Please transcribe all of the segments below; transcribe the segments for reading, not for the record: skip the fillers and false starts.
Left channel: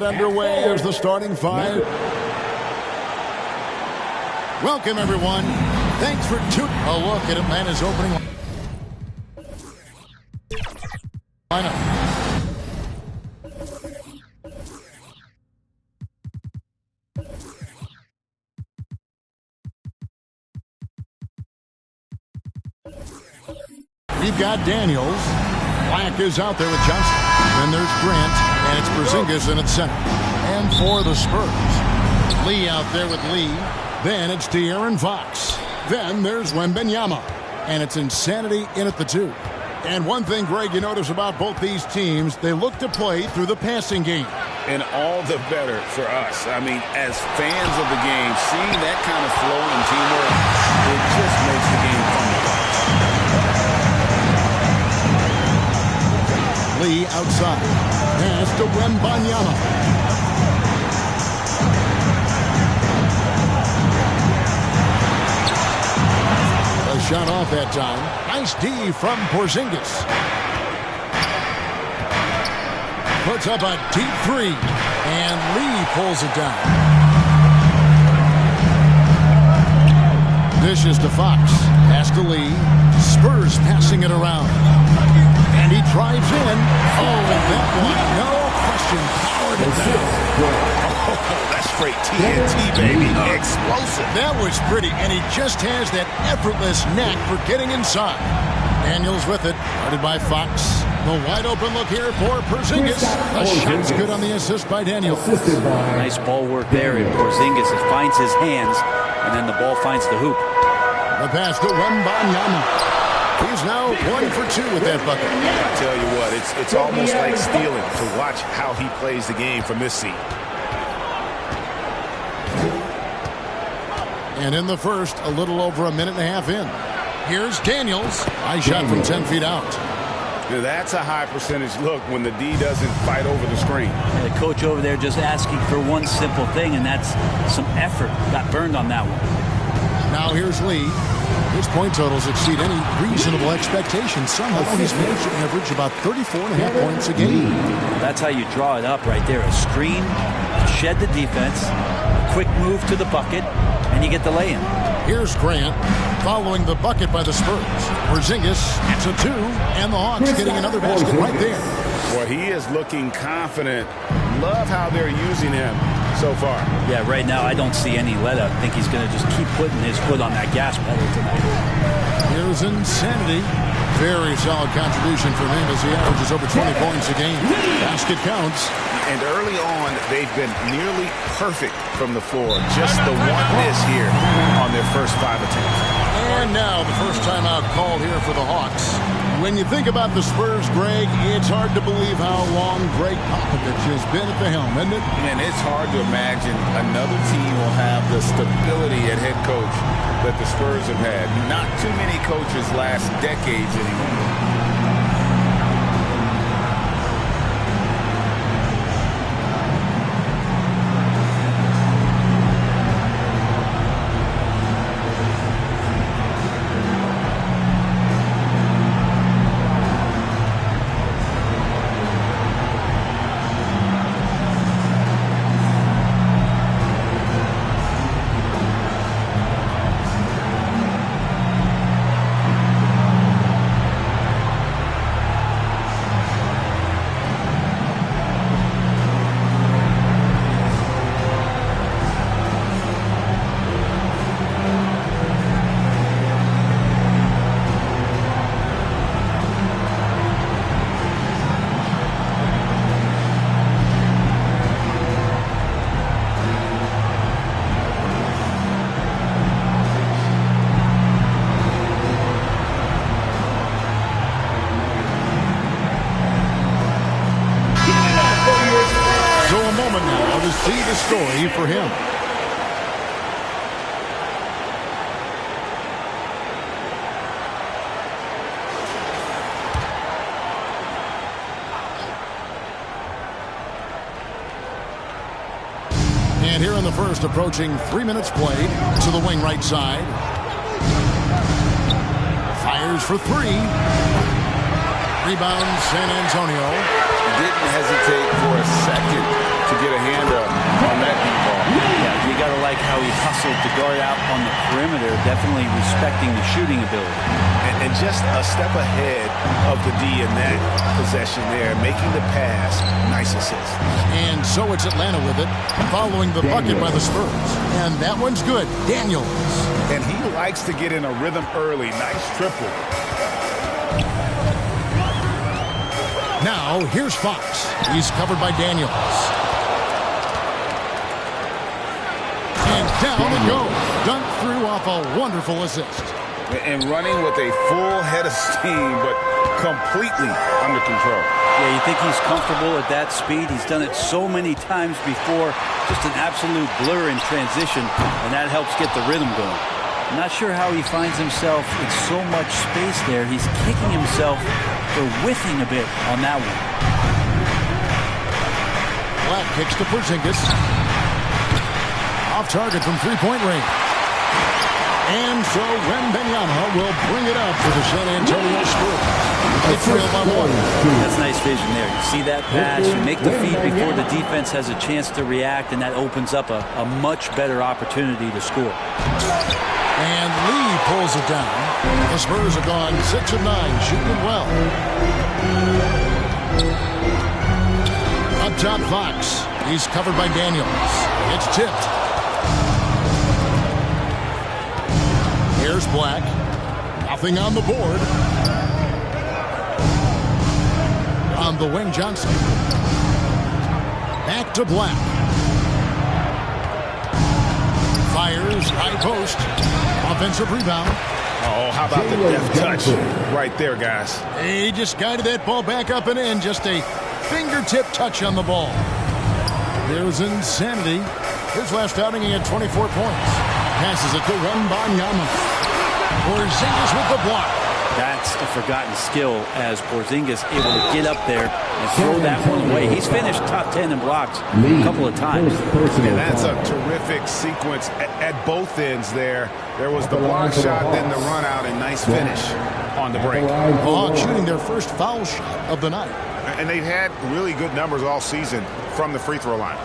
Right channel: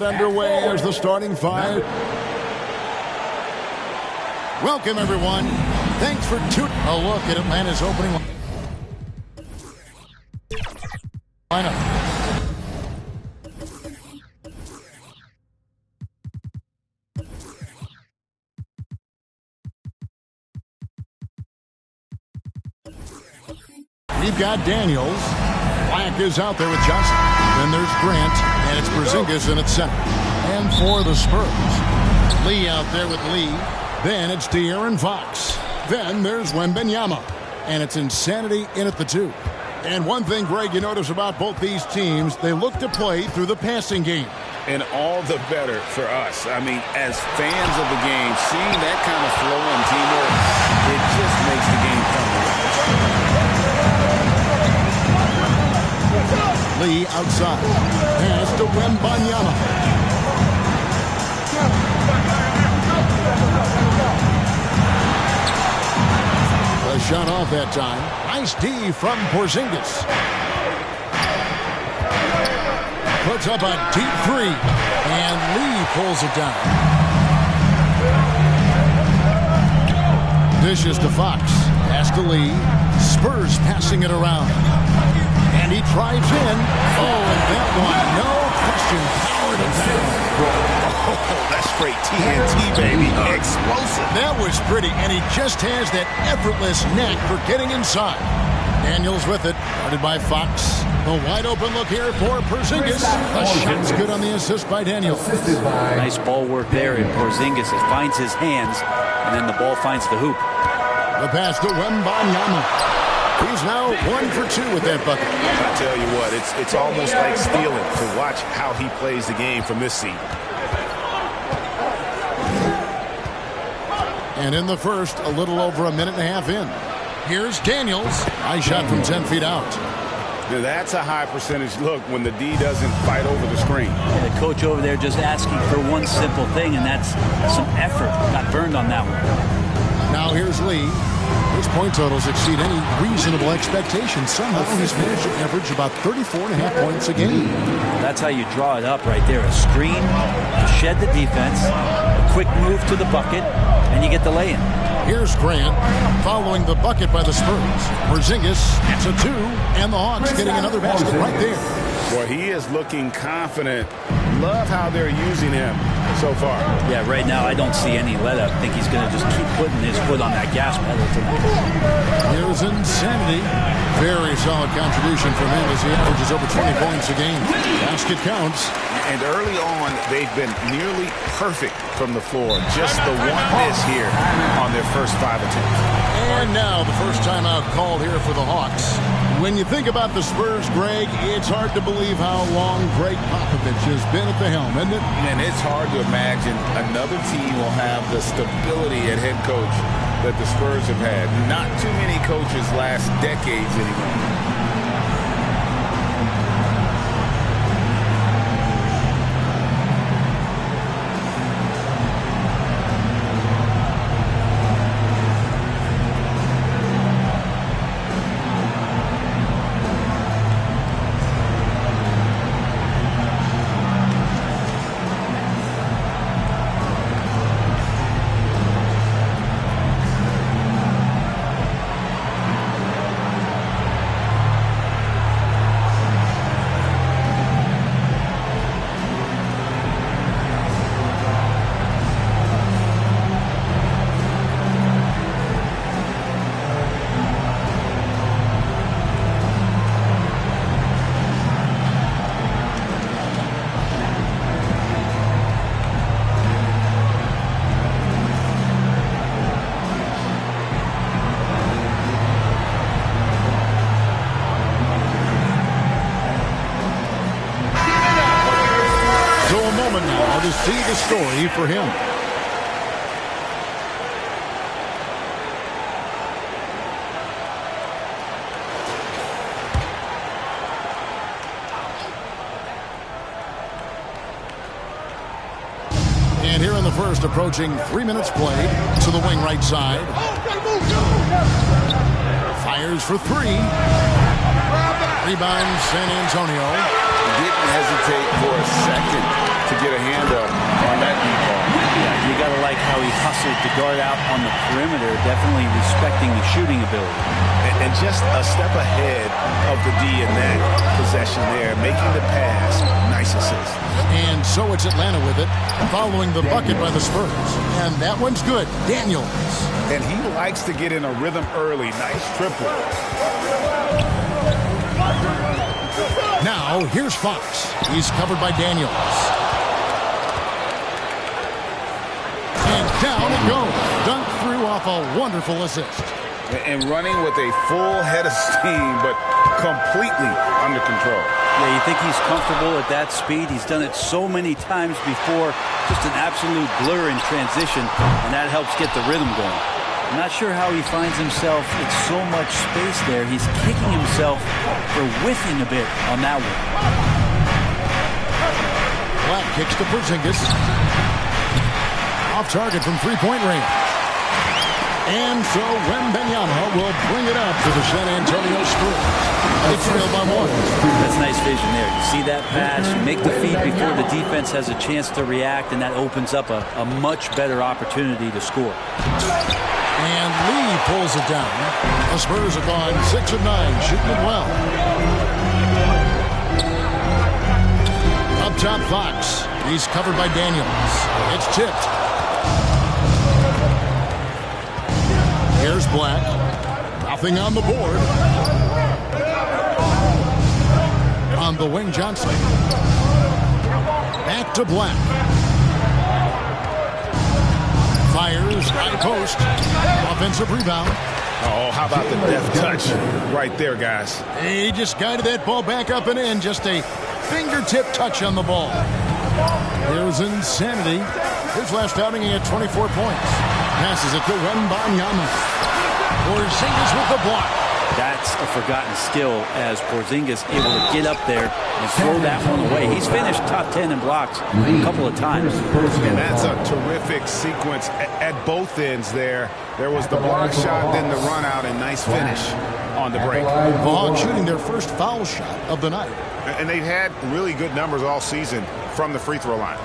Underway as the starting five. Welcome, everyone. Thanks for tuning. A look at Atlanta's opening lineup. We've got Daniels. Black is out there with Johnson. Then there's Grant, and it's Porzingis in at center. And for the Spurs, Lee out there with Lee. Then it's De'Aaron Fox. Then there's Wembanyama, and it's Insanity in at the 2. And one thing, Greg, you notice about both these teams, they look to play through the passing game. And all the better for us. I mean, as fans of the game, seeing that kind of flow and teamwork, it just makes the game fun to watch. Lee outside. Pass to Wembanyama. A shot off that time. Nice D from Porzingis. Puts up a deep 3. And Lee pulls it down. Dishes to Fox. Pass to Lee. Spurs passing it around. And he drives in. Oh, and that one, no question, powered it down. Oh, that's straight TNT, baby. Explosive. That was pretty, and he just has that effortless knack for getting inside. Daniels with it, guarded by Fox. The wide open look here for Porzingis. The shot's good on the assist by Daniels. Nice ball work there, and Porzingis finds his hands, and then the ball finds the hoop. The pass to Wembanyama. He's now 1 for 2 with that bucket. I tell you what, it's almost like stealing to watch how he plays the game from this seat. And in the first, a little over a minute and a half in. Here's Daniels. Nice shot from 10 feet out. Now that's a high percentage look when the D doesn't fight over the screen. And the coach over there just asking for one simple thing, and that's some effort. Got burned on that one. Now here's Lee. His point totals exceed any reasonable expectations. Somehow he's managed to average about 34.5 points a game. That's how you draw it up right there. A screen to shed the defense, a quick move to the bucket, and you get the lay-in. Here's Grant following the bucket by the Spurs. Porzingis, that's a 2, and the Hawks getting another basket right there. Boy, he is looking confident. Love how they're using him so far. Yeah, right now I don't see any let-up. I think he's going to just keep putting his foot on that gas pedal tonight. Here's Insanity. Very solid contribution from him as he averages over 20 points a game. Basket counts. And early on, they've been nearly perfect from the floor. Just the one miss here on their first 5 attempts. And now the first timeout called here for the Hawks. When you think about the Spurs, Greg, it's hard to believe how long Greg Popovich has been at the helm, isn't it? And it's hard to imagine another team will have the stability at head coach that the Spurs have had. Not too many coaches last decades anymore. So a moment now to see the story for him. And here in the first, approaching 3 minutes played, to the wing right side. Fires for 3. Rebound San Antonio. Didn't hesitate for a second to get a hand up on that deep ball. Yeah, you got to like how he hustled to guard out on the perimeter, definitely respecting the shooting ability. And just a step ahead of the D in that possession there, making the pass. Nice assist. And so it's Atlanta with it, following the bucket by the Spurs. And that one's good. Daniels. And he likes to get in a rhythm early. Nice triple. Now, here's Fox. He's covered by Daniels. And down it goes. Dunked through off a wonderful assist. And running with a full head of steam, but completely under control. Yeah, you think he's comfortable at that speed? He's done it so many times before. Just an absolute blur in transition, and that helps get the rhythm going. I'm not sure how he finds himself in so much space there. He's kicking himself for whiffing a bit on that one. Black kicks to Porzingis. Off target from three-point range. And so Wembanyama will bring it up for the San Antonio Spurs. They trail by one. That's nice vision there. You see that pass, you make the feed before the defense has a chance to react, and that opens up a much better opportunity to score. And Lee pulls it down. The Spurs have gone 6 of 9, shooting it well. Up top, Fox. He's covered by Daniels. It's tipped. Here's Black. Nothing on the board. On the wing, Johnson. Back to Black. Fires, high post. Offensive rebound. Oh, how about the deft touch right there, guys? He just guided that ball back up and in. Just a fingertip touch on the ball. Here's Insanity. His last outing, he had 24 points. Passes it to Wembanyama. Porzingis with the block. That's a forgotten skill as Porzingis able to get up there and throw that one away. He's finished top 10 in blocks a couple of times. And that's a terrific sequence at both ends there. There was the block shot, then the run out, and nice finish on the break. The Hawks shooting their first foul shot of the night. And they've had really good numbers all season from the free throw line.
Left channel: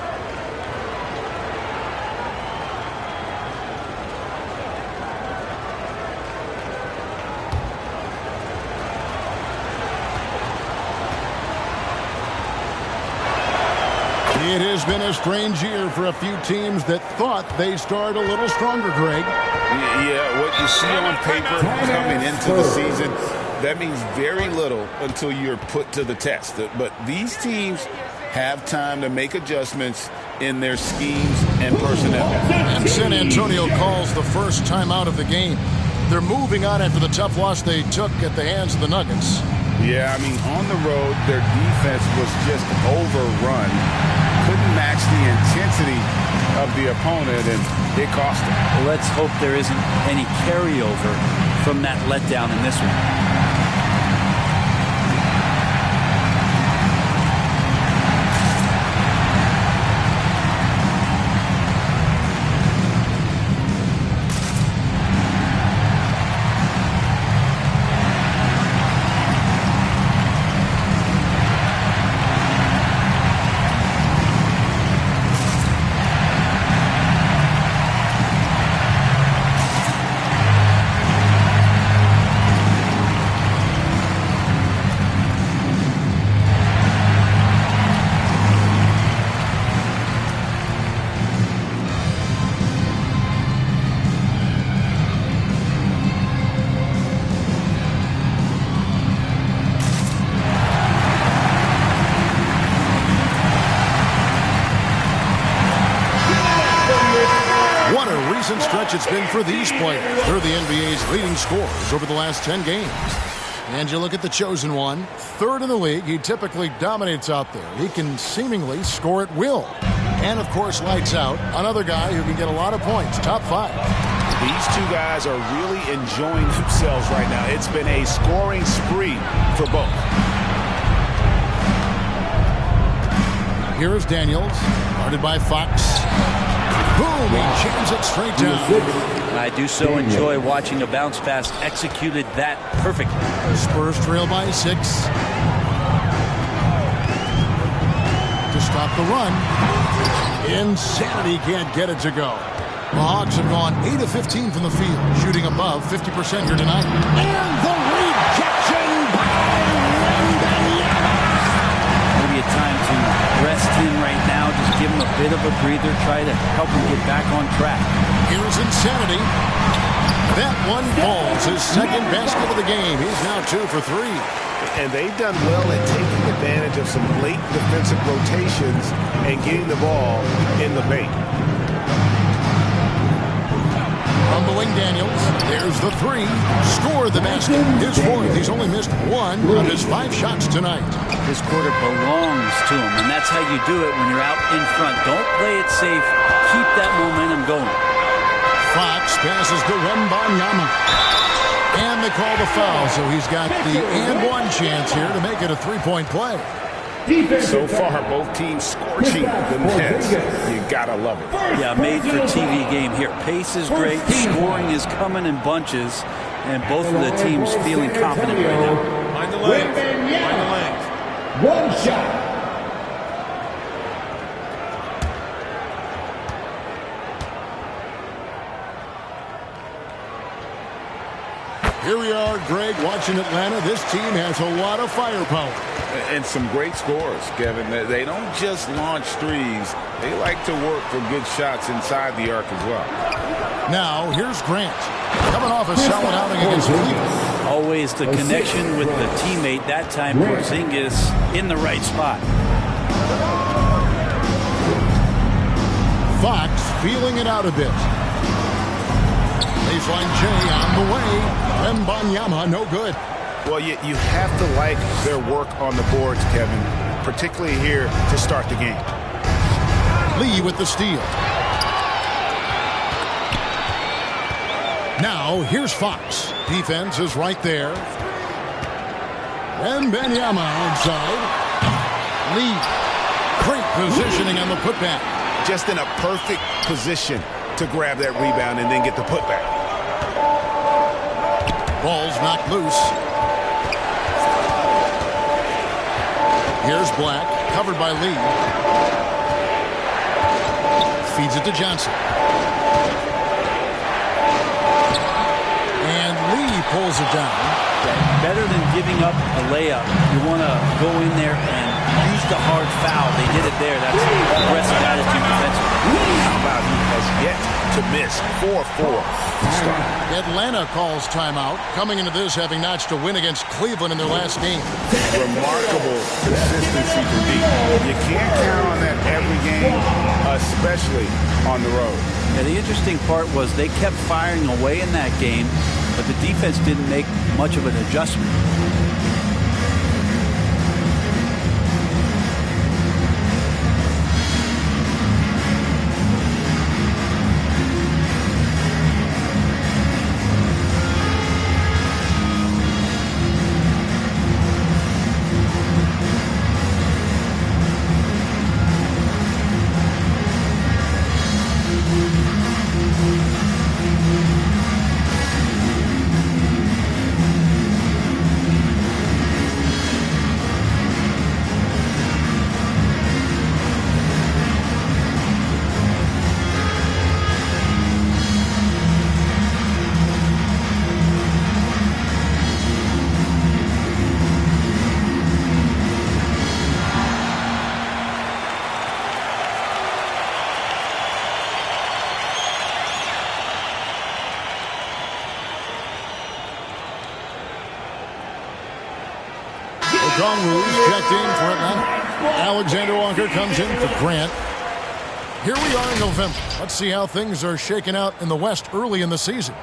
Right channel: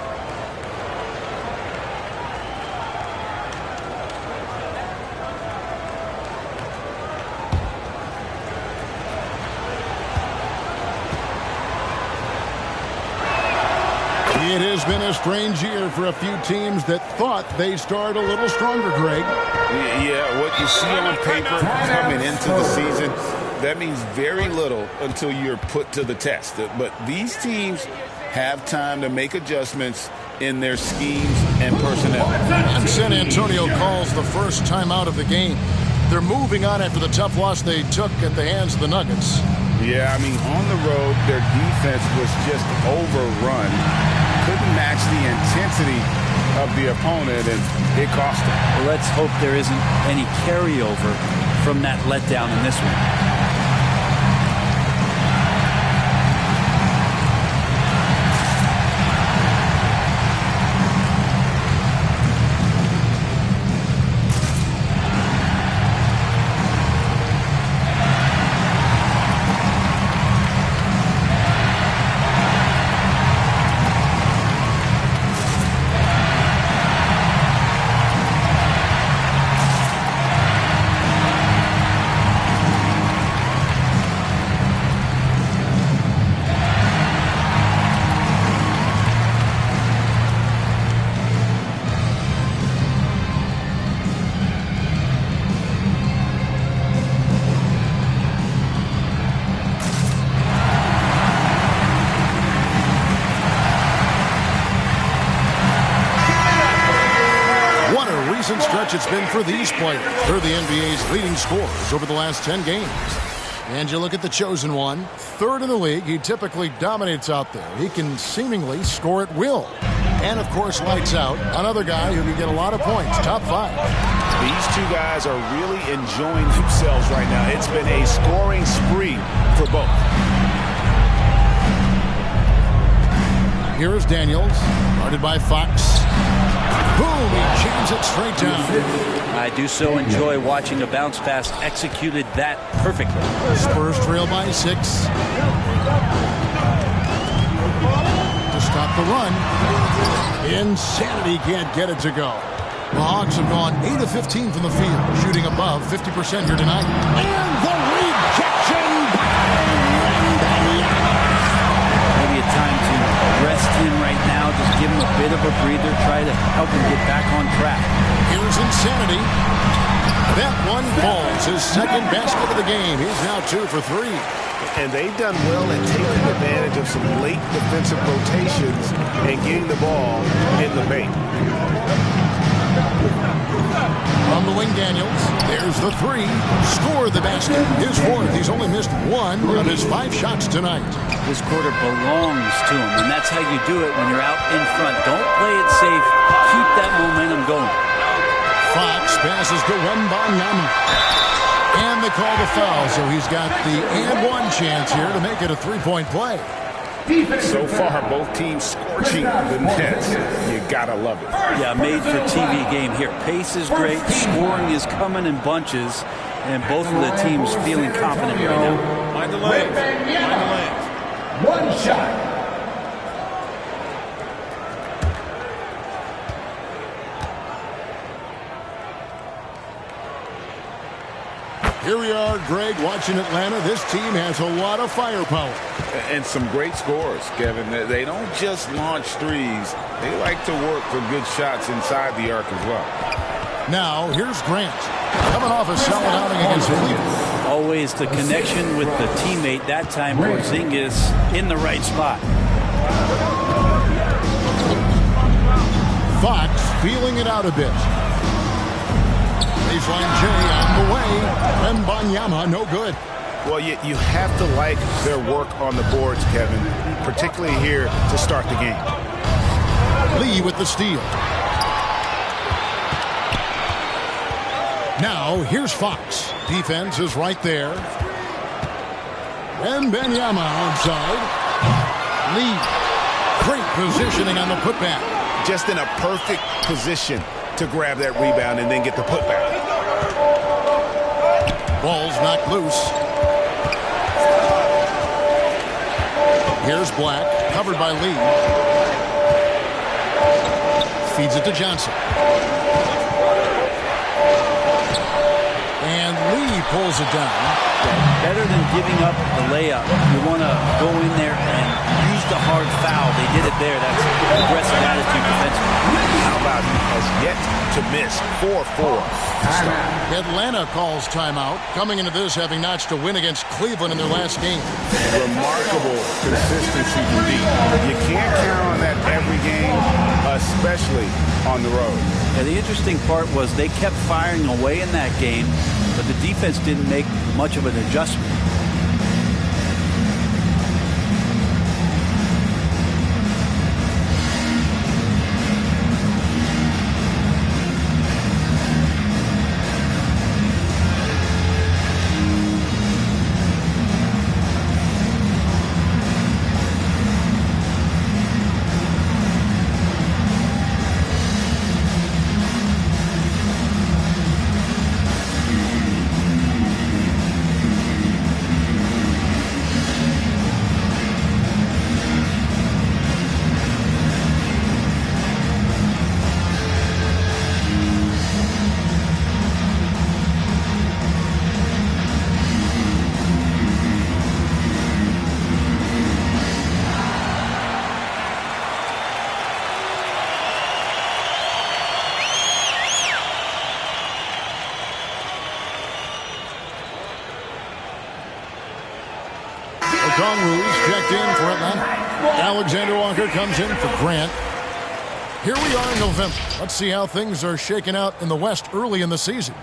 It has been a strange year for a few teams that thought they started a little stronger, Greg. Yeah, what you see on paper coming into the season, that means very little until you're put to the test. But these teams have time to make adjustments in their schemes and personnel. And San Antonio calls the first timeout of the game. They're moving on after the tough loss they took at the hands of the Nuggets. Yeah, I mean, on the road, their defense was just overrun. Couldn't match the intensity of the opponent, and it cost them. Well, let's hope there isn't any carryover from that letdown in this one. Stretch it's been for these players. They're the NBA's leading scorers over the last 10 games. And you look at the chosen one, third in the league. He typically dominates out there. He can seemingly score at will. And, of course, lights out. Another guy who can get a lot of points, top 5. These two guys are really enjoying themselves right now. It's been a scoring spree for both. Here is Daniels, guarded by Fox. Boom, he jams it straight down. I do so enjoy watching a bounce pass executed that perfectly. Spurs trail by 6. To stop the run. Insanity can't get it to go. The Hawks have gone 8 of 15 from the field, shooting above 50% here tonight. And the rejection by Wembanyama. Maybe a time to rest him right now. Just give him a bit of a breather. Try to help him get back on track. Here's Insanity. That one falls. His second basket of the game. He's now 2 for 3. And they've done well at taking advantage of some late defensive rotations and getting the ball in the paint. From the wing, Daniels. There's the 3. Score the basket. His 4th. He's only missed 1 of his 5 shots tonight. This quarter belongs to him, and that's how you do it when you're out in front. Don't play it safe. Keep that momentum going. Fox passes to Wembanyama. And they call the foul, so he's got the and one chance here to make it a 3-point play. So far, both teams scorching the Nets. You gotta love it. Yeah, made for TV game here. Pace is great. Scoring is coming in bunches. And both of the teams feeling confident right now. Find the lanes. Find the lanes. One shot. Here we are, Greg, watching Atlanta. This team has a lot of firepower. And some great scores, Kevin. They don't just launch threes. They like to work for good shots inside the arc as well. Now, here's Grant. Coming off a solid outing against Cleveland. Always the connection with the teammate. That time, Porzingis in the right spot. Fox feeling it out a bit. Baseline J on the way. Wembanyama, no good. Well, you have to like their work on the boards, Kevin, particularly here to start the game. Lee with the steal. Now, here's Fox. Defense is right there. Wembanyama outside. Lee. Great positioning on the putback. Just in a perfect position to grab that rebound and then get the putback. Ball's knocked loose. Here's Black, covered by Lee. Feeds it to Johnson. And Lee pulls it down. Yeah, better than giving up the layup. You want to go in there and use the hard foul. They did it there. That's aggressive attitude defensively. How about he has yet to miss 4-4 to start. Atlanta calls timeout, coming into this having notched a win against Cleveland in their last game. Remarkable consistency from deep. You can't count on that every game, especially on the road. Yeah, the interesting part was they kept firing away in that game, but the defense didn't make much of an adjustment. Okongwu's checked in for Atlanta. Alexander Walker comes in for Grant. Here we are in November. Let's see how things are shaking out in the West early in the season.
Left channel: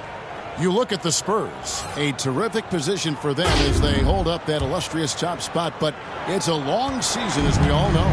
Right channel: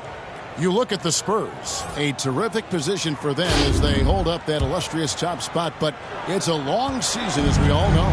You look at the Spurs. A terrific position for them as they hold up that illustrious top spot, but it's a long season, as we all know.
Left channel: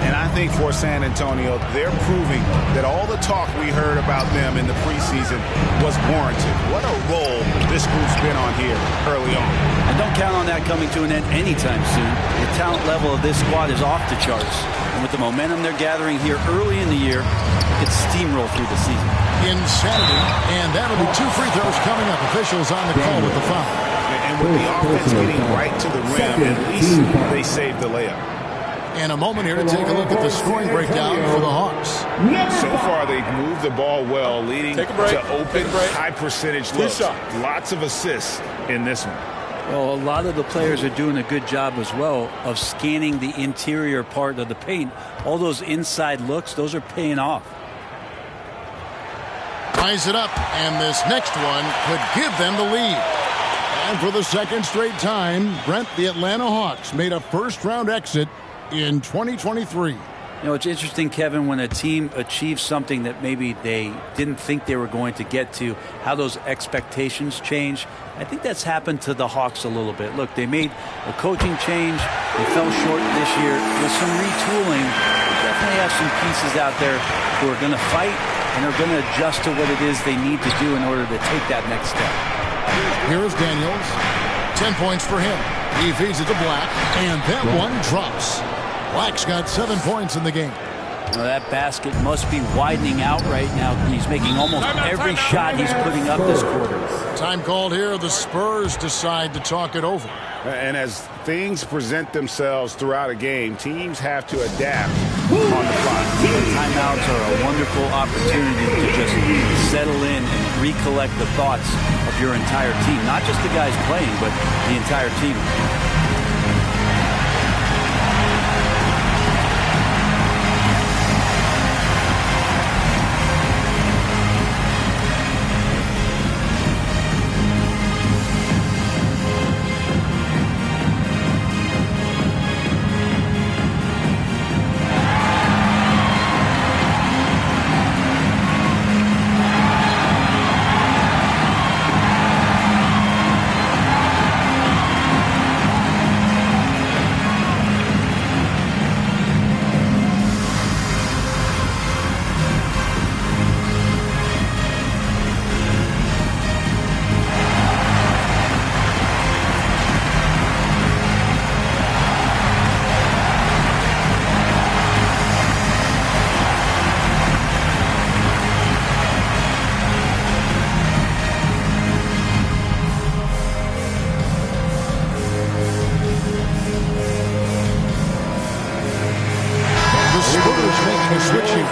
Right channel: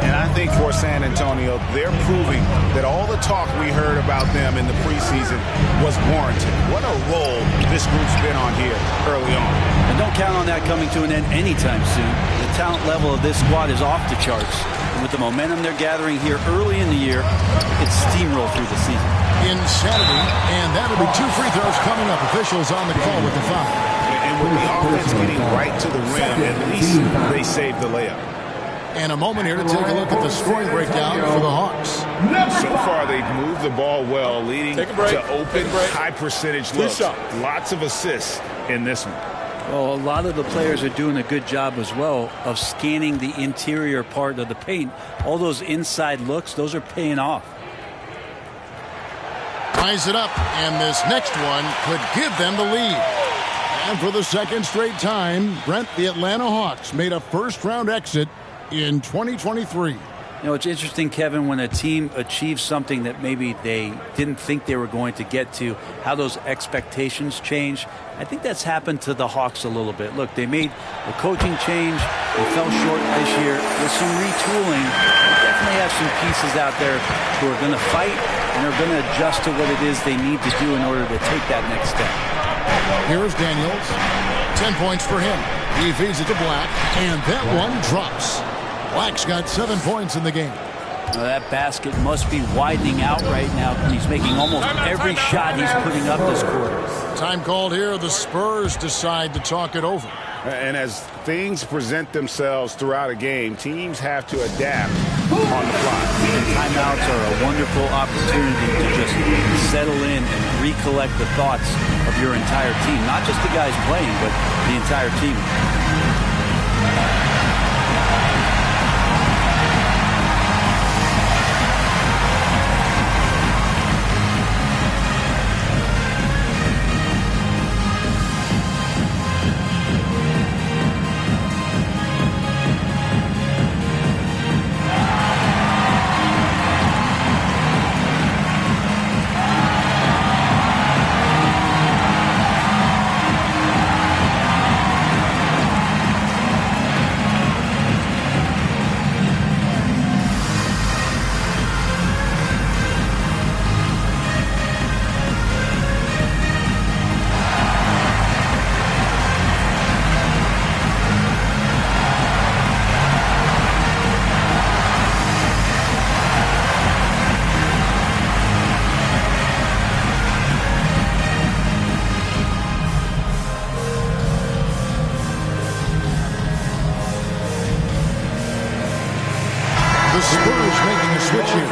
And I think for San Antonio, they're proving that all the talk we heard about them in the preseason was warranted. What a role this group's been on here early on. And don't count on that coming to an end anytime soon. The talent level of this squad is off the charts. And with the momentum they're gathering here early in the year, it could steamroll through the season. Insanity, and that'll be 2 free throws coming up. Officials on the call with the foul. And with the offense getting right to the rim, at least they saved the layup. And a moment here to take a look at the scoring breakdown for the Hawks. So far, they've moved the ball well, leading to open, high-percentage looks. Lots of assists in this one. Well, a lot of the players are doing a good job as well of scanning the interior part of the paint. All those inside looks, those are paying off. Ties it up, and this next one could give them the lead. And for the second straight time, Brent, the Atlanta Hawks made a first-round exit in 2023. You know, it's interesting, Kevin, when a team achieves something that maybe they didn't think they were going to get to, how those expectations change. I think that's happened to the Hawks a little bit. Look, they made a coaching change. They fell short this year. With some retooling, they definitely have some pieces out there who are going to fight and are going to adjust to what it is they need to do in order to take that next step. Here is Daniels. 10 points for him. He feeds it to Black, and that one drops. Black's got 7 points in the game. Now that basket must be widening out right now. He's making almost every shot he's putting up this quarter. Time called here. The Spurs decide to talk it over. And as things present themselves throughout a game, teams have to adapt on the fly. And timeouts are a wonderful opportunity to just settle in and recollect the thoughts of your entire team. Not just the guys playing, but the entire team. The Spurs making a switch here.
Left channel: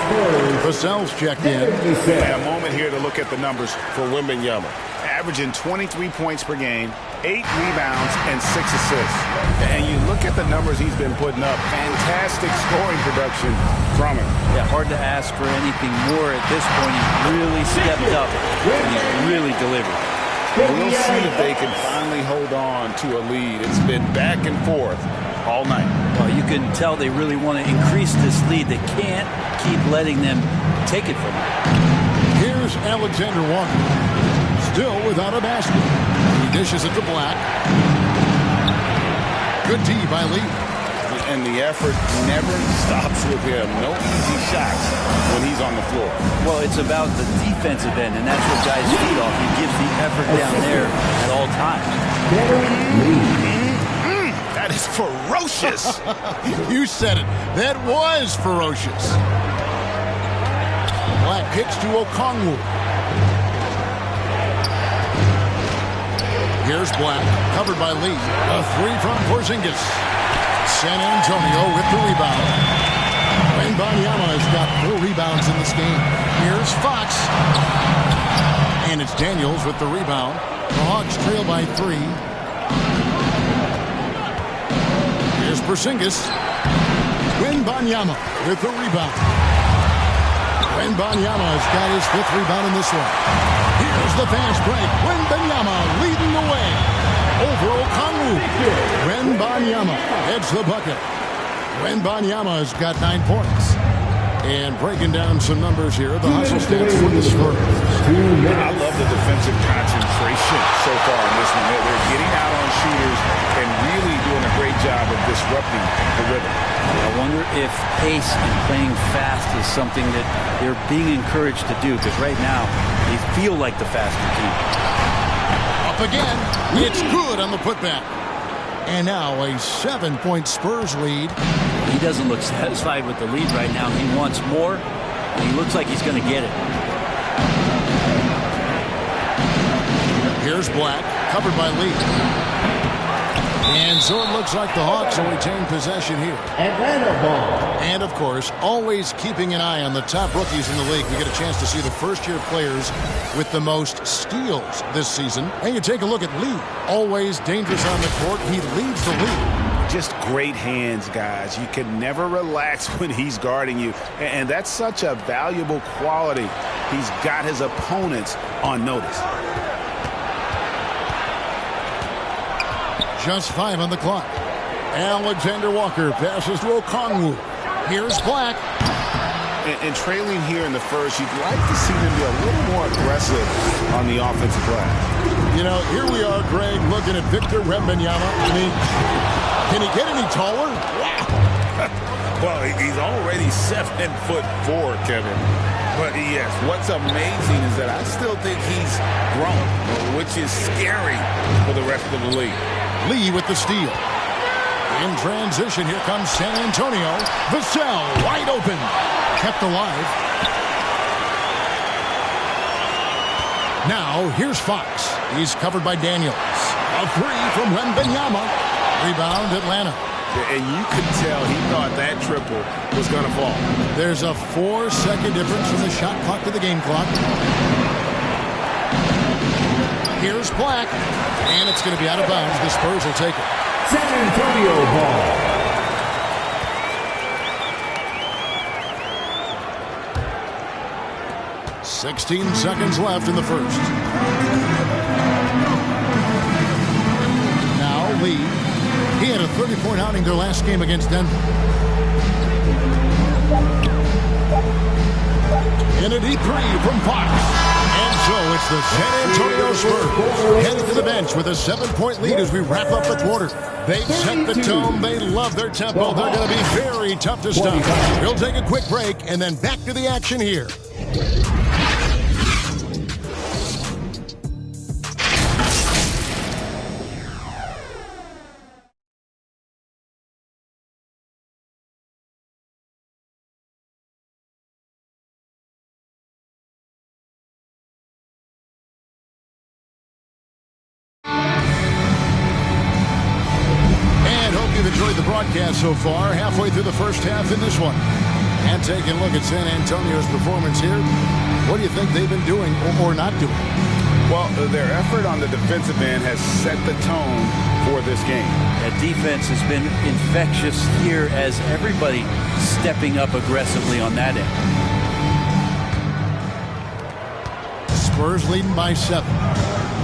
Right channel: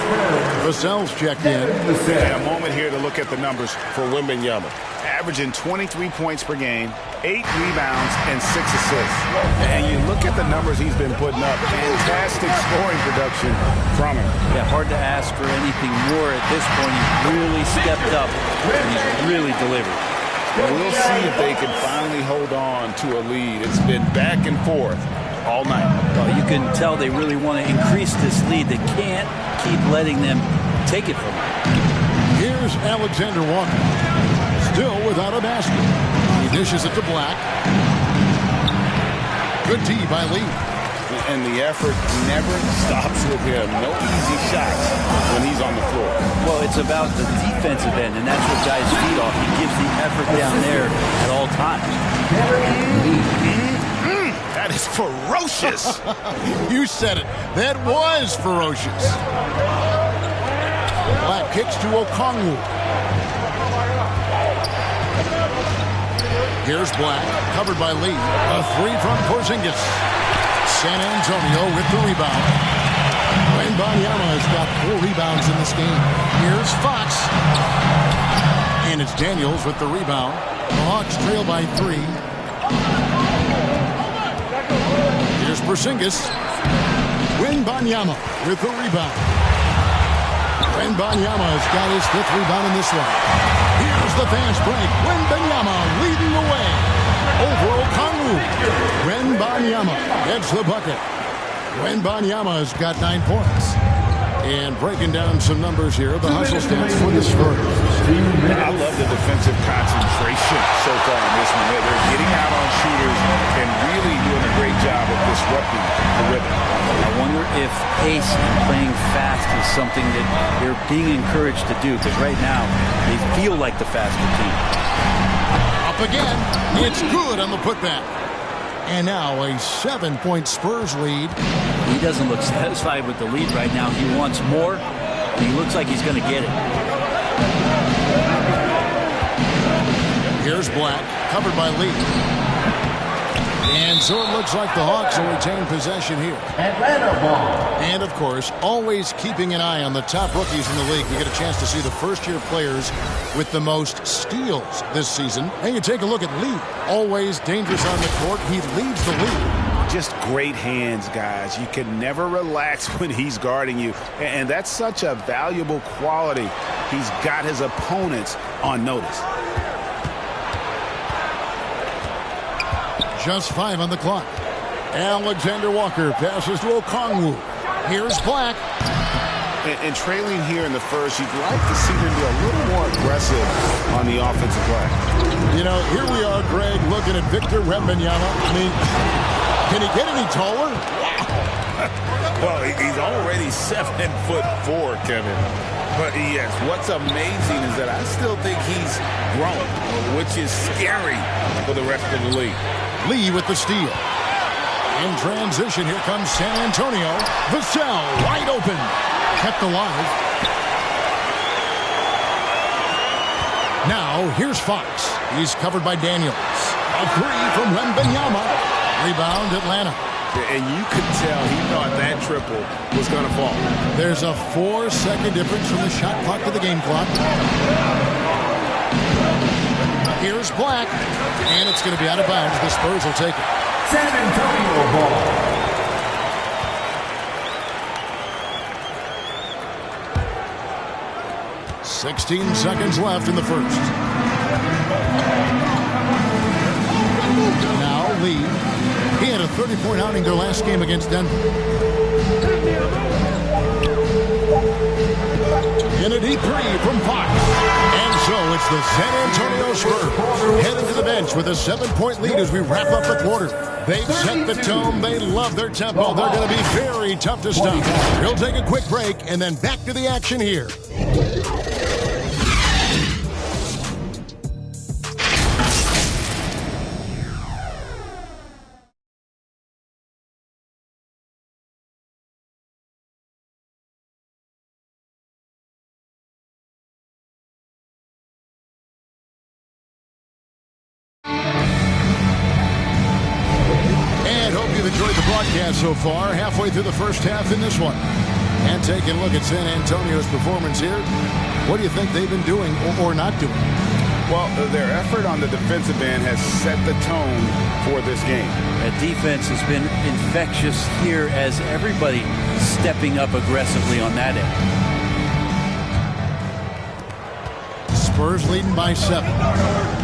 Vassell's checked in. And a moment here to look at the numbers for Wembanyama. Averaging 23 points per game, 8 rebounds, and 6 assists. And you look at the numbers he's been putting up. Fantastic scoring production from him. Yeah, hard to ask for anything more at this point. He's really stepped up, and he's really delivered. We'll see if they can finally hold on to a lead. It's been back and forth all night. Well, you can tell they really want to increase this lead. They can't keep letting them take it from them. Here's Alexander Walker. Still without a basket. He dishes it to Black. Good D by Lee. And the effort never stops with him. No easy shots when he's on the floor. Well, it's about the defensive end, and that's what guys feed off. He gives the effort down there at all times. That is ferocious. You said it. That was ferocious. Black kicks to Okongwu. Here's Black, covered by Lee. A three from Porzingis. San Antonio with the rebound. Wembanyama has got 4 rebounds in this game. Here's Fox. And it's Daniels with the rebound. The Hawks trail by 3. Here's Porzingis. Wembanyama with the rebound. Wembanyama has got his 5th rebound in this one. Here's the fast break. Wembanyama leading the way over Okongwu. Wembanyama gets the bucket. Wembanyama has got 9 points. And breaking down some numbers here, the hustle stats for the Spurs. I love the defensive concentration so far in this one. They're getting out on shooters and really doing a great job of disrupting the rhythm. I wonder if pace and playing fast is something that they're being encouraged to do, because right now they feel like the faster team. Up again. It's good on the putback. And now a 7-point Spurs lead. He doesn't look satisfied with the lead right now. He wants more, and he looks like he's going to get it. Here's Black, covered by Lee. And so it looks like the Hawks will retain possession here. Atlanta ball. And, of course, always keeping an eye on the top rookies in the league. We get a chance to see the first-year players with the most steals this season. And you take a look at Lee. Always dangerous on the court. He leads the league. Just great hands, guys. You can never relax when he's guarding you. And that's such a valuable quality. He's got his opponents on notice. Just 5 on the clock. Alexander Walker passes to Okongwu. Here's Black. And trailing here in the first, you'd like to see them be a little more aggressive on the offensive glass. You know, here we are, Greg, looking at Victor Wembanyama. I mean, can he get any taller? Wow. Well, he's already 7'4", Kevin. But yes, what's amazing is that I still think he's grown, which is scary for the rest of the league. Lee with the steal. In transition, here comes San Antonio. Vassell wide open. Kept alive. Now, here's Fox. He's covered by Daniels. A three from Wembanyama. Rebound, Atlanta. And you could tell he thought that triple was going to fall. There's a 4-second difference from the shot clock to the game clock. Here's Black. And it's going to be out of bounds. The Spurs will take it. San Antonio ball. "16 seconds left in the first. Now Lee. He had a 30-point outing their last game against Denver. In a deep three from Fox. And so it's the San Antonio Spurs heading to the bench with a 7-point lead as we wrap up the quarter. They set the tone. They love their tempo. They're going to be very tough to stop. We'll take a quick break and then back to the action here. You've enjoyed the broadcast so far, halfway through the first half in this one. And taking a look at San Antonio's performance here, what do you think they've been doing or not doing? Well, their effort on the defensive end has set the tone for this game. That defense has been infectious here as everybody stepping up aggressively on that end. Spurs leading by 7.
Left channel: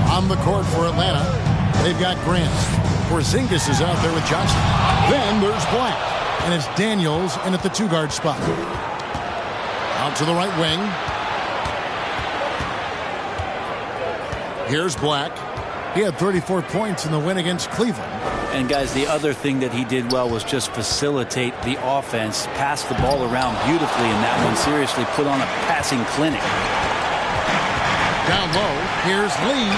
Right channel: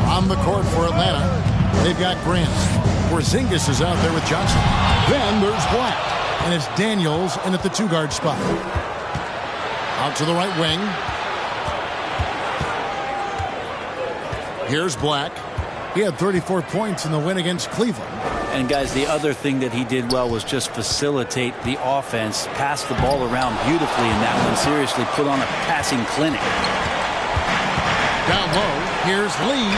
On the court for Atlanta, they've got Grant. Porzingis is out there with Johnson. Then there's Black. And it's Daniels in at the 2-guard spot. Out to the right wing. Here's Black. He had 34 points in the win against Cleveland. And guys, the other thing that he did well was just facilitate the offense, pass the ball around beautifully in that one. Seriously, put on a passing clinic. Down low, here's Lee.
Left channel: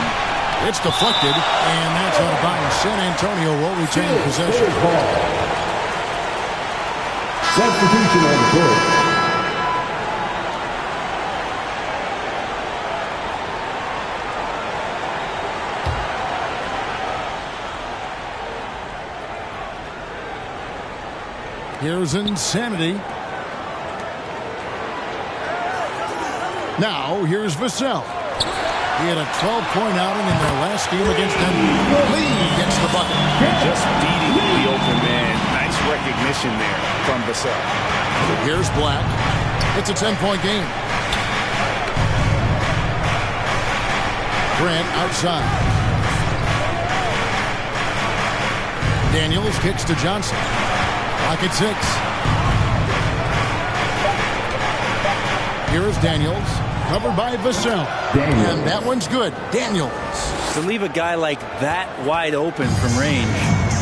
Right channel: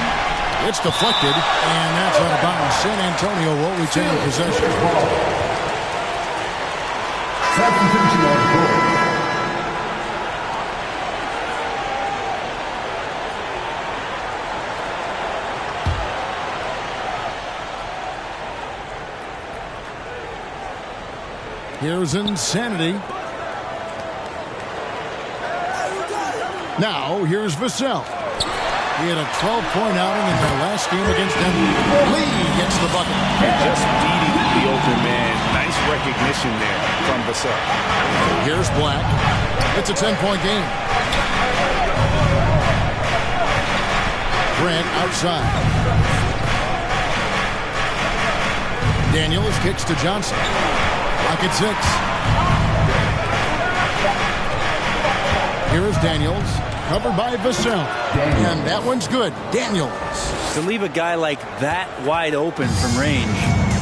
It's deflected, and that's out of bounds. San Antonio will retain possession. Substitution on the court. Here's Insanity. Now, here's Vassell. He had a 12-point outing in their last game against Denver. Lee gets the bucket. And just beating the open man. Nice recognition there from Vassell. Here's Black. It's a 10-point game. Grant outside. Daniels kicks to Johnson. Clock at 6. Here is Daniels. Covered by Vassell. And that one's good. Daniels. To leave a guy like that wide open from range,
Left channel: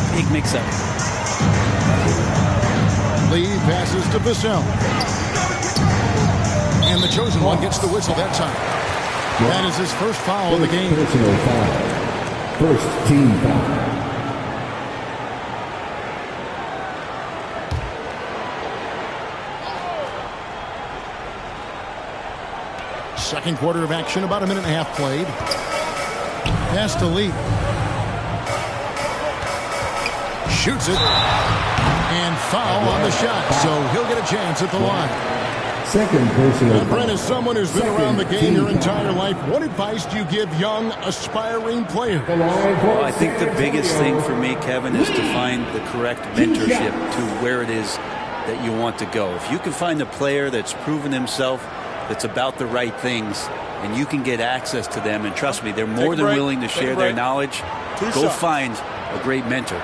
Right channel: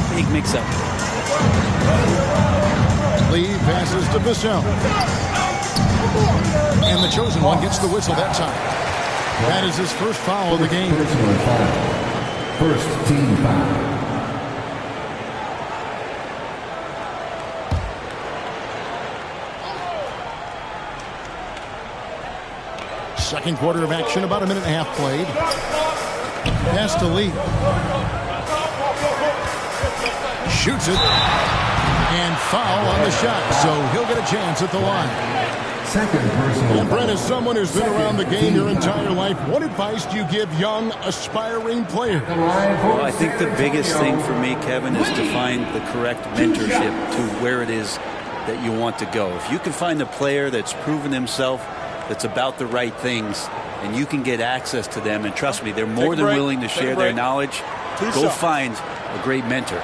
big mix-up. Lee passes to Vassell. And the chosen one gets the whistle that time. That is his first foul of the game. Personal foul. First team foul. Second quarter of action, about a minute and a half played. Pass to Lee. shoots it. And foul on the shot, so he'll get a chance at the line. Second personal. And Brent, as someone who's been around the game your entire life, what advice do you give young, aspiring players? Well, I think the biggest thing for me, Kevin, is to find the correct mentorship to where it is that you want to go. If you can find a player that's proven himself, that's about the right things, and you can get access to them, and trust me, they're more than willing to share their knowledge. Go find a great mentor.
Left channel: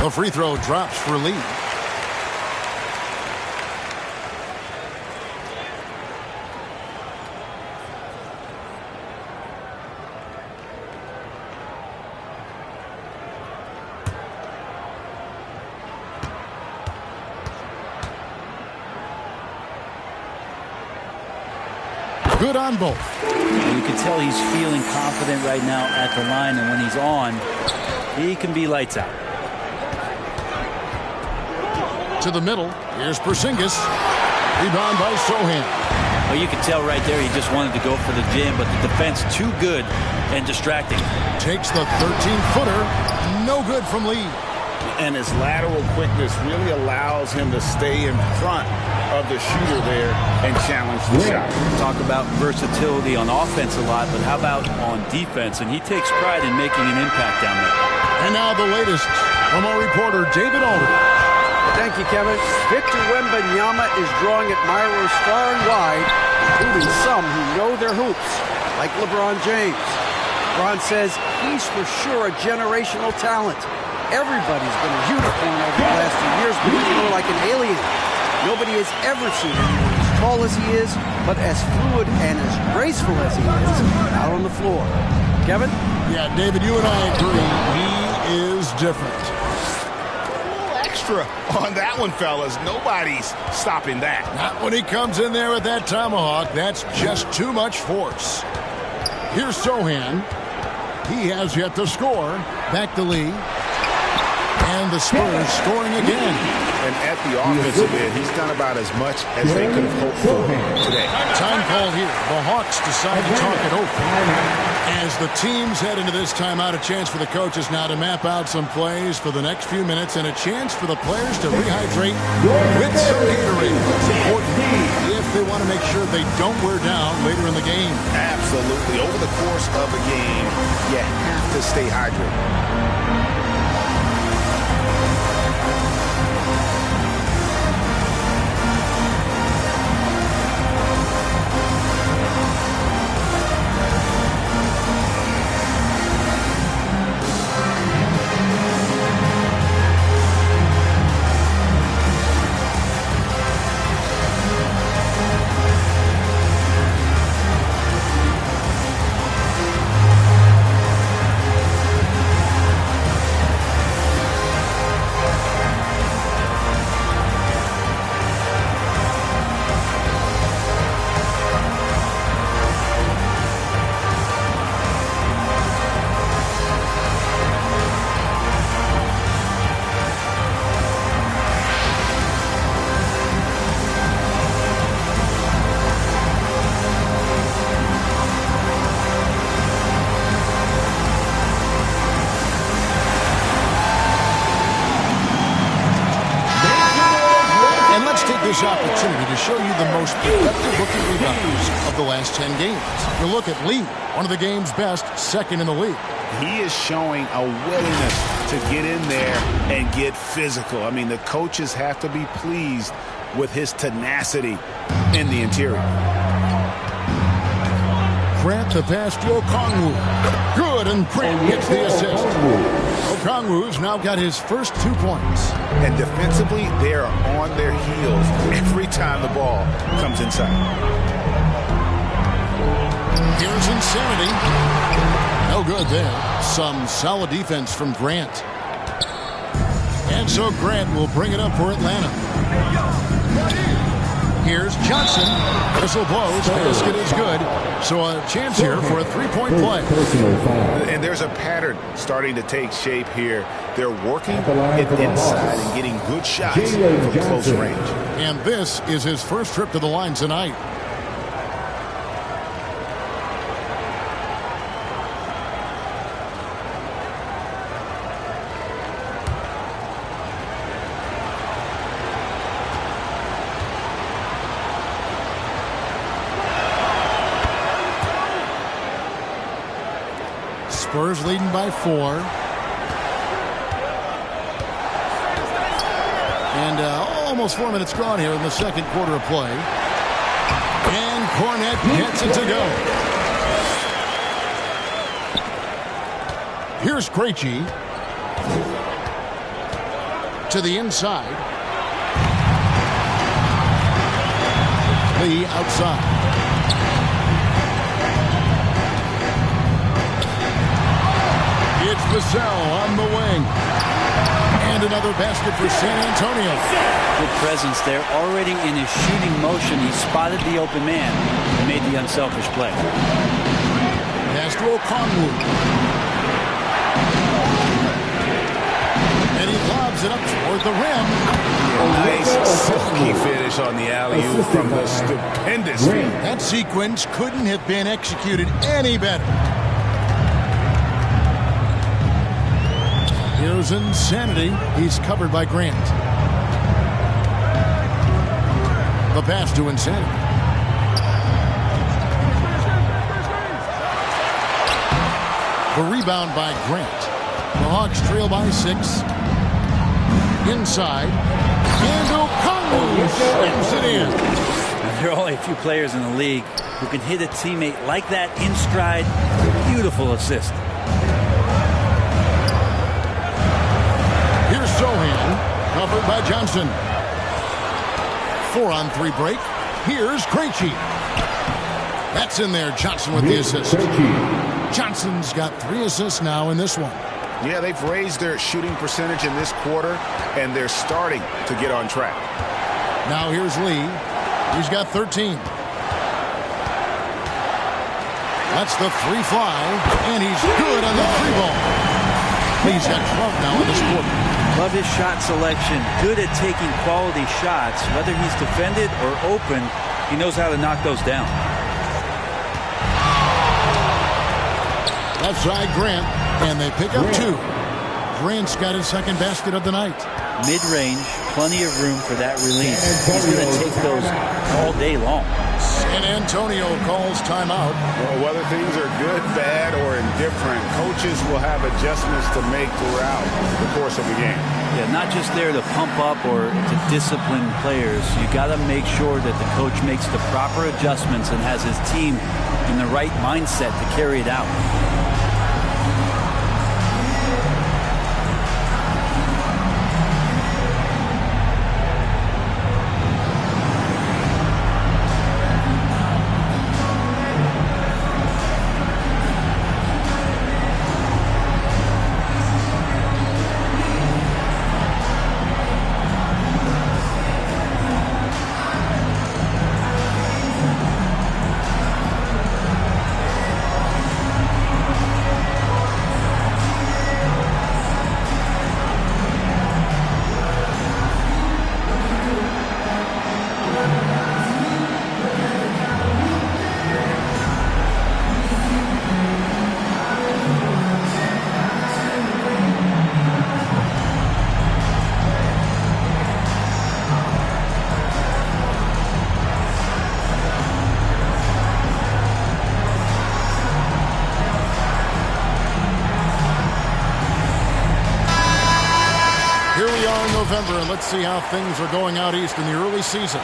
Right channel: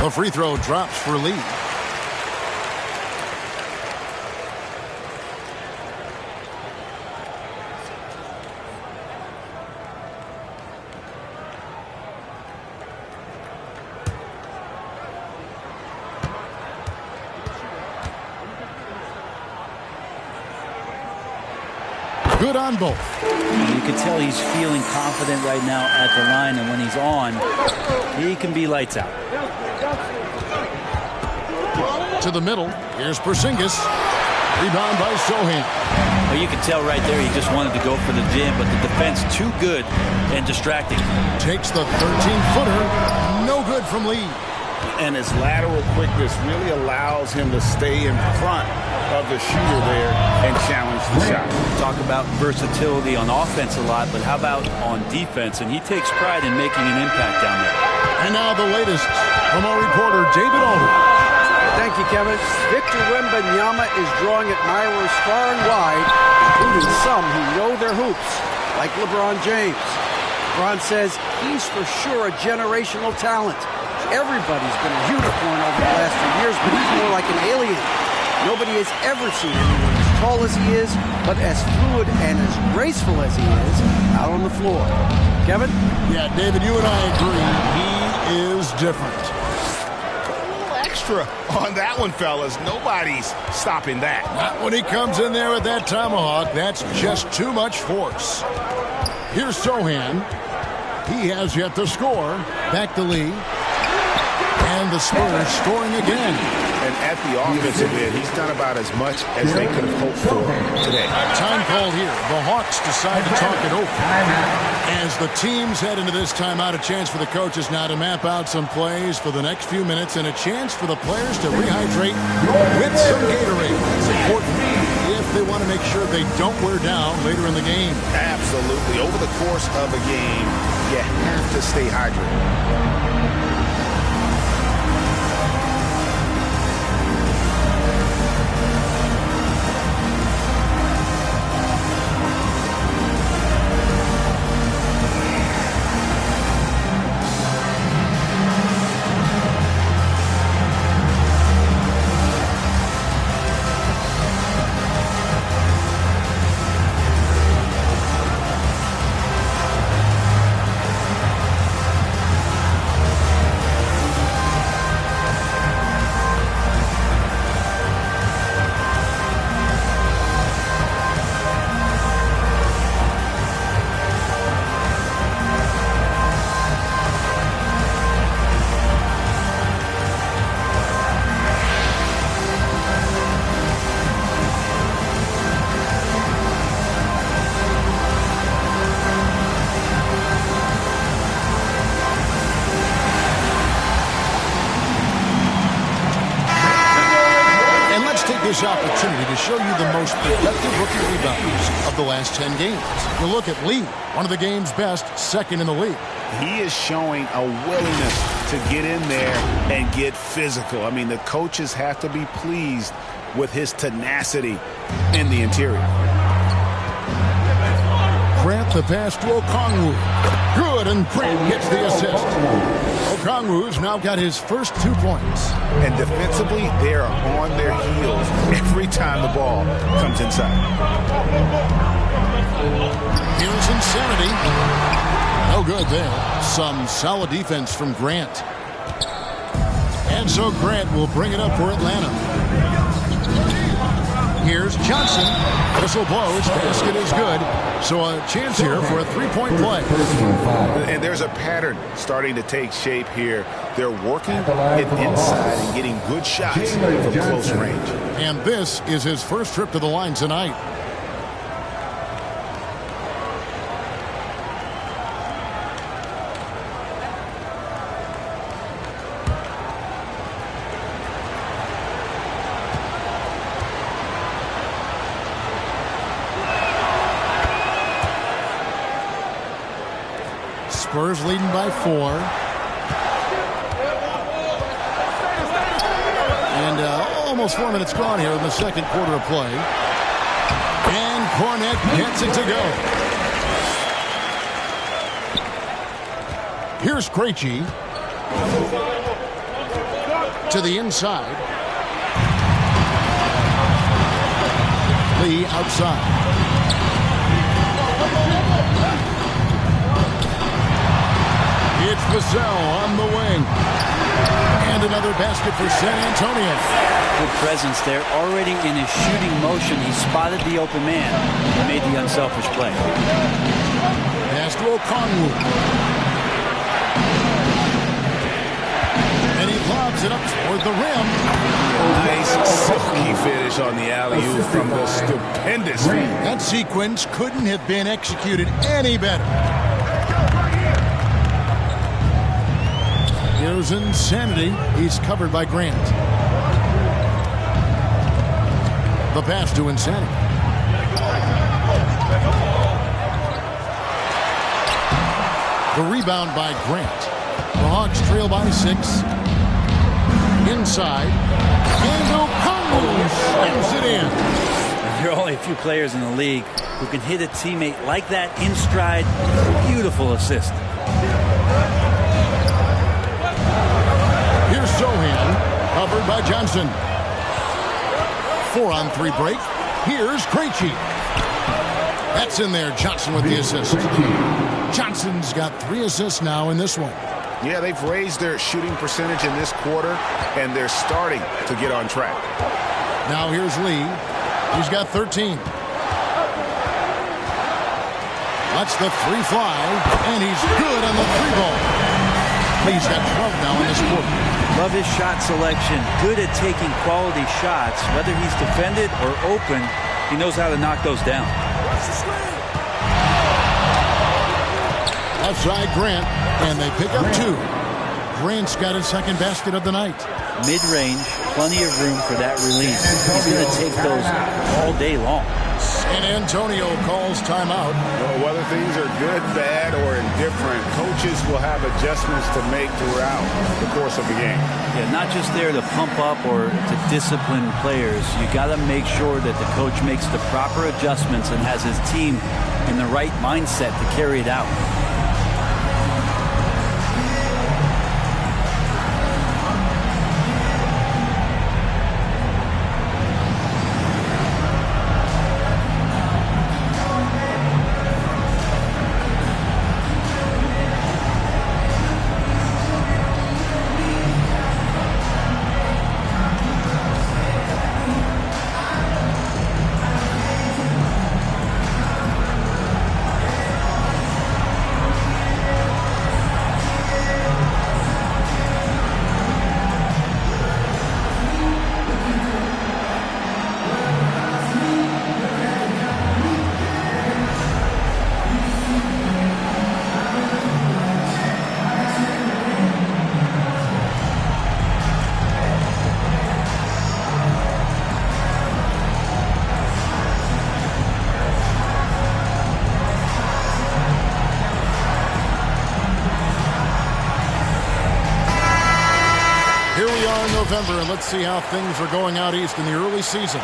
The free throw drops for Lee. Good on both. You can tell he's feeling confident right now at the line, and when he's on, he can be lights out. To the middle. Here's Porzingis. Rebound by Sohan. Well, you can tell right there he just wanted to go for the jam, but the defense too good and distracting. Takes the 13-footer. No good from Lee. And his lateral quickness really allows him to stay in front of the shooter there and challenge the shot. Talk about versatility on offense a lot, but how about on defense? And he takes pride in making an impact down there. And now the latest from our reporter, David Alder. Thank you, Kevin. Victor Wembanyama is drawing admirers far and wide, including some who know their hoops, like LeBron James. LeBron says he's for sure a generational talent. Everybody's been a unicorn over the last few years, but he's more like an alien. Nobody has ever seen anyone as tall as he is, but as fluid and as graceful as he is out on the floor. Kevin? Yeah, David, you and I agree. He is different. Extra on that one, fellas. Nobody's stopping that. Not when he comes in there with that tomahawk. That's just too much force. Here's Sohan. He has yet to score. Back to Lee. And the Spurs scoring again. And at the offensive end, he's done about as much as they could have hoped for today. Time called here. The Hawks decide to talk it over. As the teams head into this timeout, a chance for the coaches now to map out some plays for the next few minutes and a chance for the players to rehydrate with some Gatorade. That's important if they want to make sure they don't wear down later in the game. Absolutely. Over the course of a game, you have to stay hydrated. This opportunity to show you the most productive rookie rebounders of the last 10 games. You look at Lee, one of the game's best, second in the league. He is showing a willingness to get in there and get physical. I mean, the coaches have to be pleased with his tenacity in the interior. Grant the pass to Okongwu. Good, and Grant gets the assist. Okongwu's now got his first 2 points. And defensively, they are on their heels every time the ball comes inside. Here's Insanity. No good there. Some solid defense from Grant. And so Grant will bring it up for Atlanta. Here's Johnson. Whistle blows. Basket is good. So a chance here for a three-point play. And there's a pattern starting to take shape here. They're working it inside and getting good shots from close range. And this is his first trip to the line tonight. Spurs leading by 4. And almost 4 minutes gone here in the second quarter of play. And Cornet gets it to go. Here's Krejci. To the inside. Lee outside. It's Vassell on the wing. And another basket for San Antonio. Good presence there. Already in his shooting motion, he spotted the open man and made the unselfish play. Pass to Okongwu. And he lobs it up toward the rim. Yeah, nice silky finish on the alley-oop from the stupendous feed. That sequence couldn't have been executed any better. Here's Insanity. He's covered by Grant. The pass to Insanity. The rebound by Grant. The Hawks trail by 6. Inside. And Okongwu slams it in. There are only a few players in the league who can hit a teammate like that in stride. Beautiful assist. Here's Sohan, covered by Johnson. 4-on-3 break. Here's Krejci. That's in there. Johnson with the assist. Johnson's got 3 assists now in this one. Yeah, they've raised their shooting percentage in this quarter, and they're starting to get on track. Now here's Lee. He's got 13. Lets the 3 fly, and he's good on the 3-ball. Lee's got 12 now in this quarter. Love his shot selection. Good at taking quality shots. Whether he's defended or open, he knows how to knock those down. Left side, Grant, and they pick up 2. Grant's got his second basket of the night. Mid-range, plenty of room for that release. He's going to take those all day long. San Antonio calls timeout. Well, whether things are good, bad, or indifferent, coaches will have adjustments to make throughout the course of the game. Yeah, not just there to pump up or to discipline players. You got to make sure that the coach makes the proper adjustments and has his team in the right mindset to carry it out. Here we are in November, and let's see how things are going out east in the early season.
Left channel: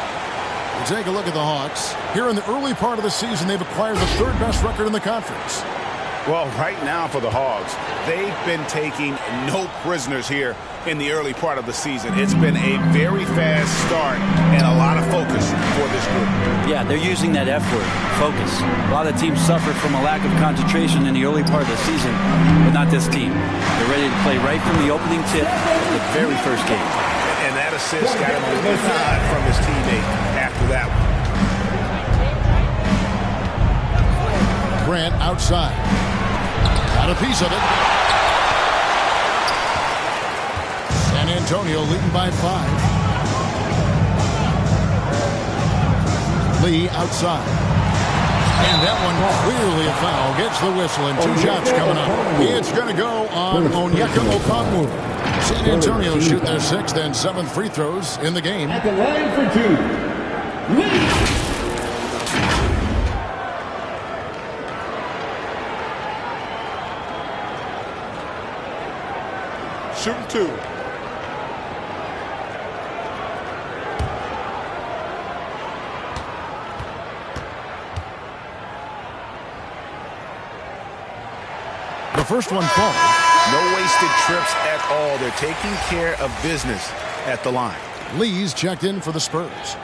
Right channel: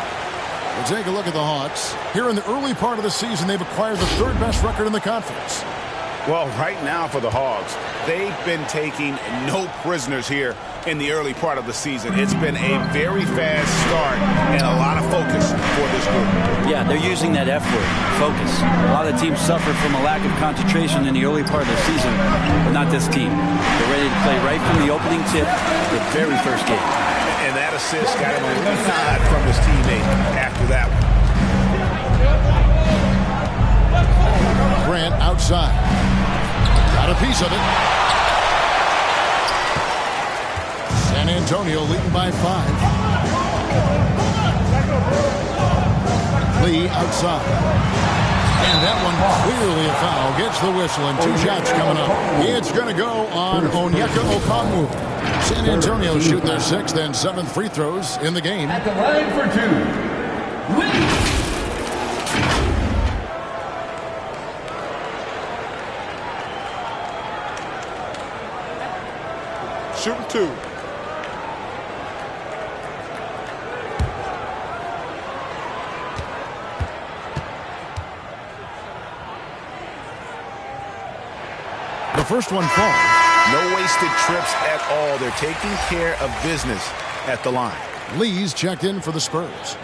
We'll take a look at the Hawks. Here in the early part of the season, they've acquired the 3rd best record in the conference. Well, right now for the Hogs, they've been taking no prisoners here in the early part of the season. It's been a very fast start and a lot of focus for this group. Yeah, they're using that F word, focus. A lot of teams suffer from a lack of concentration in the early part of the season, but not this team. They're ready to play right from the opening tip of the very first game. And that assist got him a little nod from his teammate after that one. Grant outside. Got a piece of it. San Antonio leading by 5. Lee outside. And that one clearly a foul. Gets the whistle and 2 shots coming up. It's going to go on Onyeka Okongwu. San Antonio shoot their 6th and 7th free throws in the game. At the line for 2, Lee. Shooting 2. The first one falls. No wasted trips at all. They're taking care of business at the line. Lee's checked in for the Spurs.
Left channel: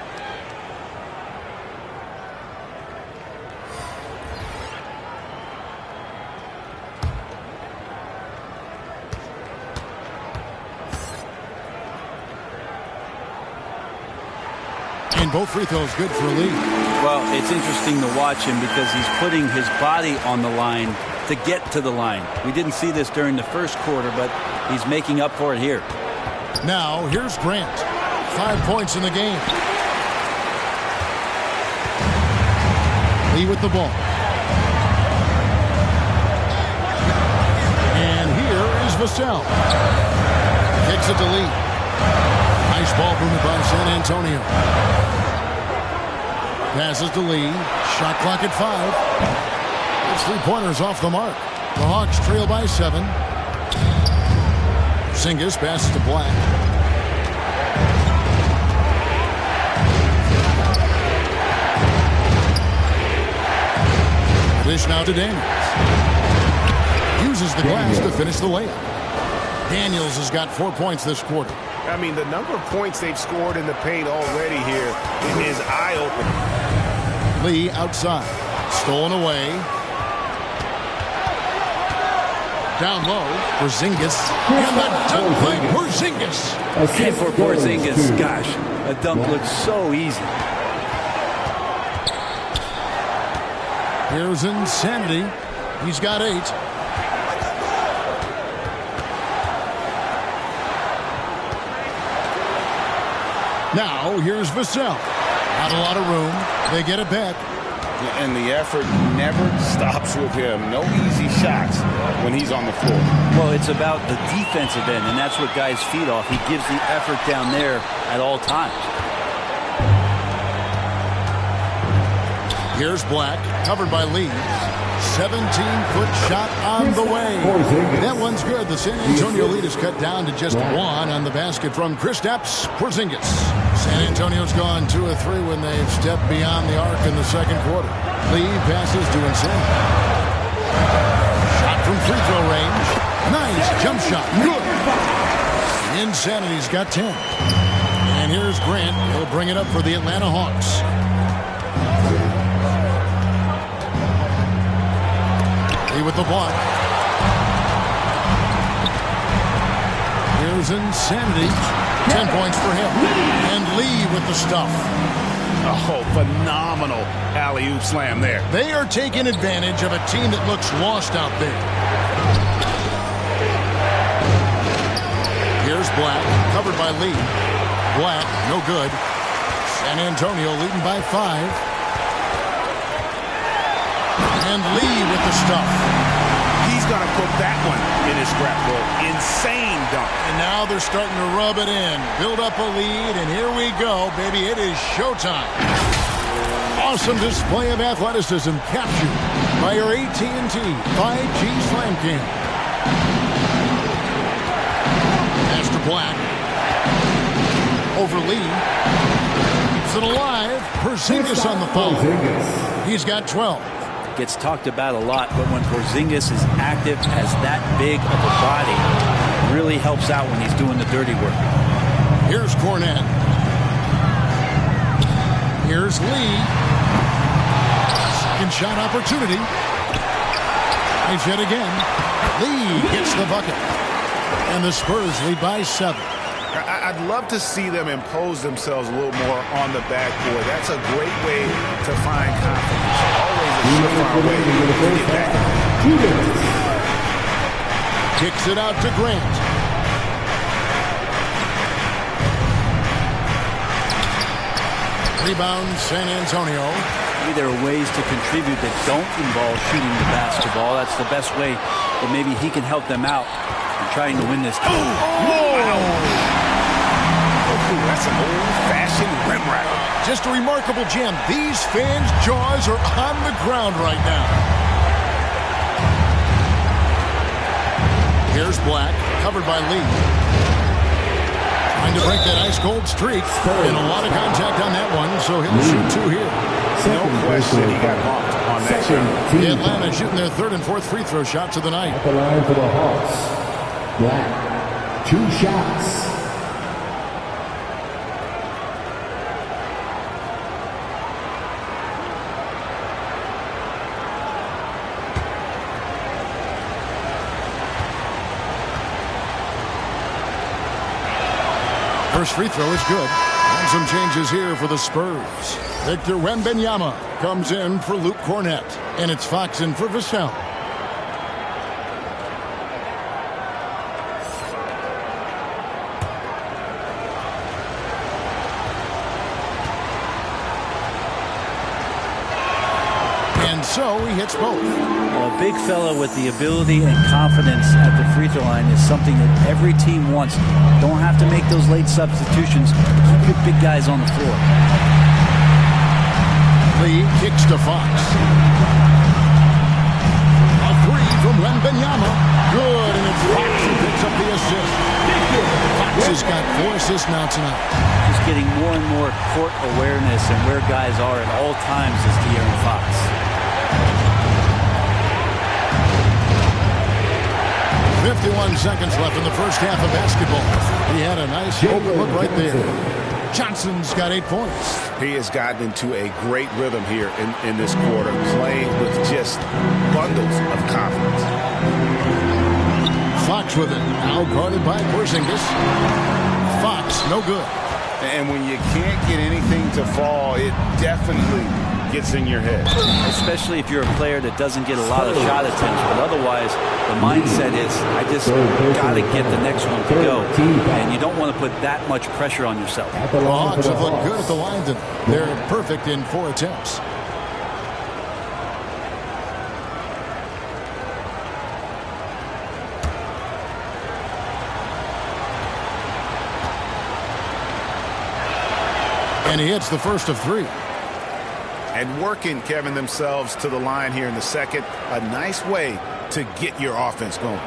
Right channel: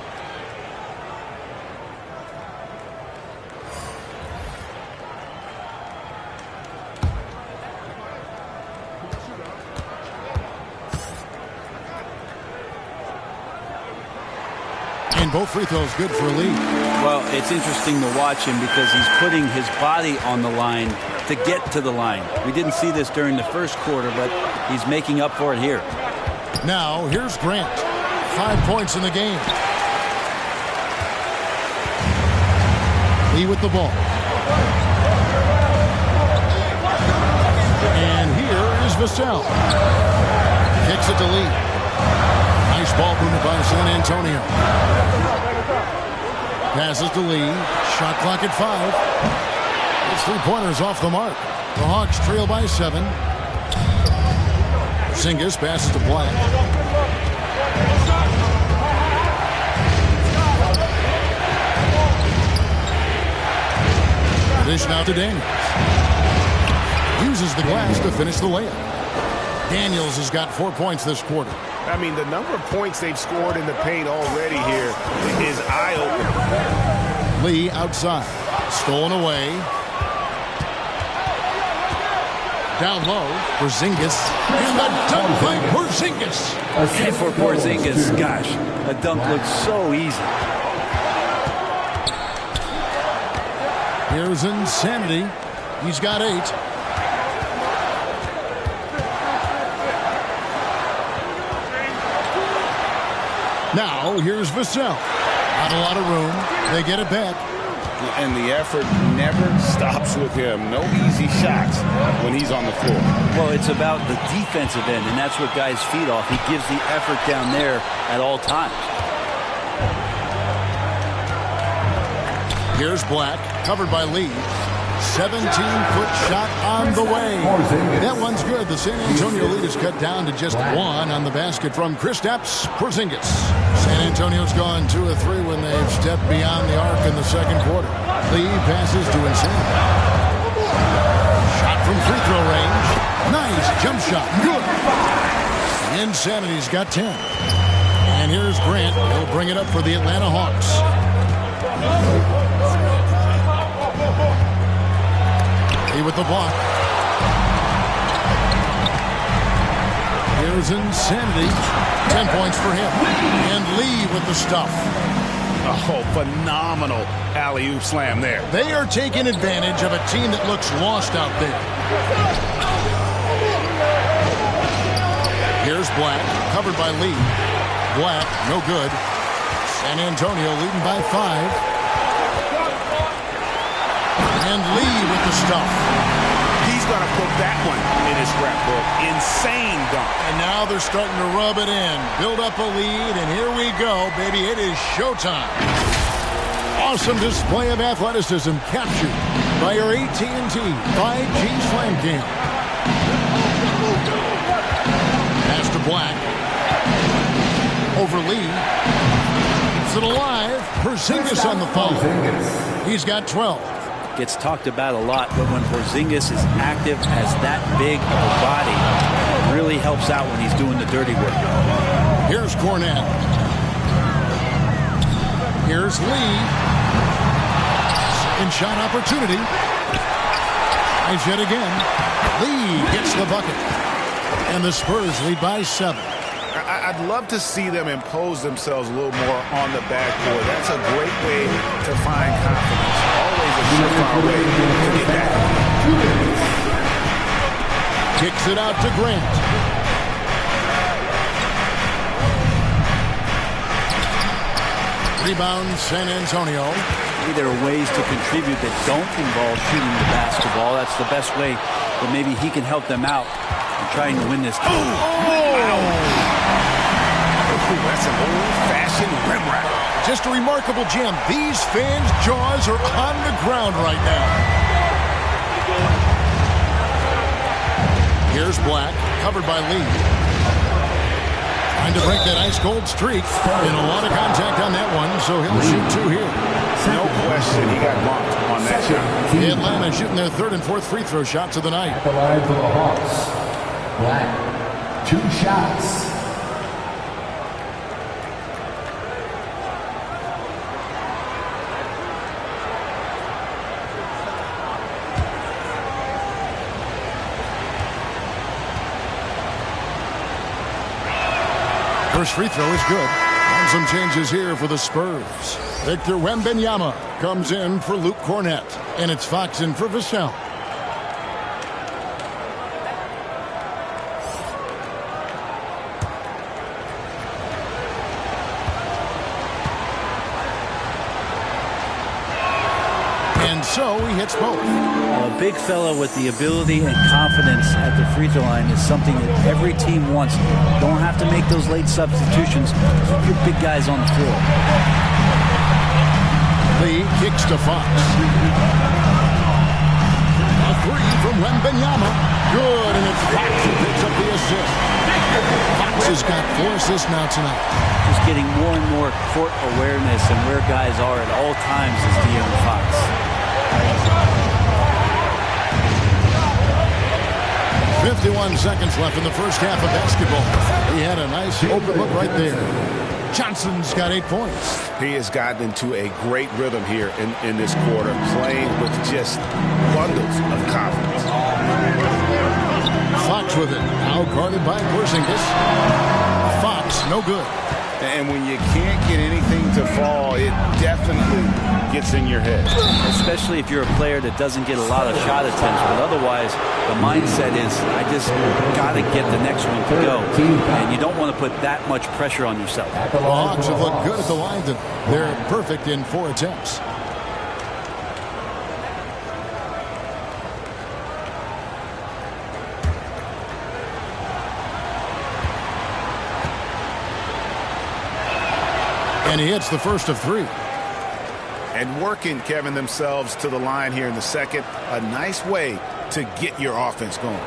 And both free throws good for Lee. Well, it's interesting to watch him because he's putting his body on the line to get to the line. We didn't see this during the first quarter, but he's making up for it here. Now, here's Grant. 5 points in the game. Lee with the ball. And here is Vassell. Kicks it to Lee. Nice ball movement by San Antonio. Passes to Lee. Shot clock at 5. It's 3-pointers off the mark. The Hawks trail by 7. Porzingis passes to Black. The dish now to Daniels. Uses the glass to finish the layup. Daniels has got 4 points this quarter. I mean, the number of points they've scored in the paint already here is eye-opening. Lee outside. Stolen away. Down low. Porzingis. And the dunk by Porzingis. And for Porzingis, gosh, a dunk looks so easy. Here's Insanity. He's got 8. Now, here's Vassell. Not a lot of room. They get it back. And the effort never stops with him. No easy shots when he's on the floor. Well, it's about the defensive end, and that's what guys feed off. He gives the effort down there at all times. Here's Black, covered by Lee. 17-foot shot on the way. That one's good. The San Antonio lead is cut down to just 1 on the basket from Kristaps Porzingis. San Antonio's gone 2 of 3 when they've stepped beyond the arc in the second quarter. Lee passes to Insanity. Shot from free throw range. Nice jump shot. Good. Insanity's got 10. And here's Grant. He'll bring it up for the Atlanta Hawks. Lee with the block. Here's Insanity. 10 points for him. And Lee with the stuff. Oh, phenomenal alley-oop slam there. They are taking advantage of a team that looks lost out there. Here's Black, covered by Lee. Black, no good. San Antonio leading by 5. And Lee with the stuff. He's going to put that one in his scrapbook. Insane dunk. And now they're starting to rub it in. Build up a lead, and here we go, baby. It is showtime. Awesome display of athleticism captured by our AT&T 5G Slam Cam. Pass to Black. Over Lee. Keeps it alive. Porzingis on the foul. He's got 12. Gets talked about a lot, but when Porzingis is active, has that big of a body, really helps out when he's doing the dirty work. Here's Cornette. Here's Lee. Second shot opportunity. Tries yet again. Lee gets the bucket. And the Spurs lead by 7. I'd love to see them impose themselves a little more on the backboard. That's a great way to find confidence. Always a surefire way to get back in the game. Kicks it out to Grant. Rebound, San Antonio. Maybe there are ways to contribute that don't involve shooting the basketball. That's the best way that maybe he can help them out in trying to win this game. That's an old-fashioned rim wrap. Just a remarkable jam. These fans' jaws are on the ground right now. Here's Black, covered by Lee. Trying to break that ice-cold streak. And a lot of contact on that one, so he'll shoot two here. No question he got bumped on that shot. The Atlanta shooting their third and fourth free throw shots of the night. At the line for the Hawks, Black, 2 shots. First free throw is good. And some changes here for the Spurs. Victor Wembanyama comes in for Luke Cornett. And it's Fox in for Vassell. And so he hits both. A big fella with the ability and confidence at the free throw line is something that every team wants. Don't have to make those late substitutions. Keep your big guys on the floor. Lee kicks to Fox. A three from Wembanyama. Good, and it's Fox who picks up the assist. Fox has got 4 assists now tonight. Just getting more and more court awareness and where guys are at all times is De'Aaron Fox. 51 seconds left in the first half of basketball. He had a nice open look right there. Johnson's got 8 points. He has gotten into a great rhythm here in this quarter, playing with just bundles of confidence. Fox with it. Now guarded by Porzingis. Fox, no good. And when you can't get anything to fall, it definitely gets in your head. Especially if you're a player that doesn't get a lot of shot attempts, but otherwise the mindset is, I just got to get the next one to go. And you don't want to put that much pressure on yourself. The Hawks have looked good at the line. They're perfect in 4 attempts. And he hits the first of 3. And working, Kevin, themselves to the line here in the second. A nice way to get your offense going.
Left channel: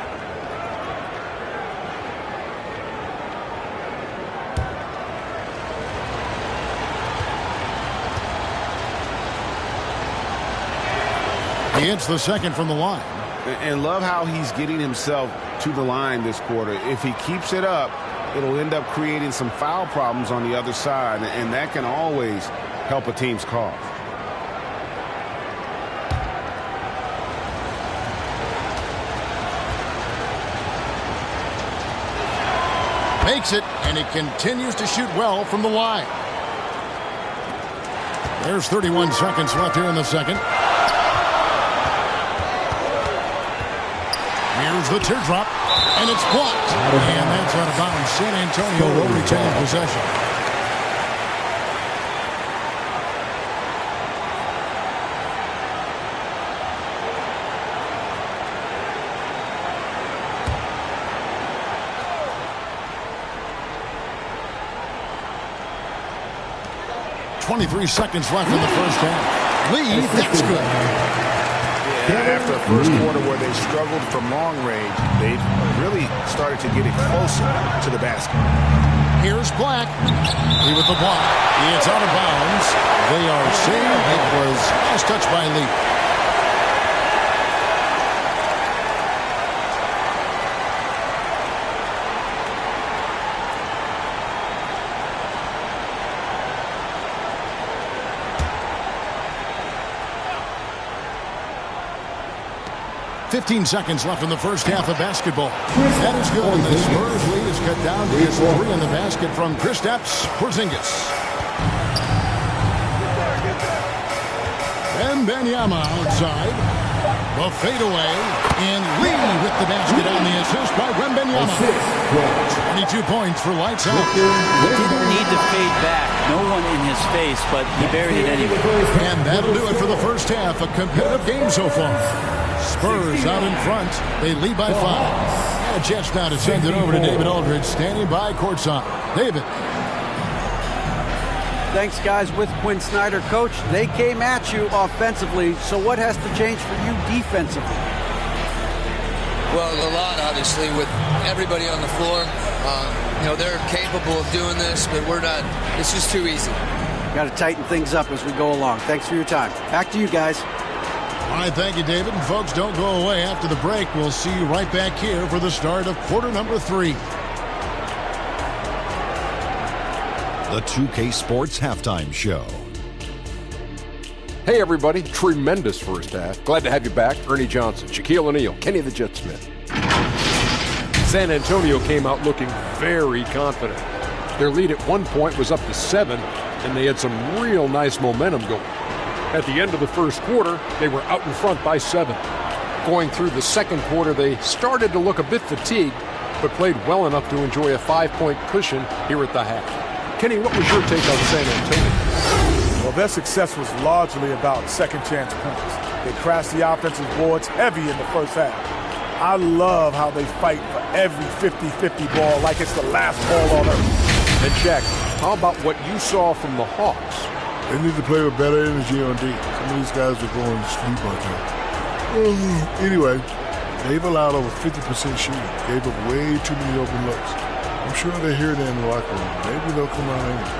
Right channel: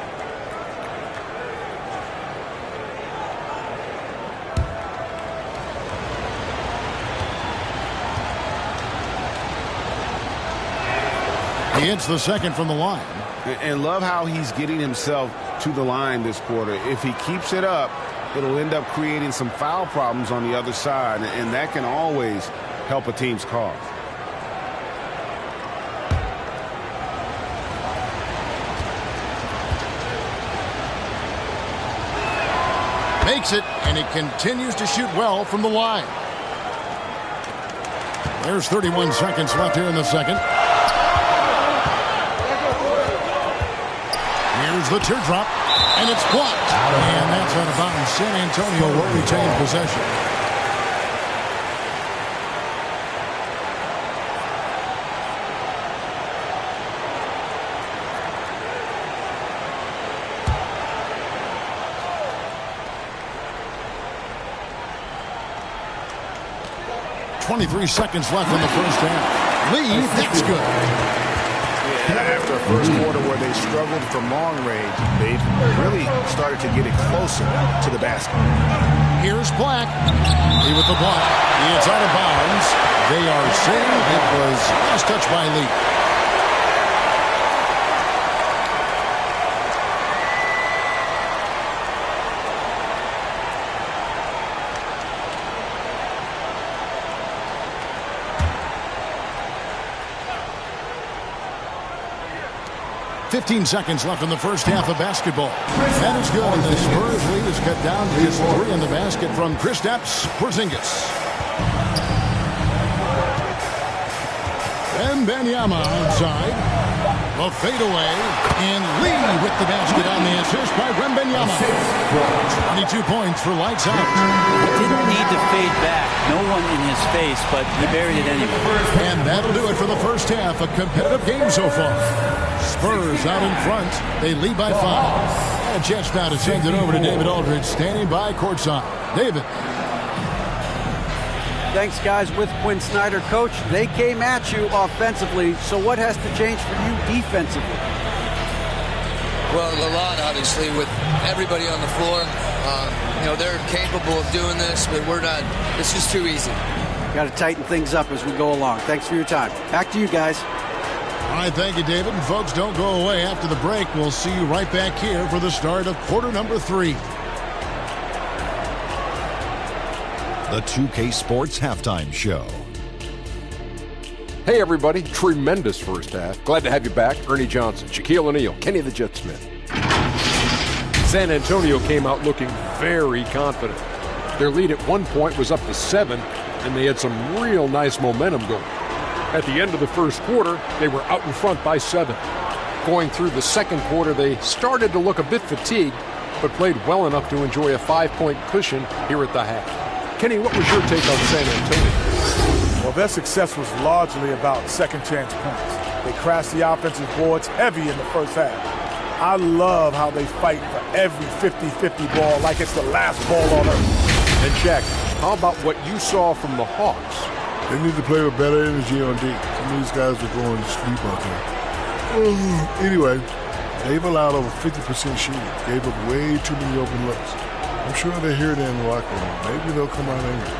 He hits the second from the line. And love how he's getting himself to the line this quarter. If he keeps it up, it'll end up creating some foul problems on the other side, and that can always help a team's cause. Makes it, and he continues to shoot well from the line. There's 31 seconds left here in the second. Here's the teardrop, and it's blocked. And that's out of bounds. San Antonio will retain possession. .23 seconds left in the first half. Lee, that's good. Yeah, after a first quarter where they struggled from long range, they've really started to get it closer to the basket. Here's Black. Lee with the block. It's out of bounds. They are saying it was last touch by Lee. 15 seconds left in the first half of basketball. That is good, and the Spurs lead is cut down to just 3 in the basket from Kristaps Porzingis. Wembanyama outside. The fadeaway, and Lee with the basket on the assist by Wembanyama. 22 points for lights out. He didn't need to fade back. No one in his face, but he buried it anyway. And that'll do it for the first half. A competitive game so far. Spurs out in front. They lead by 5. And a chance now to send it over to David Aldridge, standing by courtside. David. Thanks, guys. With Quinn Snyder, Coach, they came at you offensively, so what has to change for you defensively? Well, a lot, obviously, with everybody on the floor. They're capable of doing this, but we're not. It's just too easy. Got to tighten things up as we go along. Thanks for your time. Back to you guys. All right, thank you, David. And folks, don't go away. After the break, we'll see you right back here for the start of quarter number 3. The 2K Sports Halftime Show. Hey, everybody. Tremendous first half. Glad to have you back. Ernie Johnson, Shaquille O'Neal, Kenny the Jet Smith. San Antonio came out looking very confident. Their lead at one point was up to 7, and they had some real nice momentum going. At the end of the first quarter, they were out in front by 7. Going through the second quarter, they started to look a bit fatigued, but played well enough to enjoy a 5-point cushion here at the half. Kenny, what was your take on San Antonio? Well, their success was largely about second chance points. They crashed the offensive boards heavy in the first half. I love how they fight for every 50-50 ball like it's the last ball on earth. And Jack, how about what you saw from the Hawks? They need to play with better energy on D. Some of these guys are going to sleep out there. Anyway, they've allowed over 50% shooting. Gave up way too many open looks. I'm sure they hear that in the locker room. Maybe they'll come out angry.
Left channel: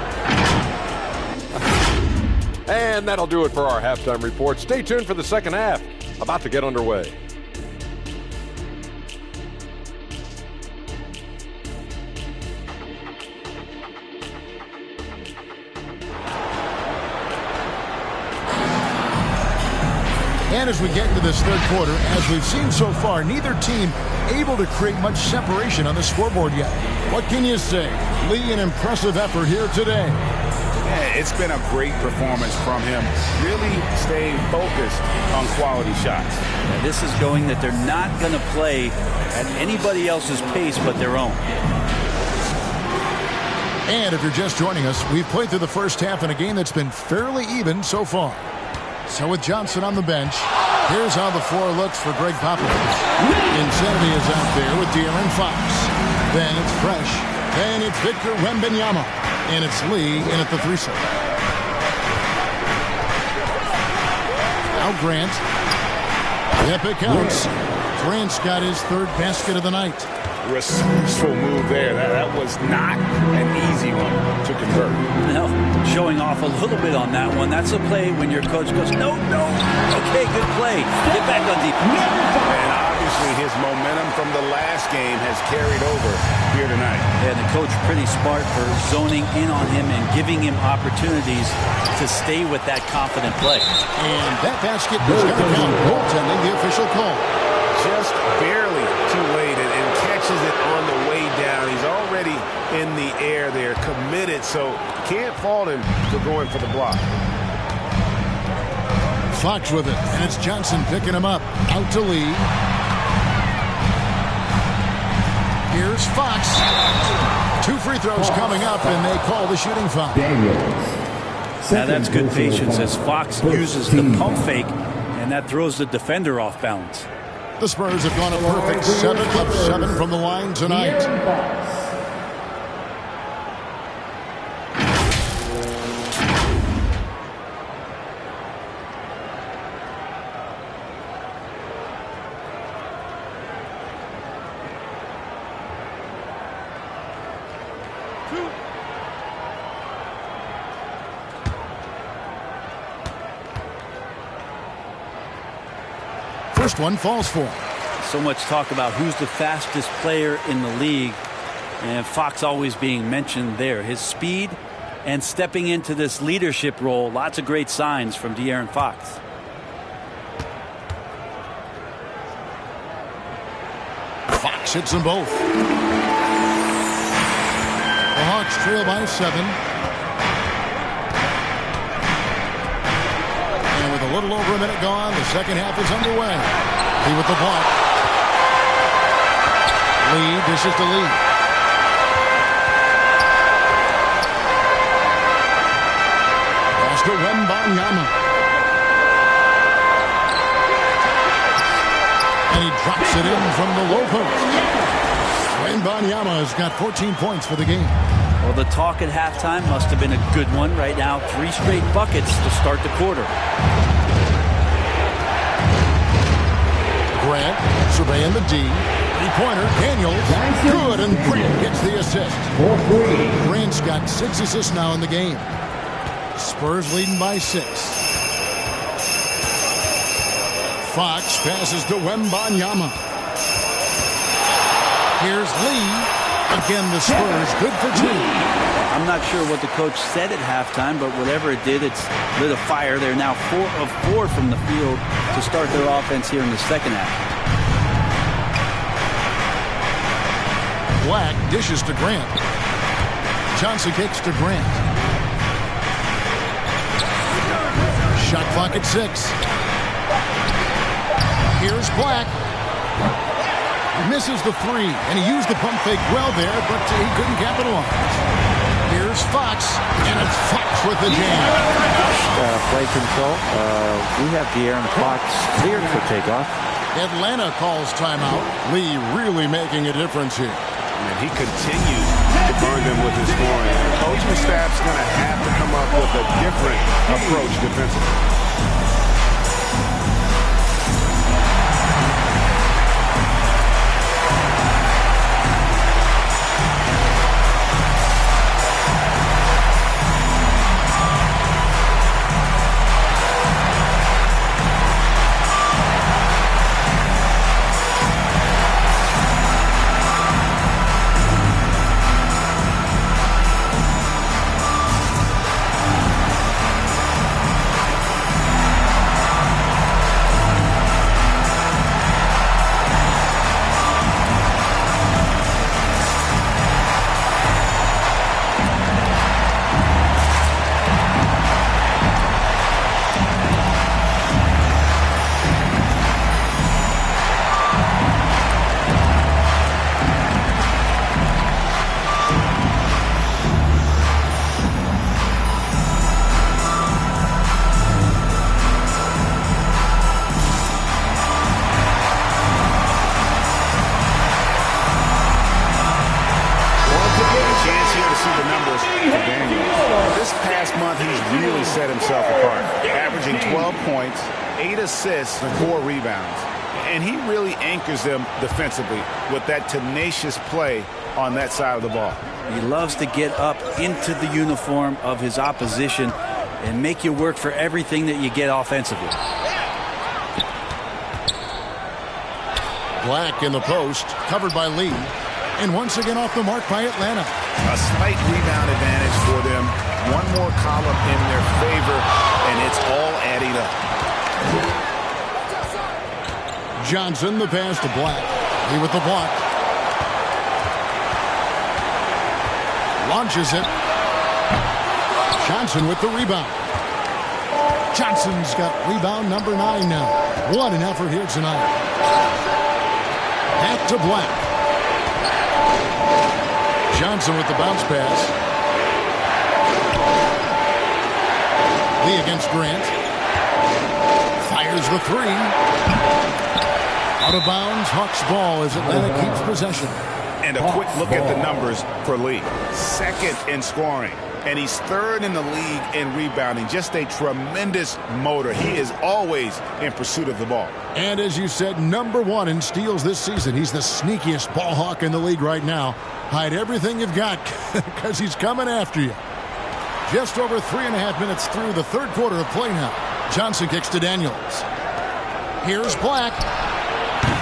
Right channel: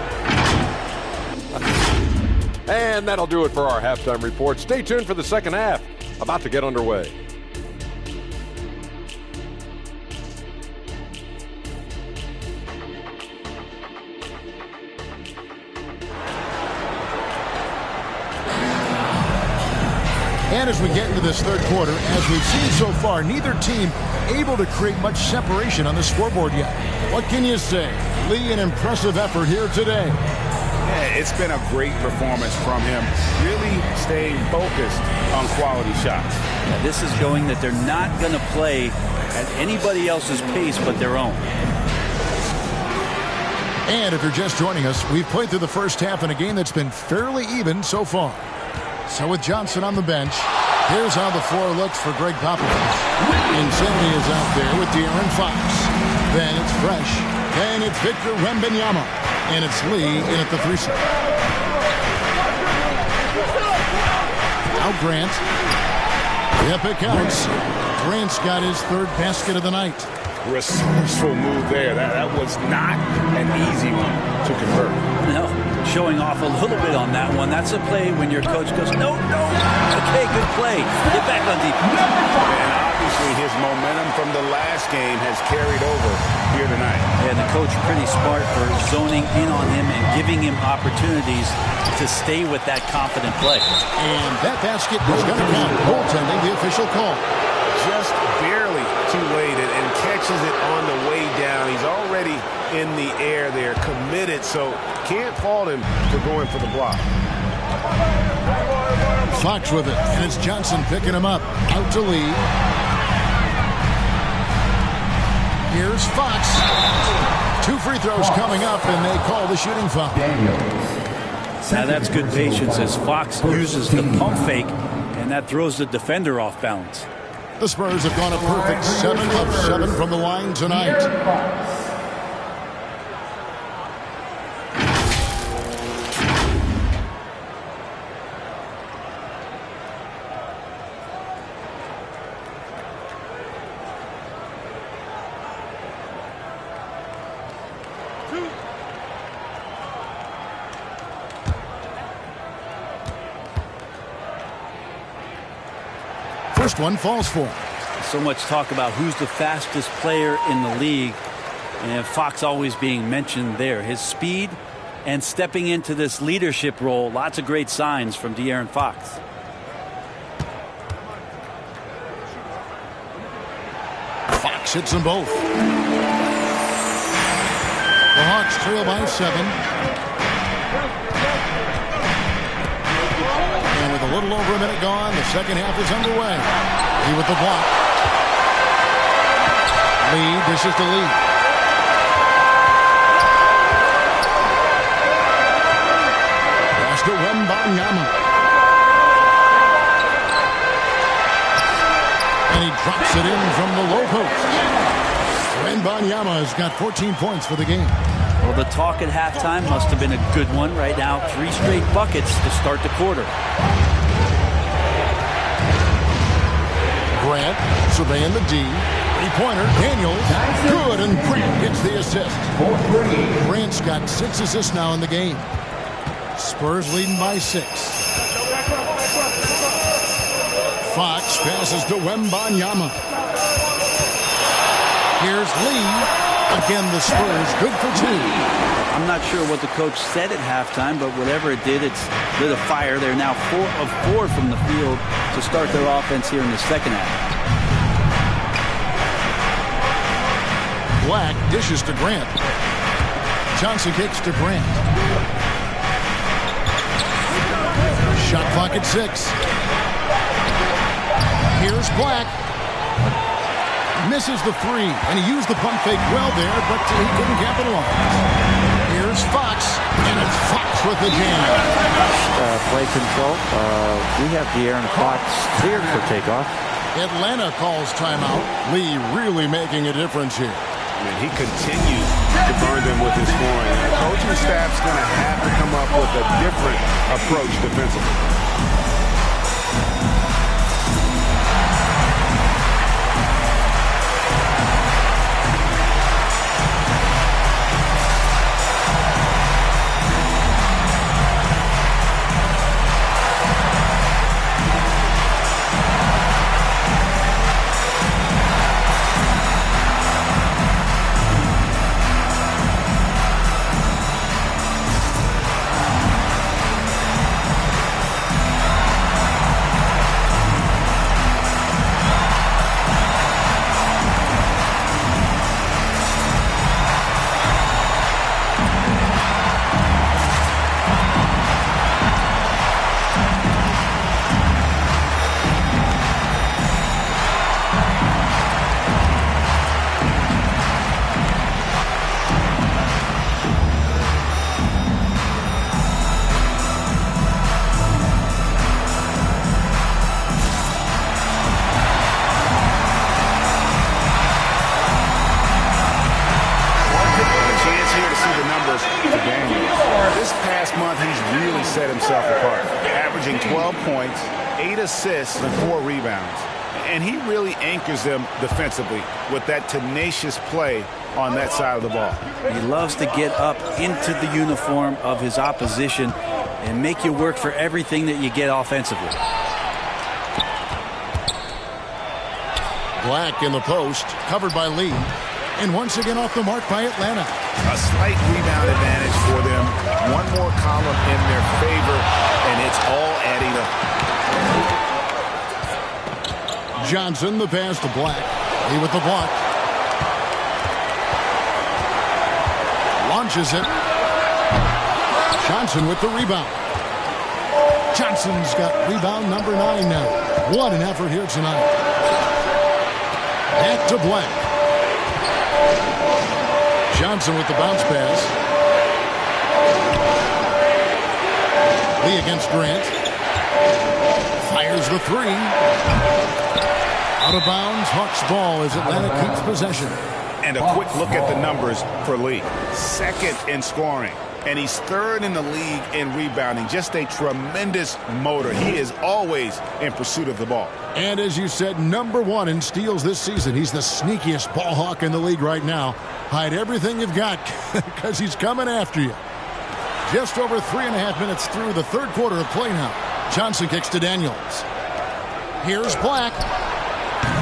And that'll do it for our halftime report. Stay tuned for the second half. About to get underway. And as we get into this third quarter, as we've seen so far, neither team able to create much separation on the scoreboard yet. What can you say? Lee, an impressive effort here today. Yeah, it's been a great performance from him. Really staying focused on quality shots. Yeah, this is showing that they're not going to play at anybody else's pace but their own. And if you're just joining us, we've played through the first half in a game that's been fairly even so far. So with Johnson on the bench, here's how the floor looks for Greg Popovich. Insanity is out there with De'Aaron Fox. Then it's Fresh. Then it's Victor Wembanyama. And it's Lee in at the 3 set. Now Grant. Yep, it counts. Grant's got his 3rd basket of the night. Resourceful move there. That was not an easy one to convert. No, showing off a little bit on that one. That's a play when your coach goes, no. Okay, good play. Get back on defense. And obviously his momentum from the last game has carried over here tonight. And the coach pretty smart for zoning in on him and giving him opportunities to stay with that confident play. And that basket is going to count. Goaltending, the official call. Just barely too late and catches it on the way down. He's already in the air there, committed, so can't fault him for going for the block. Fox with it, and it's Johnson picking him up. Out to Lee. Here's Fox. 2 free throws coming up, and they call the shooting foul. Now that's good patience as Fox uses the pump fake, and that throws the defender off balance. The Spurs have gone a perfect 7 of 7 from the line tonight. First one falls for him. So much talk about who's the fastest player in the league, and Fox always being mentioned there. His speed and stepping into this leadership role, lots of great signs from De'Aaron Fox. Fox hits them both. The Hawks trail by 7. And with a little over a minute gone, the second half is underway. Lee with the block. Lee dishes to Lee. Pass to Wembanyama. And he drops it in from the low post. Wembanyama has got 14 points for the game. Well, the talk at halftime must have been a good one. Right now, 3 straight buckets to start the quarter. Grant surveying the D. Three-pointer, Daniels, good, and Grant gets the assist. Grant's got 6 assists now in the game. Spurs leading by 6. Fox passes to Wembanyama. Here's Lee. Again, the Spurs good for 2. I'm not sure what the coach said at halftime, but whatever it did, it's lit a fire. They're now 4 of 4 from the field to start their offense here in the second half. Black dishes to Grant. Johnson kicks to Grant. Shot clock at 6. Here's Black. Misses the 3, and he used the pump fake well there, but he couldn't capitalize. Here's Fox, and it's Fox with the jam. Play control. We have the air and the clock cleared for takeoff. Atlanta calls timeout. Lee really making a difference here. And he continues to burn them with his scoring. The coaching staff's going to have to come up with a different approach defensively. Set himself apart, averaging 12 points, 8 assists, and 4 rebounds. And he really anchors them defensively with that tenacious play on that side of the ball. He loves to get up into the uniform of his opposition and make you work for everything that you get offensively. Black in the post, covered by Lee. And once again off the mark by Atlanta. A slight rebound advantage for them. One more column in their favor, and it's all adding up. Johnson, the pass to Black. Lee with the block. Launches it. Johnson with the rebound. Johnson's got rebound number 9 now. What an effort here tonight. Back to Black. Johnson with the bounce pass. Lee against Grant. Fires the 3. Out of bounds. Hawks ball as Atlanta keeps possession. And a quick look at the numbers for Lee. Second in scoring. And he's third in the league in rebounding. Just a tremendous motor. He is always in pursuit of the ball. And as you said, number 1 in steals this season. He's the sneakiest ball hawk in the league right now. Hide everything you've got because he's coming after you. Just over 3.5 minutes through the third quarter of play now. Johnson kicks to Daniels. Here's Black.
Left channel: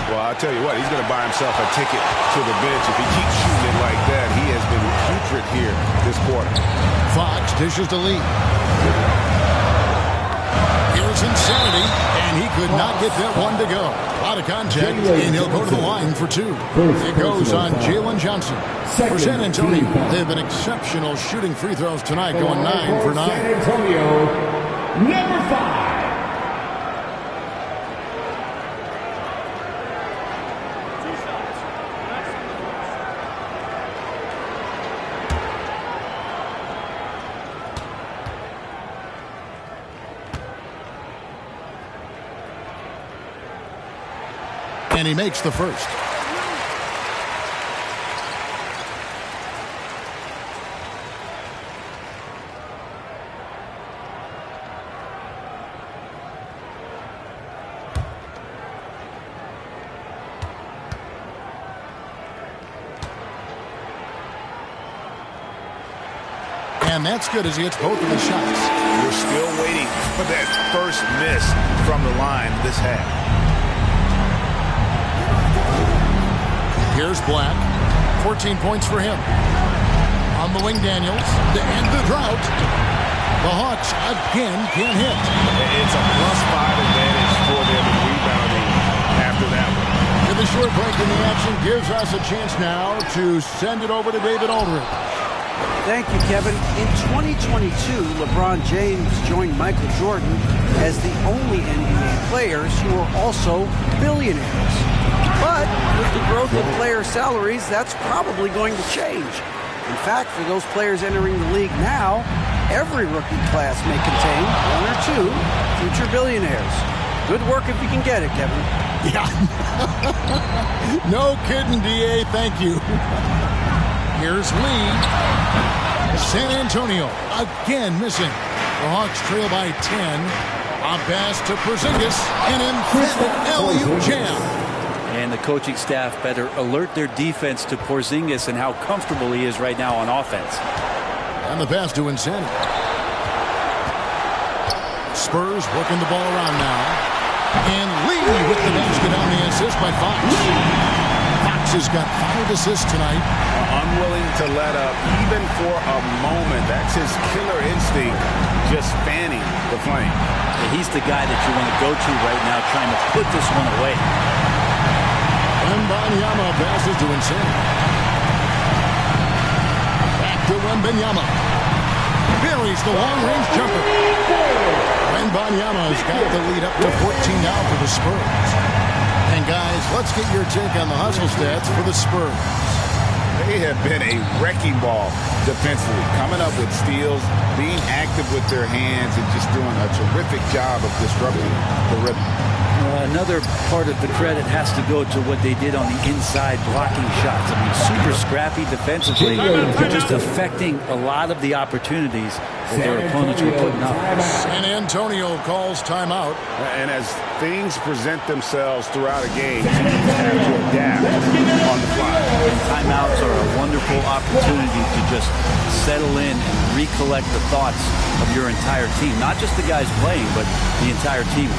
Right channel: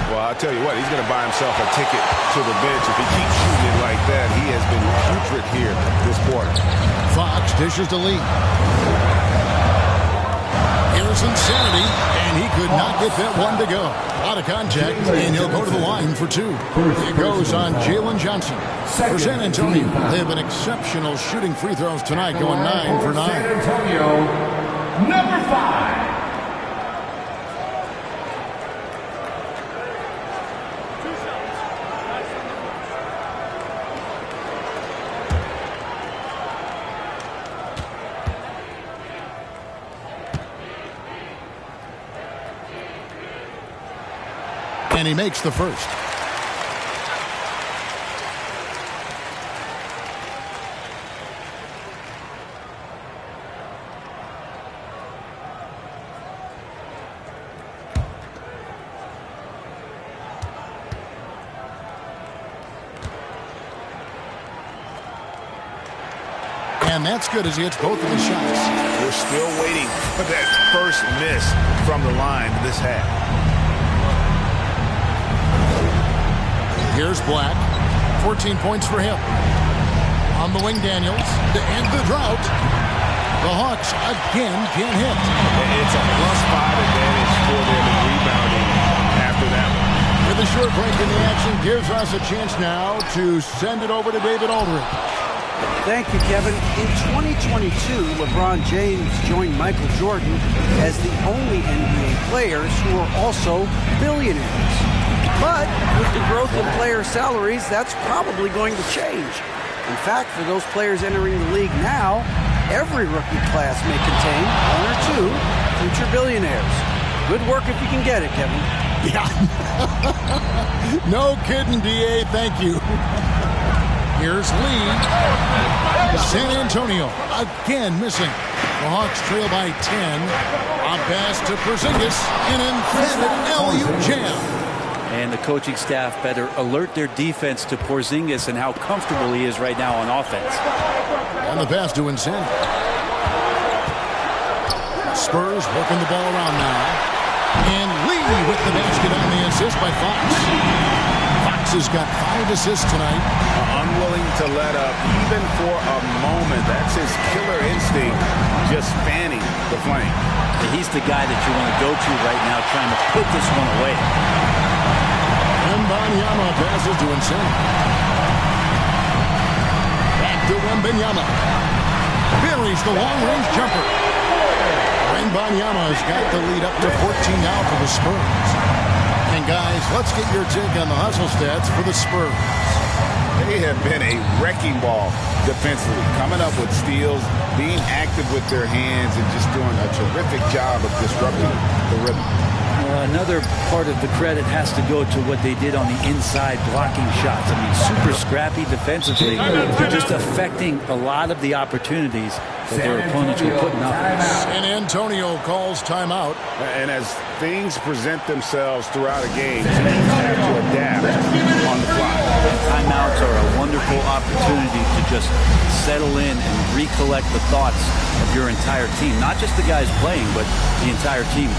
Well, I'll tell you what, he's going to buy himself a ticket to the bench. If he keeps shooting it like that, he has been putrid here this quarter. Fox dishes to Lee. Here's Here's Insanity, and he could not get that one to go. A lot of contact, and he'll go to the line for two. It goes on Jalen Johnson. For San Antonio, they have been exceptional shooting free throws tonight, going 9 for 9. San Antonio, number 5. And he makes the first. And that's good as he hits both of his shots. We're still waiting for that first miss from the line this half. Here's Black. 14 points for him. On the wing, Daniels. To end the drought. The Hawks again can't hit. It's a +5 advantage for them in rebounding after that one. With a short break in the action gives us a chance now to send it over to David Aldridge. Thank you, Kevin. In 2022, LeBron James joined Michael Jordan as the only NBA players who are also billionaires. But with the growth in player salaries, that's probably going to change. In fact, for those players entering the league now, every rookie class may contain 1 or 2 future billionaires. Good work if you can get it, Kevin. Yeah. No kidding, D.A. Thank you. Here's Lee. San Antonio again missing. The Hawks trail by 10. A pass to Porzingis. An emphatic alley-oop jam. And the coaching staff better alert their defense to Porzingis and how comfortable he is right now on offense. And the pass to Insanity. Spurs working the ball around now. And Lee with the basket on the assist by Fox. Fox has got 5 assists tonight. Unwilling to let up even for a moment. That's his killer instinct, just fanning the flame. Yeah, he's the guy that you want to go to right now trying to put this one away. Wembanyama passes to Insanity. Back to Wembanyama. Buries the long-range jumper. Wembanyama has got the lead up to 14 now for the Spurs. And guys, let's get your take on the hustle stats for the Spurs. They have been a wrecking ball defensively, coming up with steals, being active with their hands, and just doing a terrific job of disrupting the rhythm. Another part of the credit has to go to what they did on the inside blocking shots. I mean, super scrappy defensively. They're just affecting a lot of the opportunities that their opponents were putting up. San Antonio calls timeout. And as things present themselves throughout a game, teams have to adapt on the fly. And timeouts are a wonderful opportunity to just settle in and recollect the thoughts of your entire team. Not just the guys playing, but the entire team.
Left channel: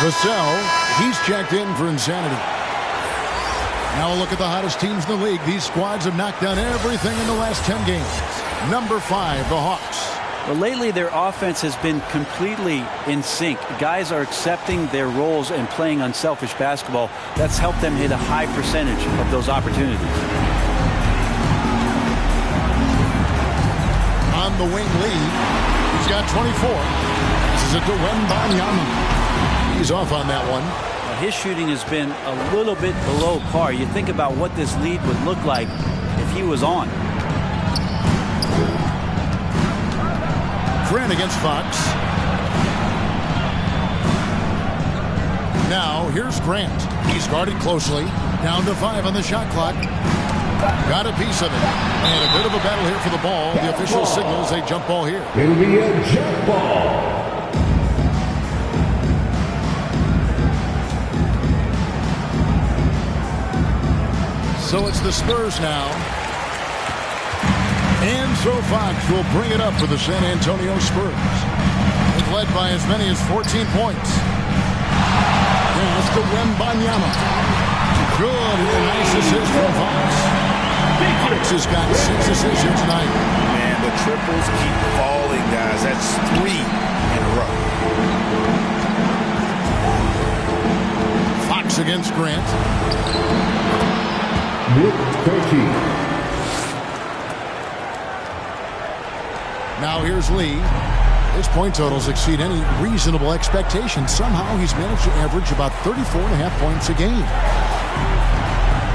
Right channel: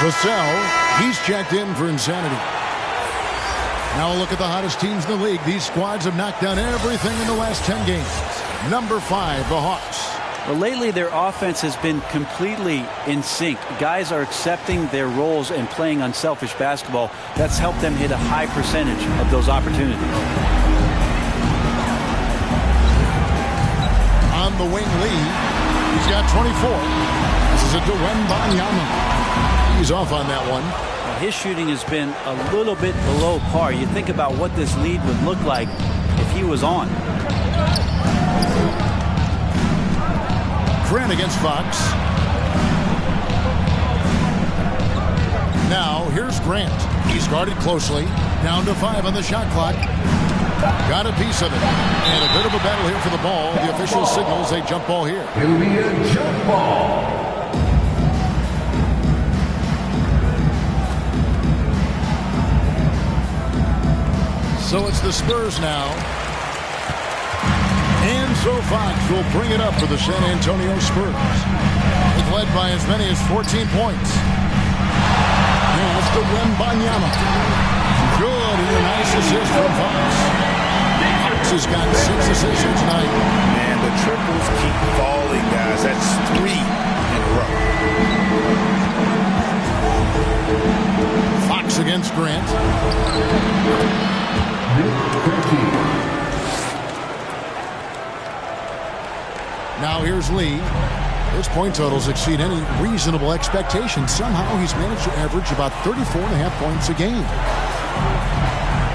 Vassell, he's checked in for Insanity. Now a look at the hottest teams in the league. These squads have knocked down everything in the last 10 games. Number 5, the Hawks. Well, lately their offense has been completely in sync. Guys are accepting their roles and playing unselfish basketball. That's helped them hit a high percentage of those opportunities. On the wing, Lee. He's got 24. Passes it to Wembanyama. He's off on that one. Well, his shooting has been a little bit below par. You think about what this lead would look like if he was on. Grant against Fox. Now, here's Grant. He's guarded closely. Down to 5 on the shot clock. Got a piece of it. And a bit of a battle here for the ball. The official signals a jump ball here. It'll be a jump ball. So it's the Spurs now. And so Fox will bring it up for the San Antonio Spurs. They've led by as many as 14 points. Pass to Wembanyama. Good, and a nice assist from Fox. Fox has got 6 assists here tonight. Man, the triples keep falling, guys. That's 3 in a row. Fox against Grant. Now here's Lee. His point totals exceed any reasonable expectation. Somehow he's managed to average about 34.5 points a game.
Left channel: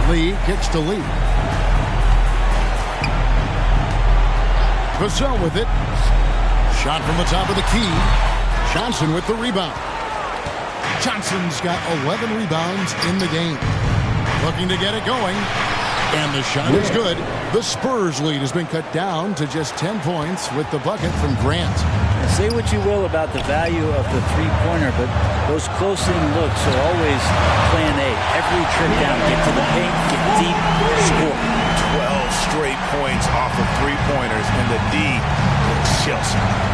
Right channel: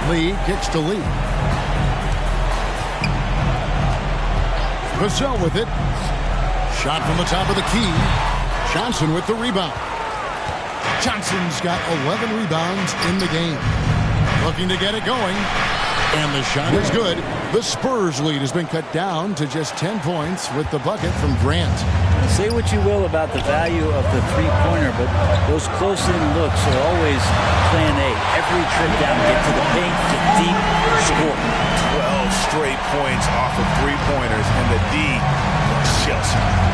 Lee kicks to Lee. Vassell with it. Shot from the top of the key. Johnson with the rebound. Johnson's got 11 rebounds in the game. Looking to get it going. And the shot is good. The Spurs lead has been cut down to just 10 points with the bucket from Grant. Now, say what you will about the value of the three-pointer, but those close-in looks are always plan A. Every trip down, get to the paint, get deep, score. 12 straight points off of three-pointers, and the D looks shell-shocked.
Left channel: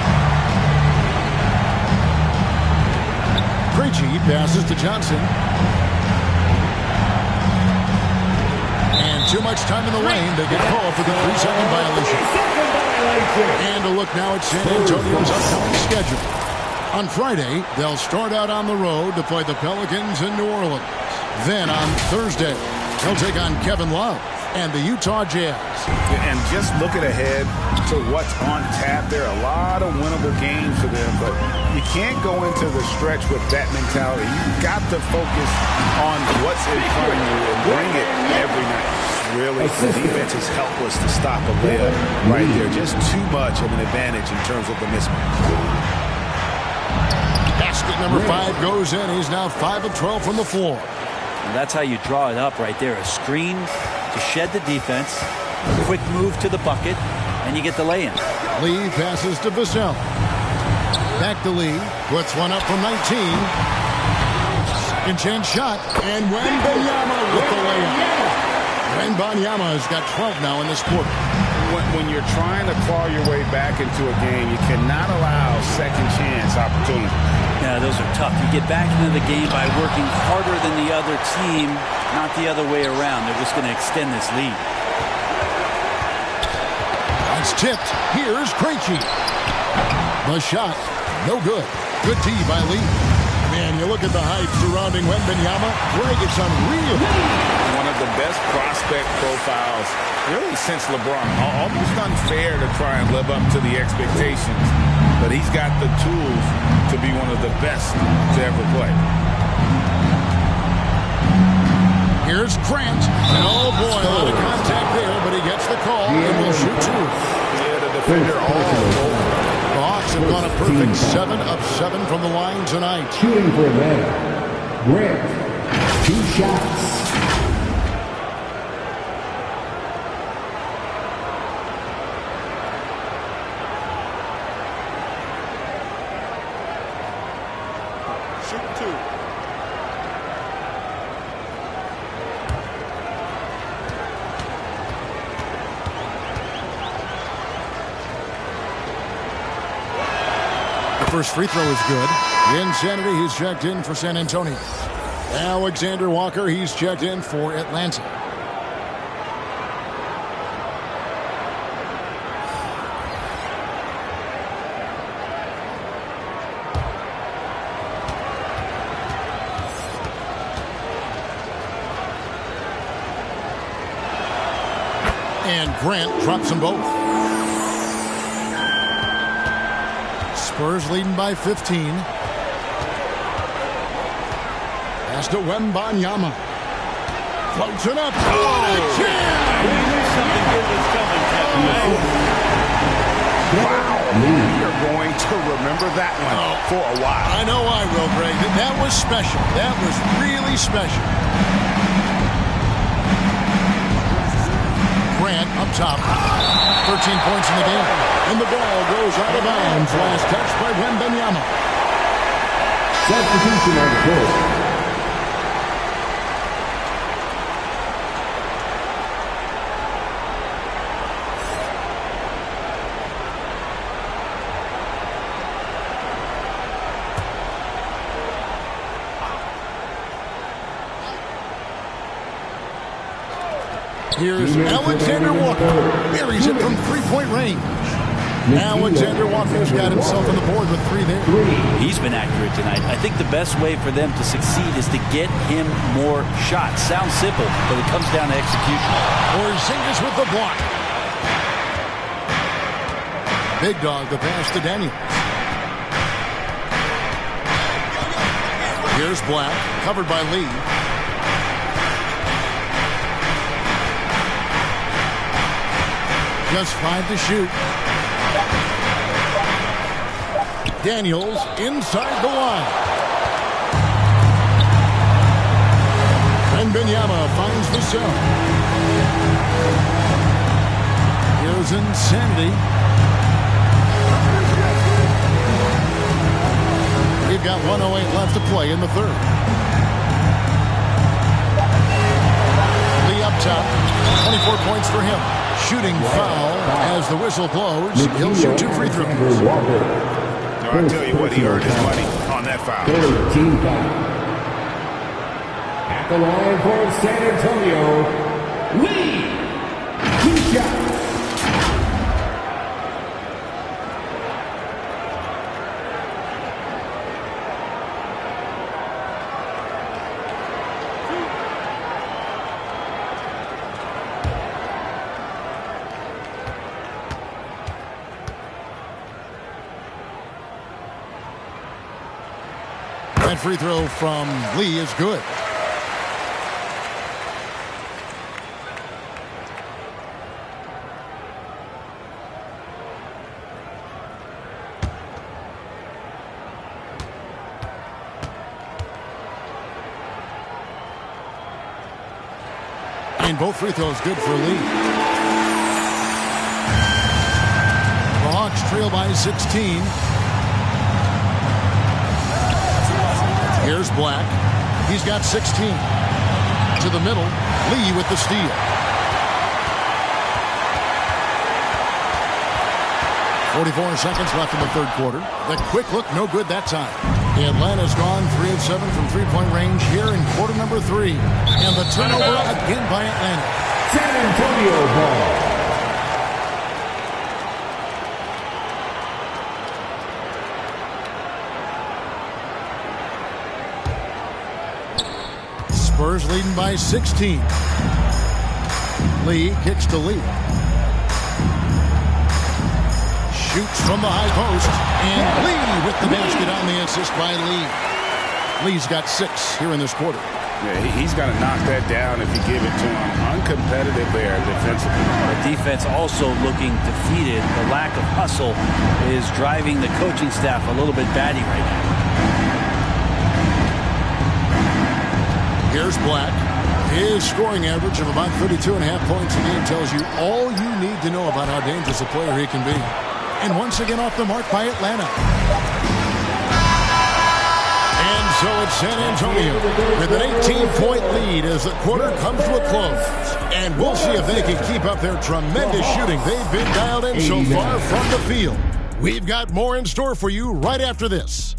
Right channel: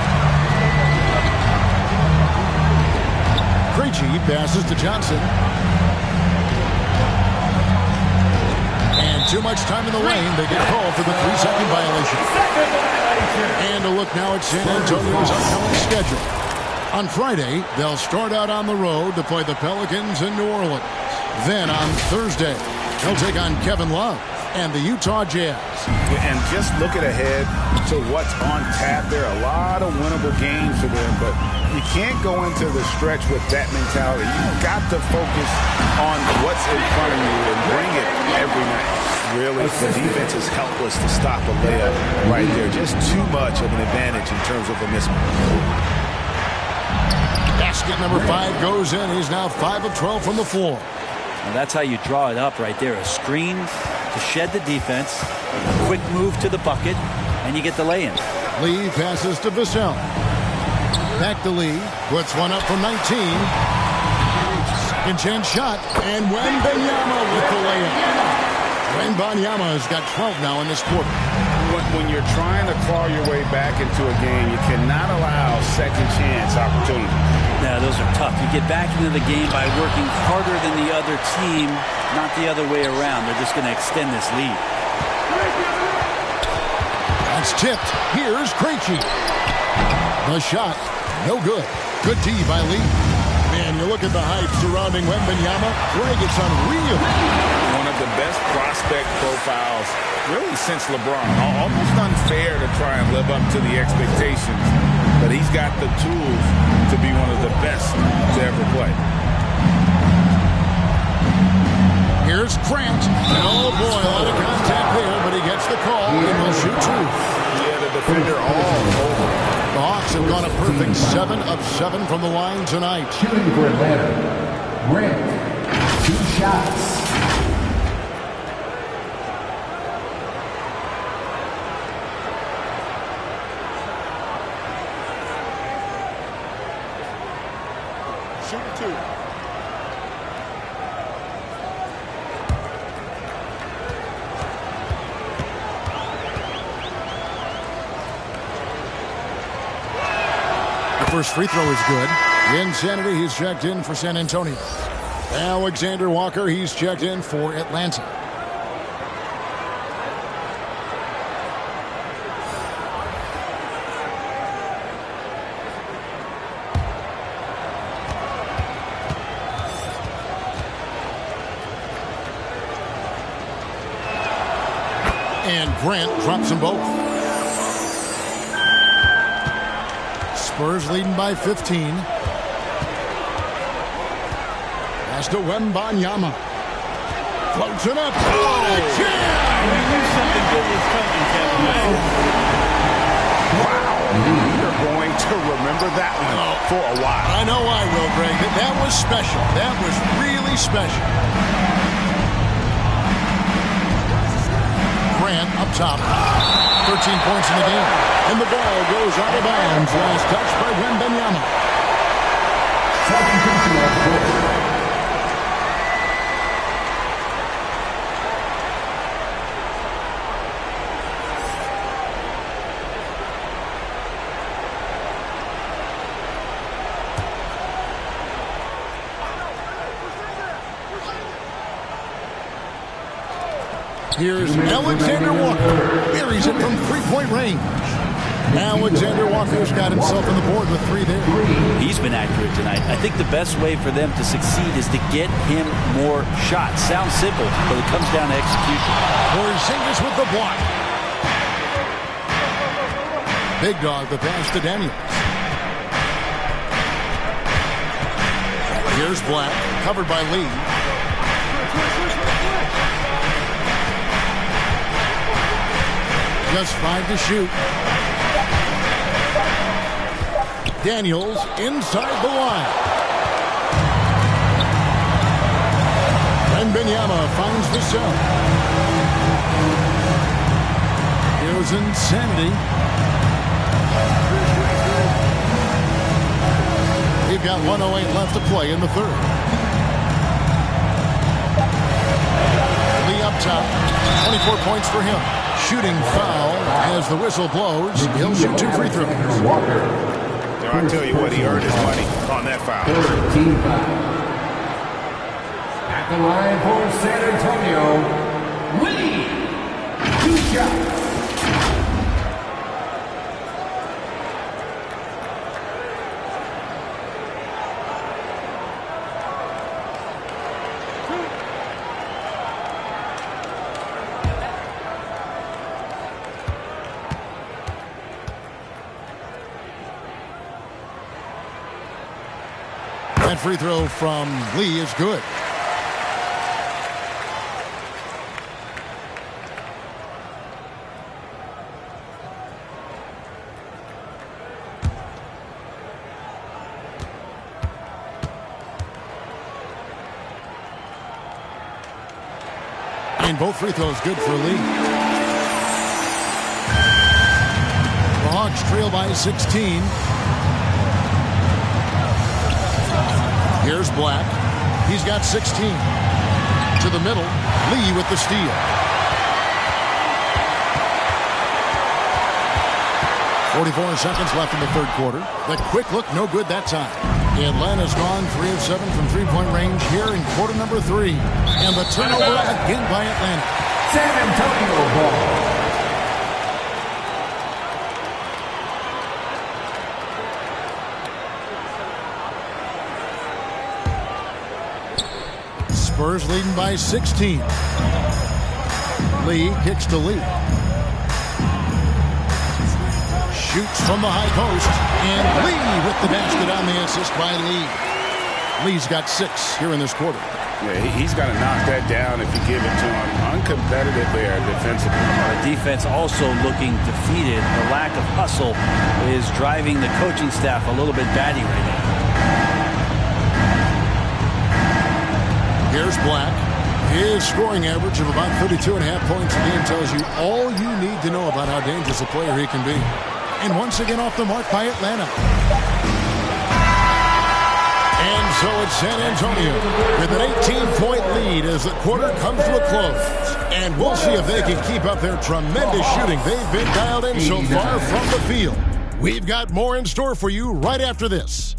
Krejci passes to Johnson. And too much time in the lane. They get called for the 3-second violation. And a look now at San Antonio's upcoming schedule. On Friday, they'll start out on the road to play the Pelicans in New Orleans. Then on Thursday, they'll take on Kevin Love and the Utah Jazz. And just looking ahead to what's on tap, there are a lot of winnable games for them, but you can't go into the stretch with that mentality. You've got to focus on what's in front of you and bring it every night. Really, the defense is helpless to stop a layup right there. Just too much of an advantage in terms of the mismatch. Basket number 5 goes in. He's now 5 of 12 from the floor. And that's how you draw it up right there. A screen to shed the defense, a quick move to the bucket, and you get the lay-in. Lee passes to Vassell. Back to Lee. Puts one up from 19. Second chance shot. And Wembanyama with the layup. Wembanyama has got 12 now in this quarter. When you're trying to claw your way back into a game, you cannot allow second chance opportunities. Yeah, those are tough. You get back into the game by working harder than the other team, not the other way around. They're just going to extend this lead. That's tipped. Here's Krejci. The shot, no good. Good D by Lee. Man, you look at the hype surrounding Wembanyama. Greg, it's unreal. One of the best prospect profiles really since LeBron. Almost unfair to try and live up to the expectations, but he's got the tools to be one of the best to ever play. Here's Grant. Oh boy, a lot of contact there, but he gets the call and will shoot 2. Yeah, the defender all over. The Hawks have gone a perfect 7 of 7 from the line tonight. Shooting for Atlanta. Grant. 2 shots. Shoot 2. The first free throw is good. Insanity, he's checked in for San Antonio. Alexander Walker, he's checked in for Atlanta. And Grant drops them both. Spurs leading by 15. Pass to Wembanyama. Floats it up. Oh, a jam! You knew something good was coming, Kevin. Right? Wow. We are going to remember that one for a while. I know I will, Greg. That was special. That was really special. Grant up top. 13 points in the game. And the ball goes out of bounds. Last touch by Wembanyama. Substitution on the court. Here's Alexander Walker. Buries it from three-point range. Alexander Walker's got himself on the board with 3 there. He's been accurate tonight. I think the best way for them to succeed is to get him more shots. Sounds simple, but it comes down to execution. Porzingis with the block. Big dog, the pass to Daniels. Here's Black, covered by Lee. Just 5 to shoot. Daniels inside the line. Wembanyama finds the cell. Here's Insanity. We've got 1:08 left to play in the third. Lee up top. 24 points for him. Shooting foul as the whistle blows. He'll shoot 2 free throws. I'll tell you what, he earned his money on that foul. 13 foul. At the line for San Antonio, Lee. 2 shots. That free throw from Lee is good. And both free throws good for Lee. The Hawks trail by 16. Here's Black. He's got 16. To the middle. Lee with the steal. 44 seconds left in the third quarter. The quick look, no good that time. Atlanta's gone 3 of 7 from three-point range here in quarter number 3. And the turnover again by Atlanta. San Antonio ball. Spurs leading by 16. Lee kicks to Lee. Shoots from the high post. And Lee with the basket on the assist by Lee. Lee's got 6 here in this quarter. Yeah, he's got to knock that down if you give it to him. Uncompetitive there defensively. Our defense also looking defeated. The lack of hustle is driving the coaching staff a little bit batty right now. Here's Black. His scoring average of about 32.5 points a game tells you all you need to know about how dangerous a player he can be. And once again off the mark by Atlanta. And so it's San Antonio with an 18-point lead as the quarter comes to a close. And we'll see if they can keep up their tremendous shooting they've been dialed in so far from the field. We've got more in store for you right after this.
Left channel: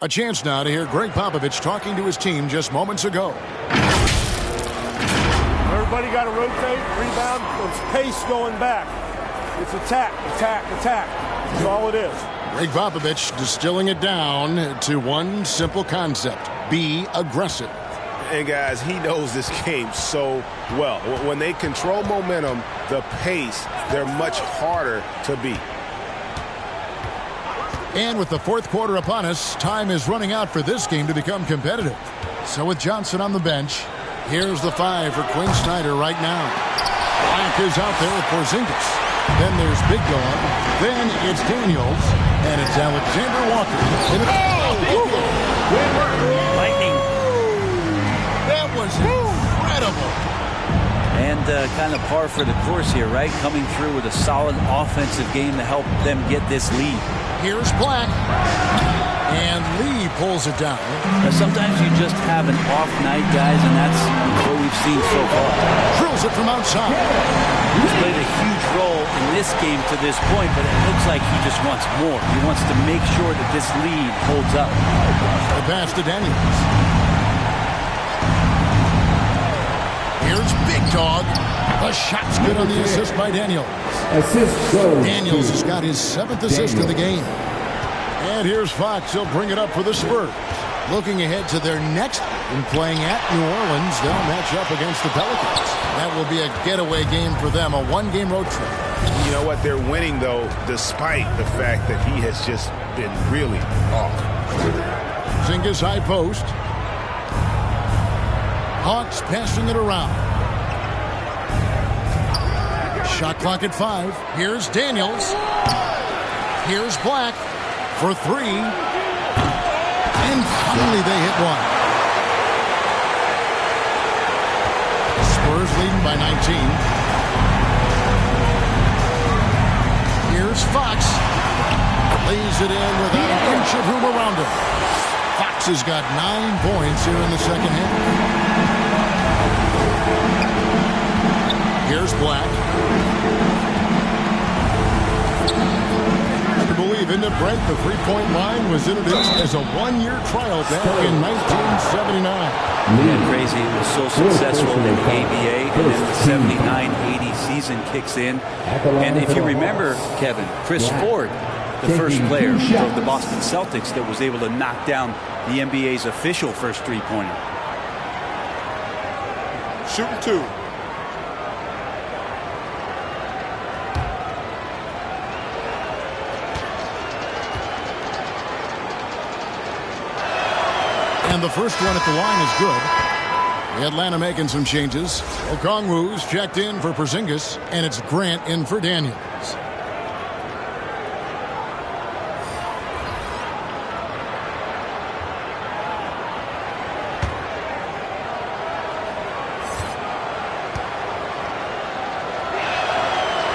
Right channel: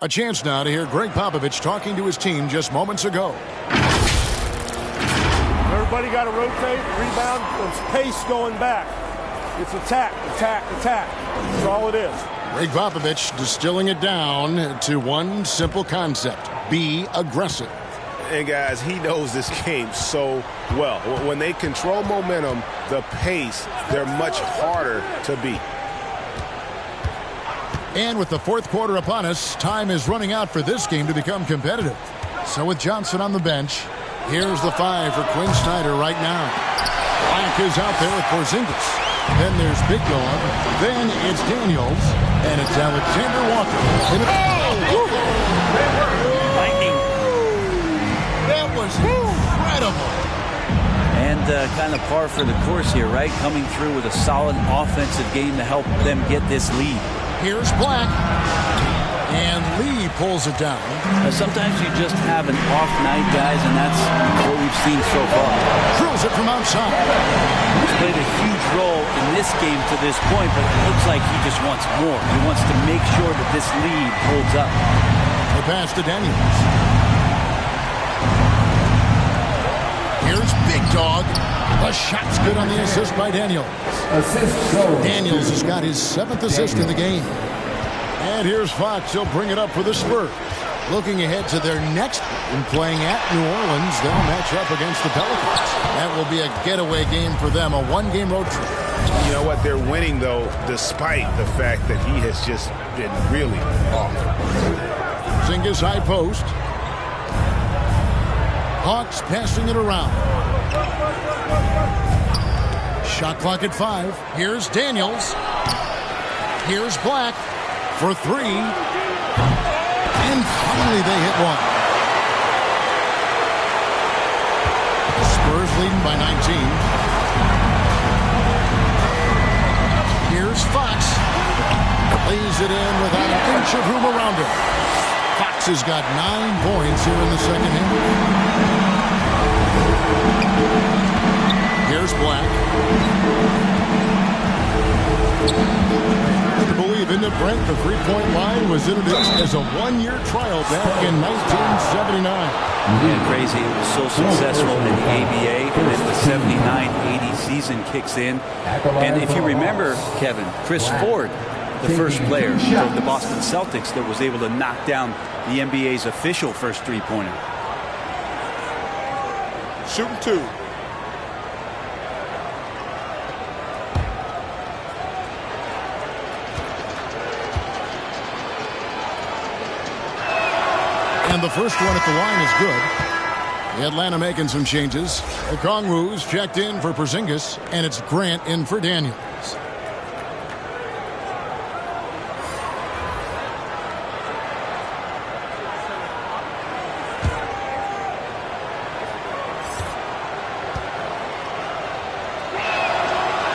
A chance now to hear Greg Popovich talking to his team just moments ago. Everybody got to rotate, rebound, it's pace going back. It's attack, attack, attack. That's all it is. Greg Popovich distilling it down to one simple concept: be aggressive. And guys, he knows this game so well. When they control momentum, the pace, they're much harder to beat. And with the fourth quarter upon us, time is running out for this game to become competitive. So with Johnson on the bench, here's the 5 for Quinn Snyder right now. Black is out there with Porzingis. Then there's Big Dog. Then it's Daniels. And it's Alexander Walker. Lightning. That was incredible. And kind of par for the course here, right? Coming through with a solid offensive game to help them get this lead. Here's Black. And Lee pulls it down. Now, sometimes you just have an off night, guys, and that's what we've seen so far. Drills it from outside. He's played a huge role in this game to this point, but it looks like he just wants more. He wants to make sure that this lead holds up. The pass to Daniels. Here's Big Dog. The shot's good on the assist by Daniels. Daniels has got his 7th assist in the game. And here's Fox. He'll bring it up for the Spurs. Looking ahead to their next game, playing at New Orleans, they'll match up against the Pelicans. That will be a getaway game for them, a one-game road trip. You know what? They're winning, though, despite the fact that he has just been really off. Porzingis high post. Hawks passing it around. Shot clock at 5. Here's Daniels. Here's Black for 3. And finally they hit one. Spurs leading by 19. Here's Fox. Lays it in without an inch of room around him. Fox has got 9 points here in the second half. Here's Black. Hard to believe, isn't it, Brent? The three-point line was introduced as a one-year trial back in 1979. Yeah, crazy. It was so successful in the ABA, and then the 79-80 season kicks in. And if you remember, Kevin, Chris Ford, the first player from the Boston Celtics that was able to knock down the NBA's official first three-pointer. Shooting 2. And the first one at the line is good. The Atlanta making some changes. Okongwu's checked in for Porzingis, and it's Grant in for Daniels.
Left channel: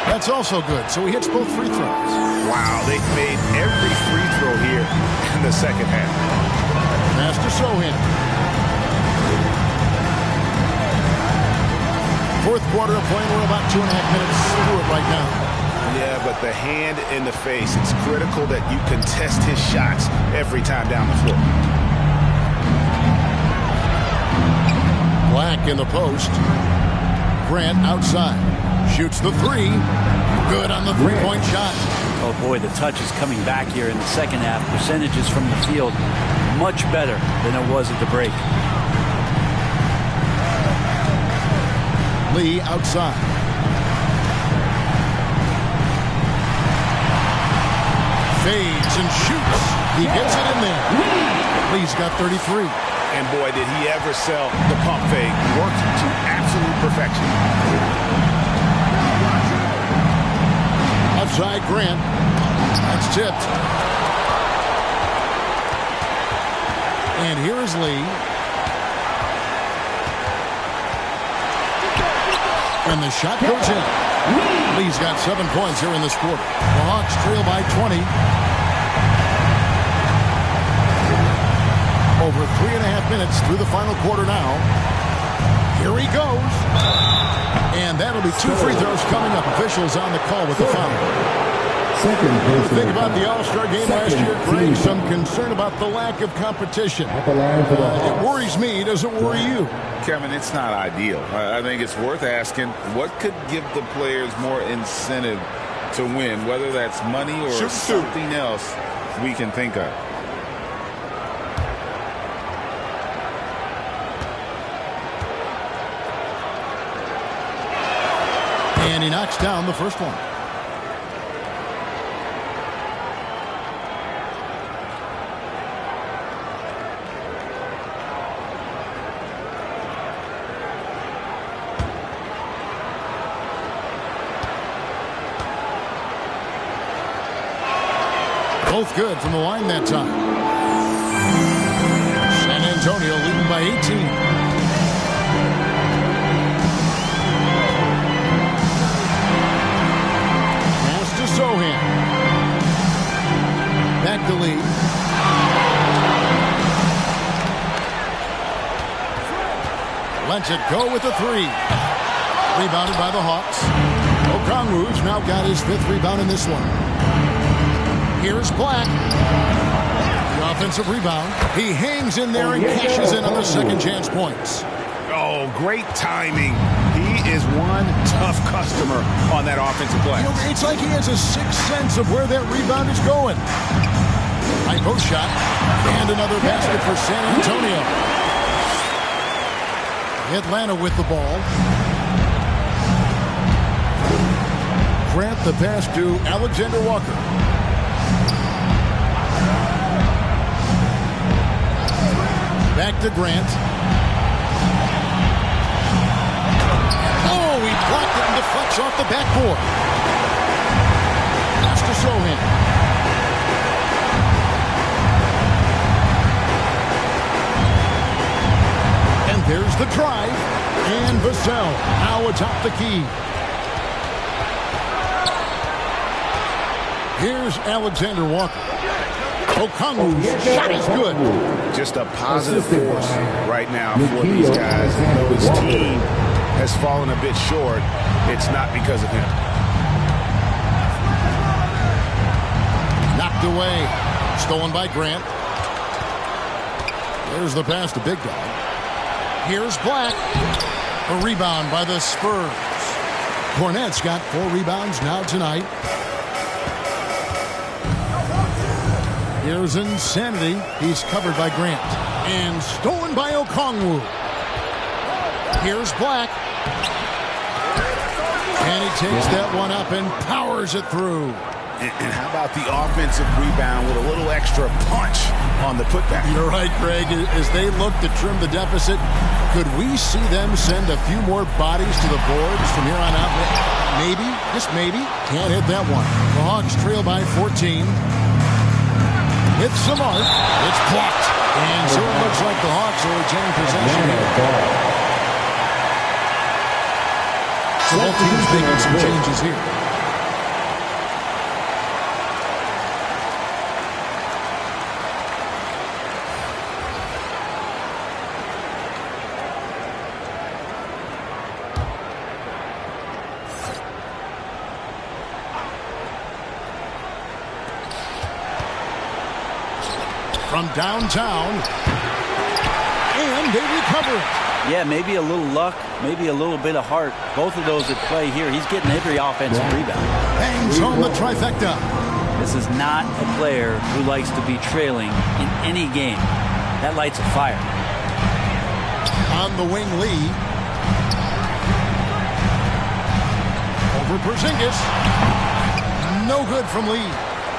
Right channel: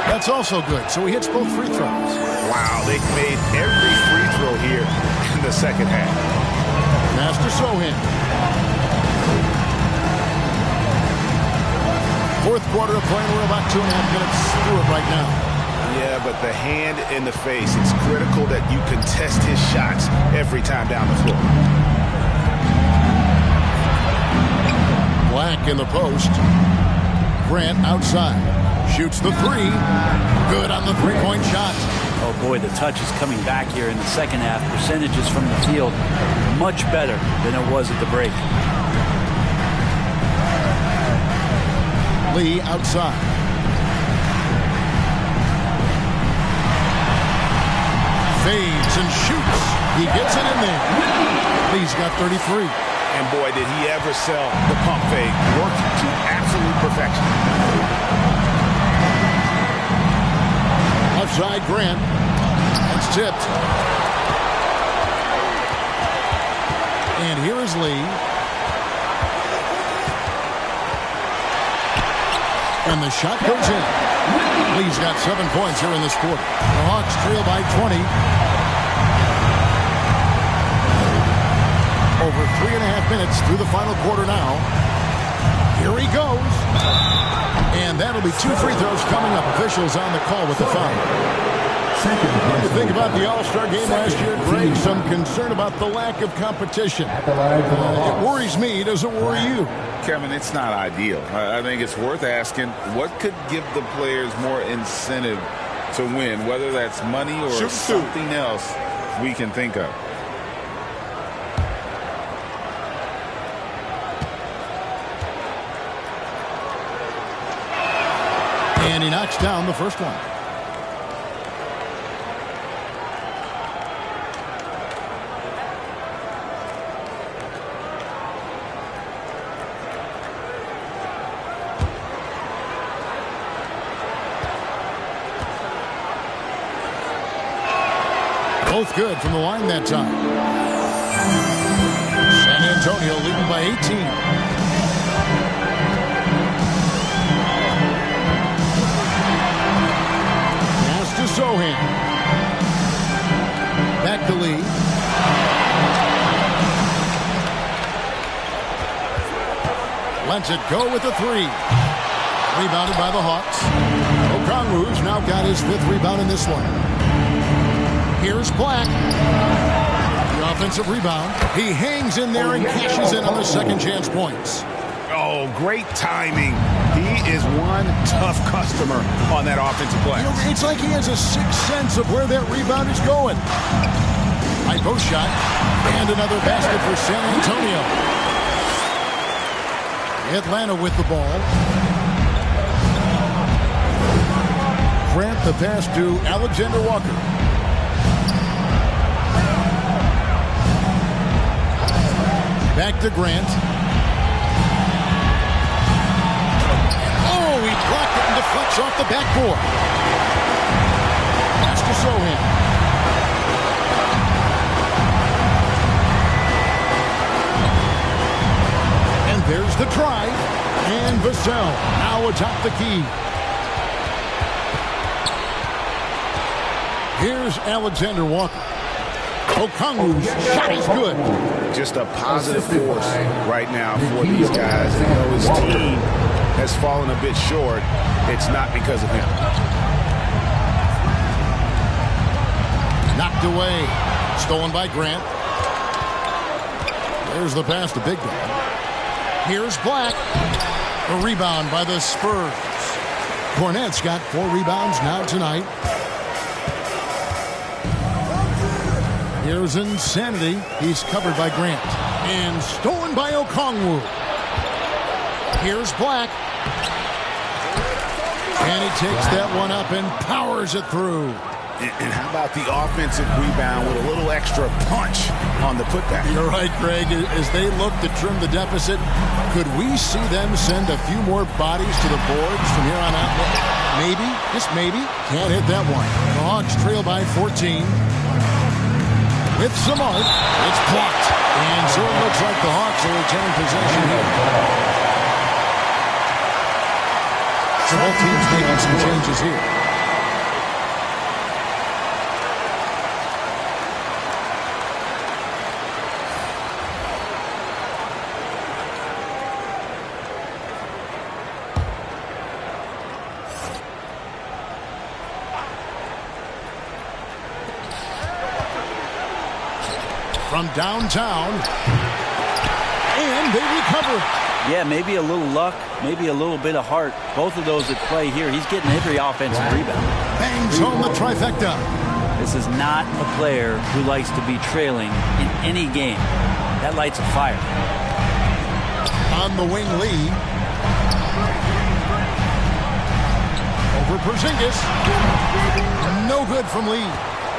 That's also good, so he hits both free throws. Wow, they've made every free throw here in the second half. Pass to Sohan. Fourth quarter of play, and we're about 2.5 minutes through it right now. Yeah, but the hand in the face, it's critical that you contest his shots every time down the floor. Black in the post. Grant outside. Shoots the 3. Good on the three-point shot. Oh, boy, the touch is coming back here in the second half. Percentages from the field much better than it was at the break. Lee outside. Fades and shoots. He gets it in there. Lee's got 33. And boy, did he ever sell the pump fake. Worked to absolute perfection. Left side, Grant. That's tipped. And here is Lee. And the shot goes in. Lee's got 7 points here in this quarter. The Hawks trail by 20. Over 3.5 minutes through the final quarter now. Here he goes. And that'll be 2 free throws coming up. Officials on the call with the foul. What do you think about the All-Star game last year, Greg? Some concern about the lack of competition. It worries me. Does it worry you? Kevin, it's not ideal. I think it's worth asking what could give the players more incentive to win, whether that's money or something else we can think of. And he knocks down the first one. Both good from the line that time. San Antonio leading by 18. Pass to Sohan. Back to Lee. Lets it go with a three. Rebounded by the Hawks. Okongwu's now got his 5th rebound in this one. Here's Black. The offensive rebound. He hangs in there and cashes in on the second chance points. Oh, great timing. He is one tough customer on that offensive glass. You know, it's like he has a sixth sense of where that rebound is going. High post shot. And another basket for San Antonio. Atlanta with the ball. Grant the pass to Alexander Walker. Back to Grant. Oh, he blocked it and deflects off the backboard. Pass to Sohan. And there's the drive. And Vassell now atop the key. Here's Alexander Walker. Okongwu's shot is good. Just a positive force right now for these guys. And though his team has fallen a bit short, it's not because of him. Knocked away. Stolen by Grant. There's the pass to Big Dog. Here's Black. A rebound by the Spurs. Cornette's got 4 rebounds now tonight. Here's Insanity. He's covered by Grant. And stolen by Okongwu. Here's Black. And he takes that one up and powers it through. And how about the offensive rebound with a little extra punch on the putback? You're right, Craig. As they look to trim the deficit, could we see them send a few more bodies to the boards from here on out? Maybe, just maybe. Can't hit that one. The Hawks trail by 14. With some arc, it's blocked. And so it looks like the Hawks will retain possession here. So both teams making some changes here. From downtown, and they recover it. Yeah, maybe a little luck, maybe a little bit of heart. Both of those at play here. He's getting every offensive rebound. Bangs home the trifecta. This is not a player who likes to be trailing in any game. That lights a fire. On the wing, Lee. Over Porzingis. No good from Lee.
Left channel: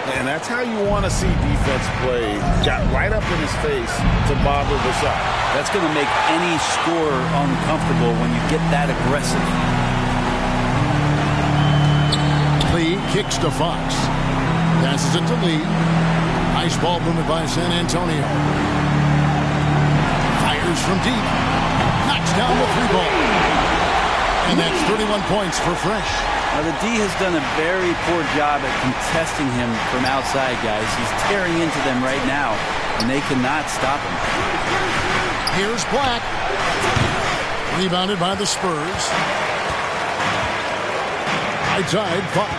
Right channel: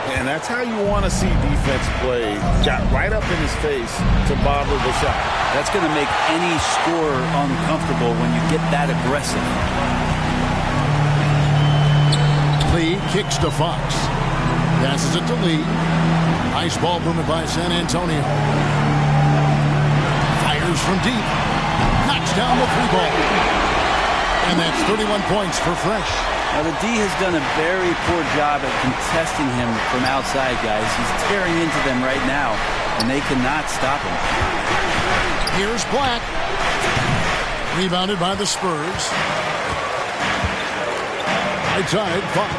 And that's how you want to see defense play. Got right up in his face to bother the shot. That's going to make any scorer uncomfortable when you get that aggressive. Lee kicks to Fox. Passes it to Lee. Nice ball movement by San Antonio. Fires from deep. Knocks down the 3-ball. And that's 31 points for Fresh. Now, the D has done a very poor job at contesting him from outside, guys. He's tearing into them right now, and they cannot stop him. Here's Black. Rebounded by the Spurs. Right side, Fox.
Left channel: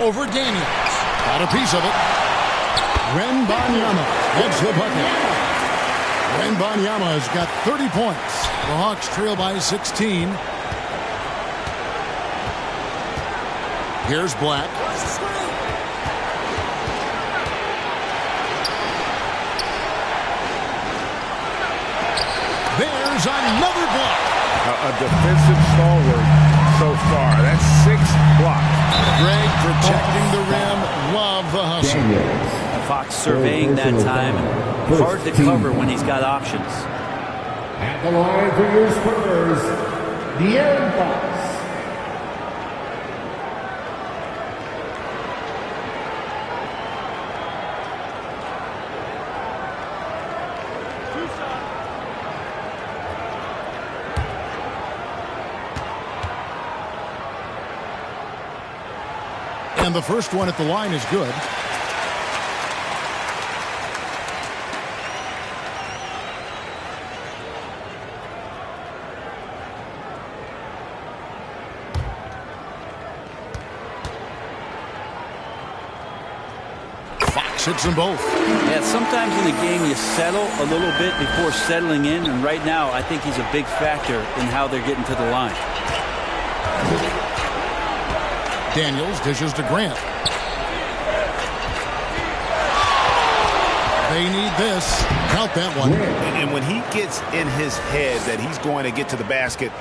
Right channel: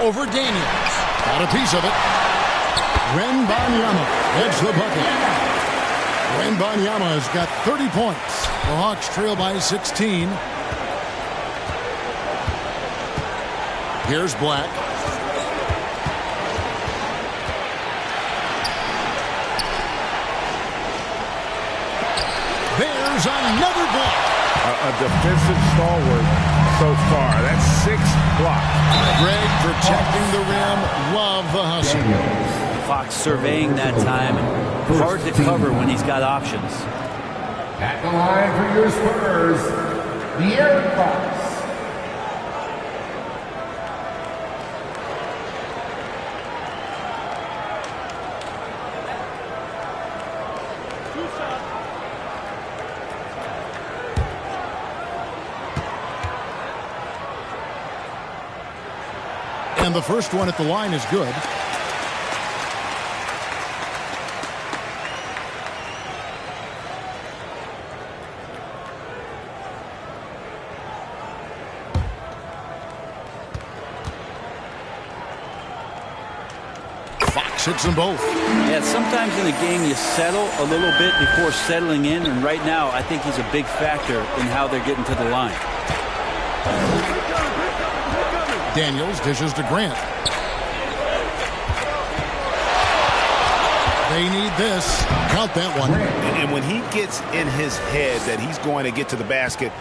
over Daniels. Got a piece of it. Wembanyama gets the bucket. Wembanyama has got 30 points. The Hawks trail by 16. Here's Black. There's another block. A defensive stalwart so far. That's 6 blocks. Greg protecting the rim. Love the hustle. Fox surveying that time. Hard to cover when he's got options. At the line for your Spurs, De'Aaron Fox. And the first one at the line is good. Fox hits them both. Yeah, sometimes in a game you settle a little bit before settling in, and right now I think he's a big factor in how they're getting to the line. Daniels dishes to Grant. They need this. Count that one. And when he gets in his head that he's going to get to the basket,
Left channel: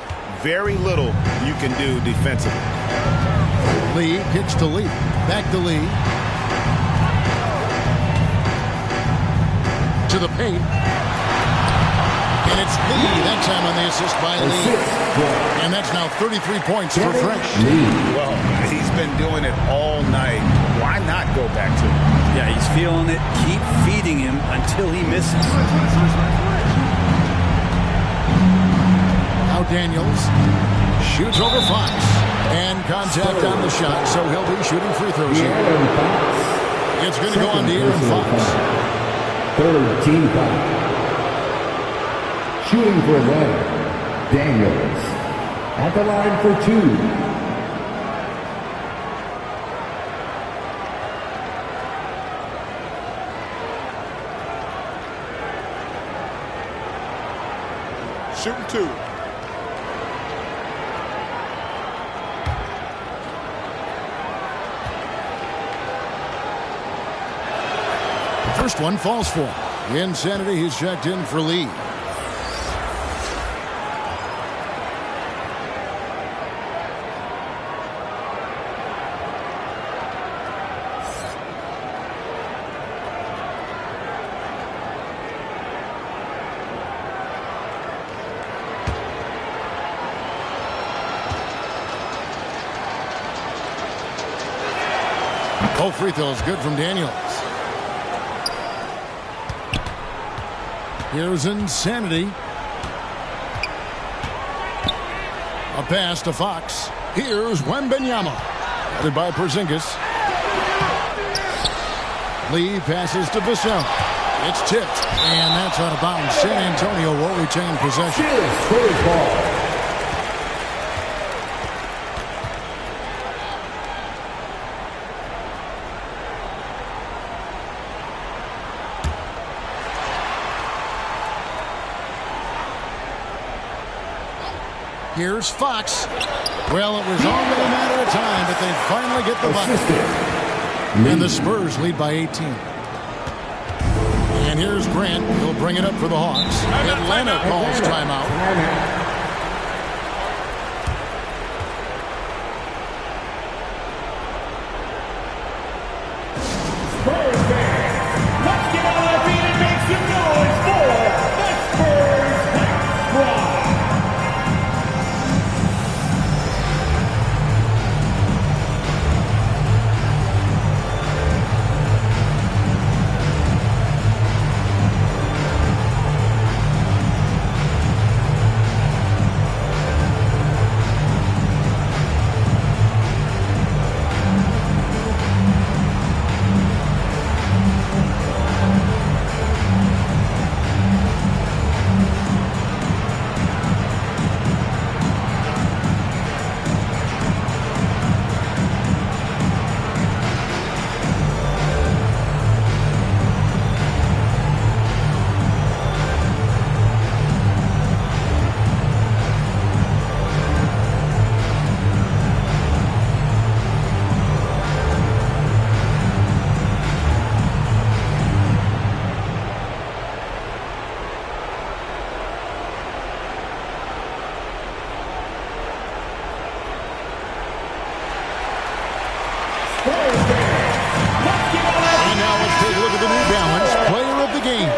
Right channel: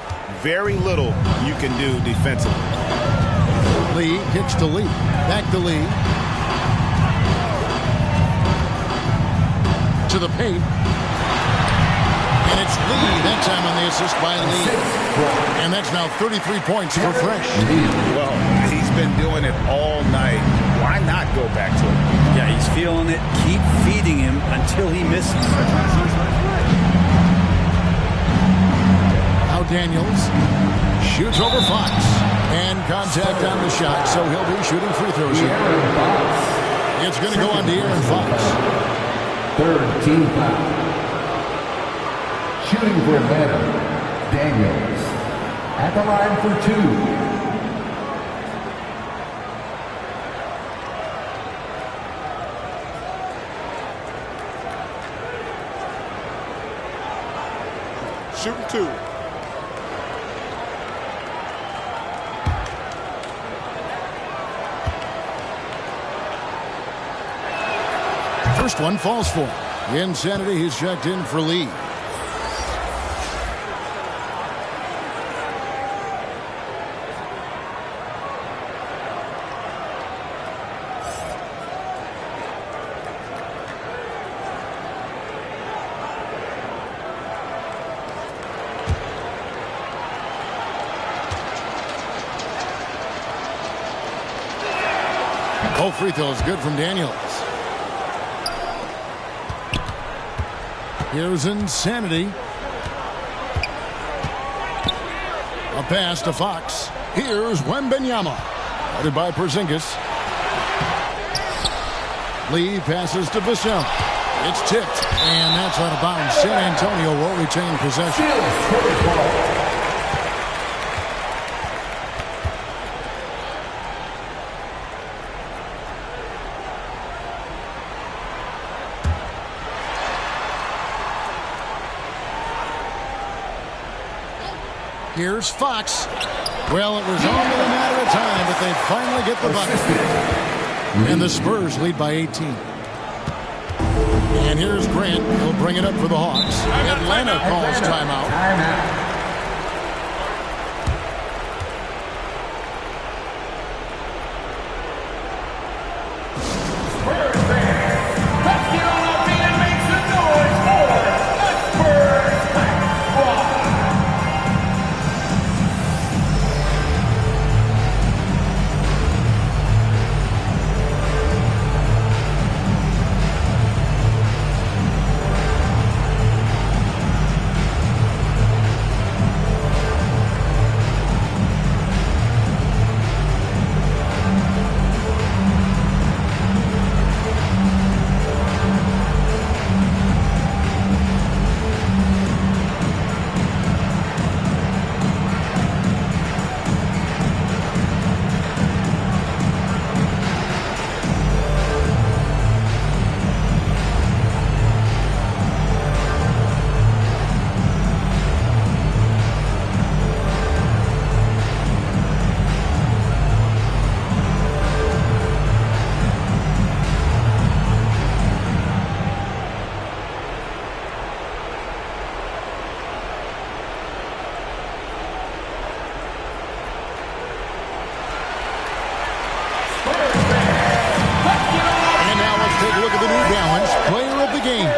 very little you can do defensively. Lee kicks to Lee. Back to Lee. To the paint. And it's Lee that time on the assist by Lee. And that's now 33 points for Fresh. Well, he's been doing it all night. Why not go back to him? Yeah, he's feeling it. Keep feeding him until he misses. Now Daniels shoots over Fox. And contact on the shot, so he'll be shooting free throws here. It's going to go on De'Aaron Fox. Third team foul. Shooting for Atlanta, Daniels. At the line for 2. Shooting 2. First one falls for him. Insanity, he's checked in for Lee. Both free throws good from Daniels. Here's Insanity. A pass to Fox. Here's Wembanyama. Headed by Porzingis. Lee passes to Vassell. It's tipped, and that's out of bounds. San Antonio will retain possession. Here's Fox. Well, it was only a matter of time, but they finally get the bucket. And the Spurs lead by 18. And here's Grant. He'll bring it up for the Hawks. Atlanta calls timeout. Spurs fans, let's get on our feet and make some noise for the Spurs Squad. take a look at the New Balance Player of the Game.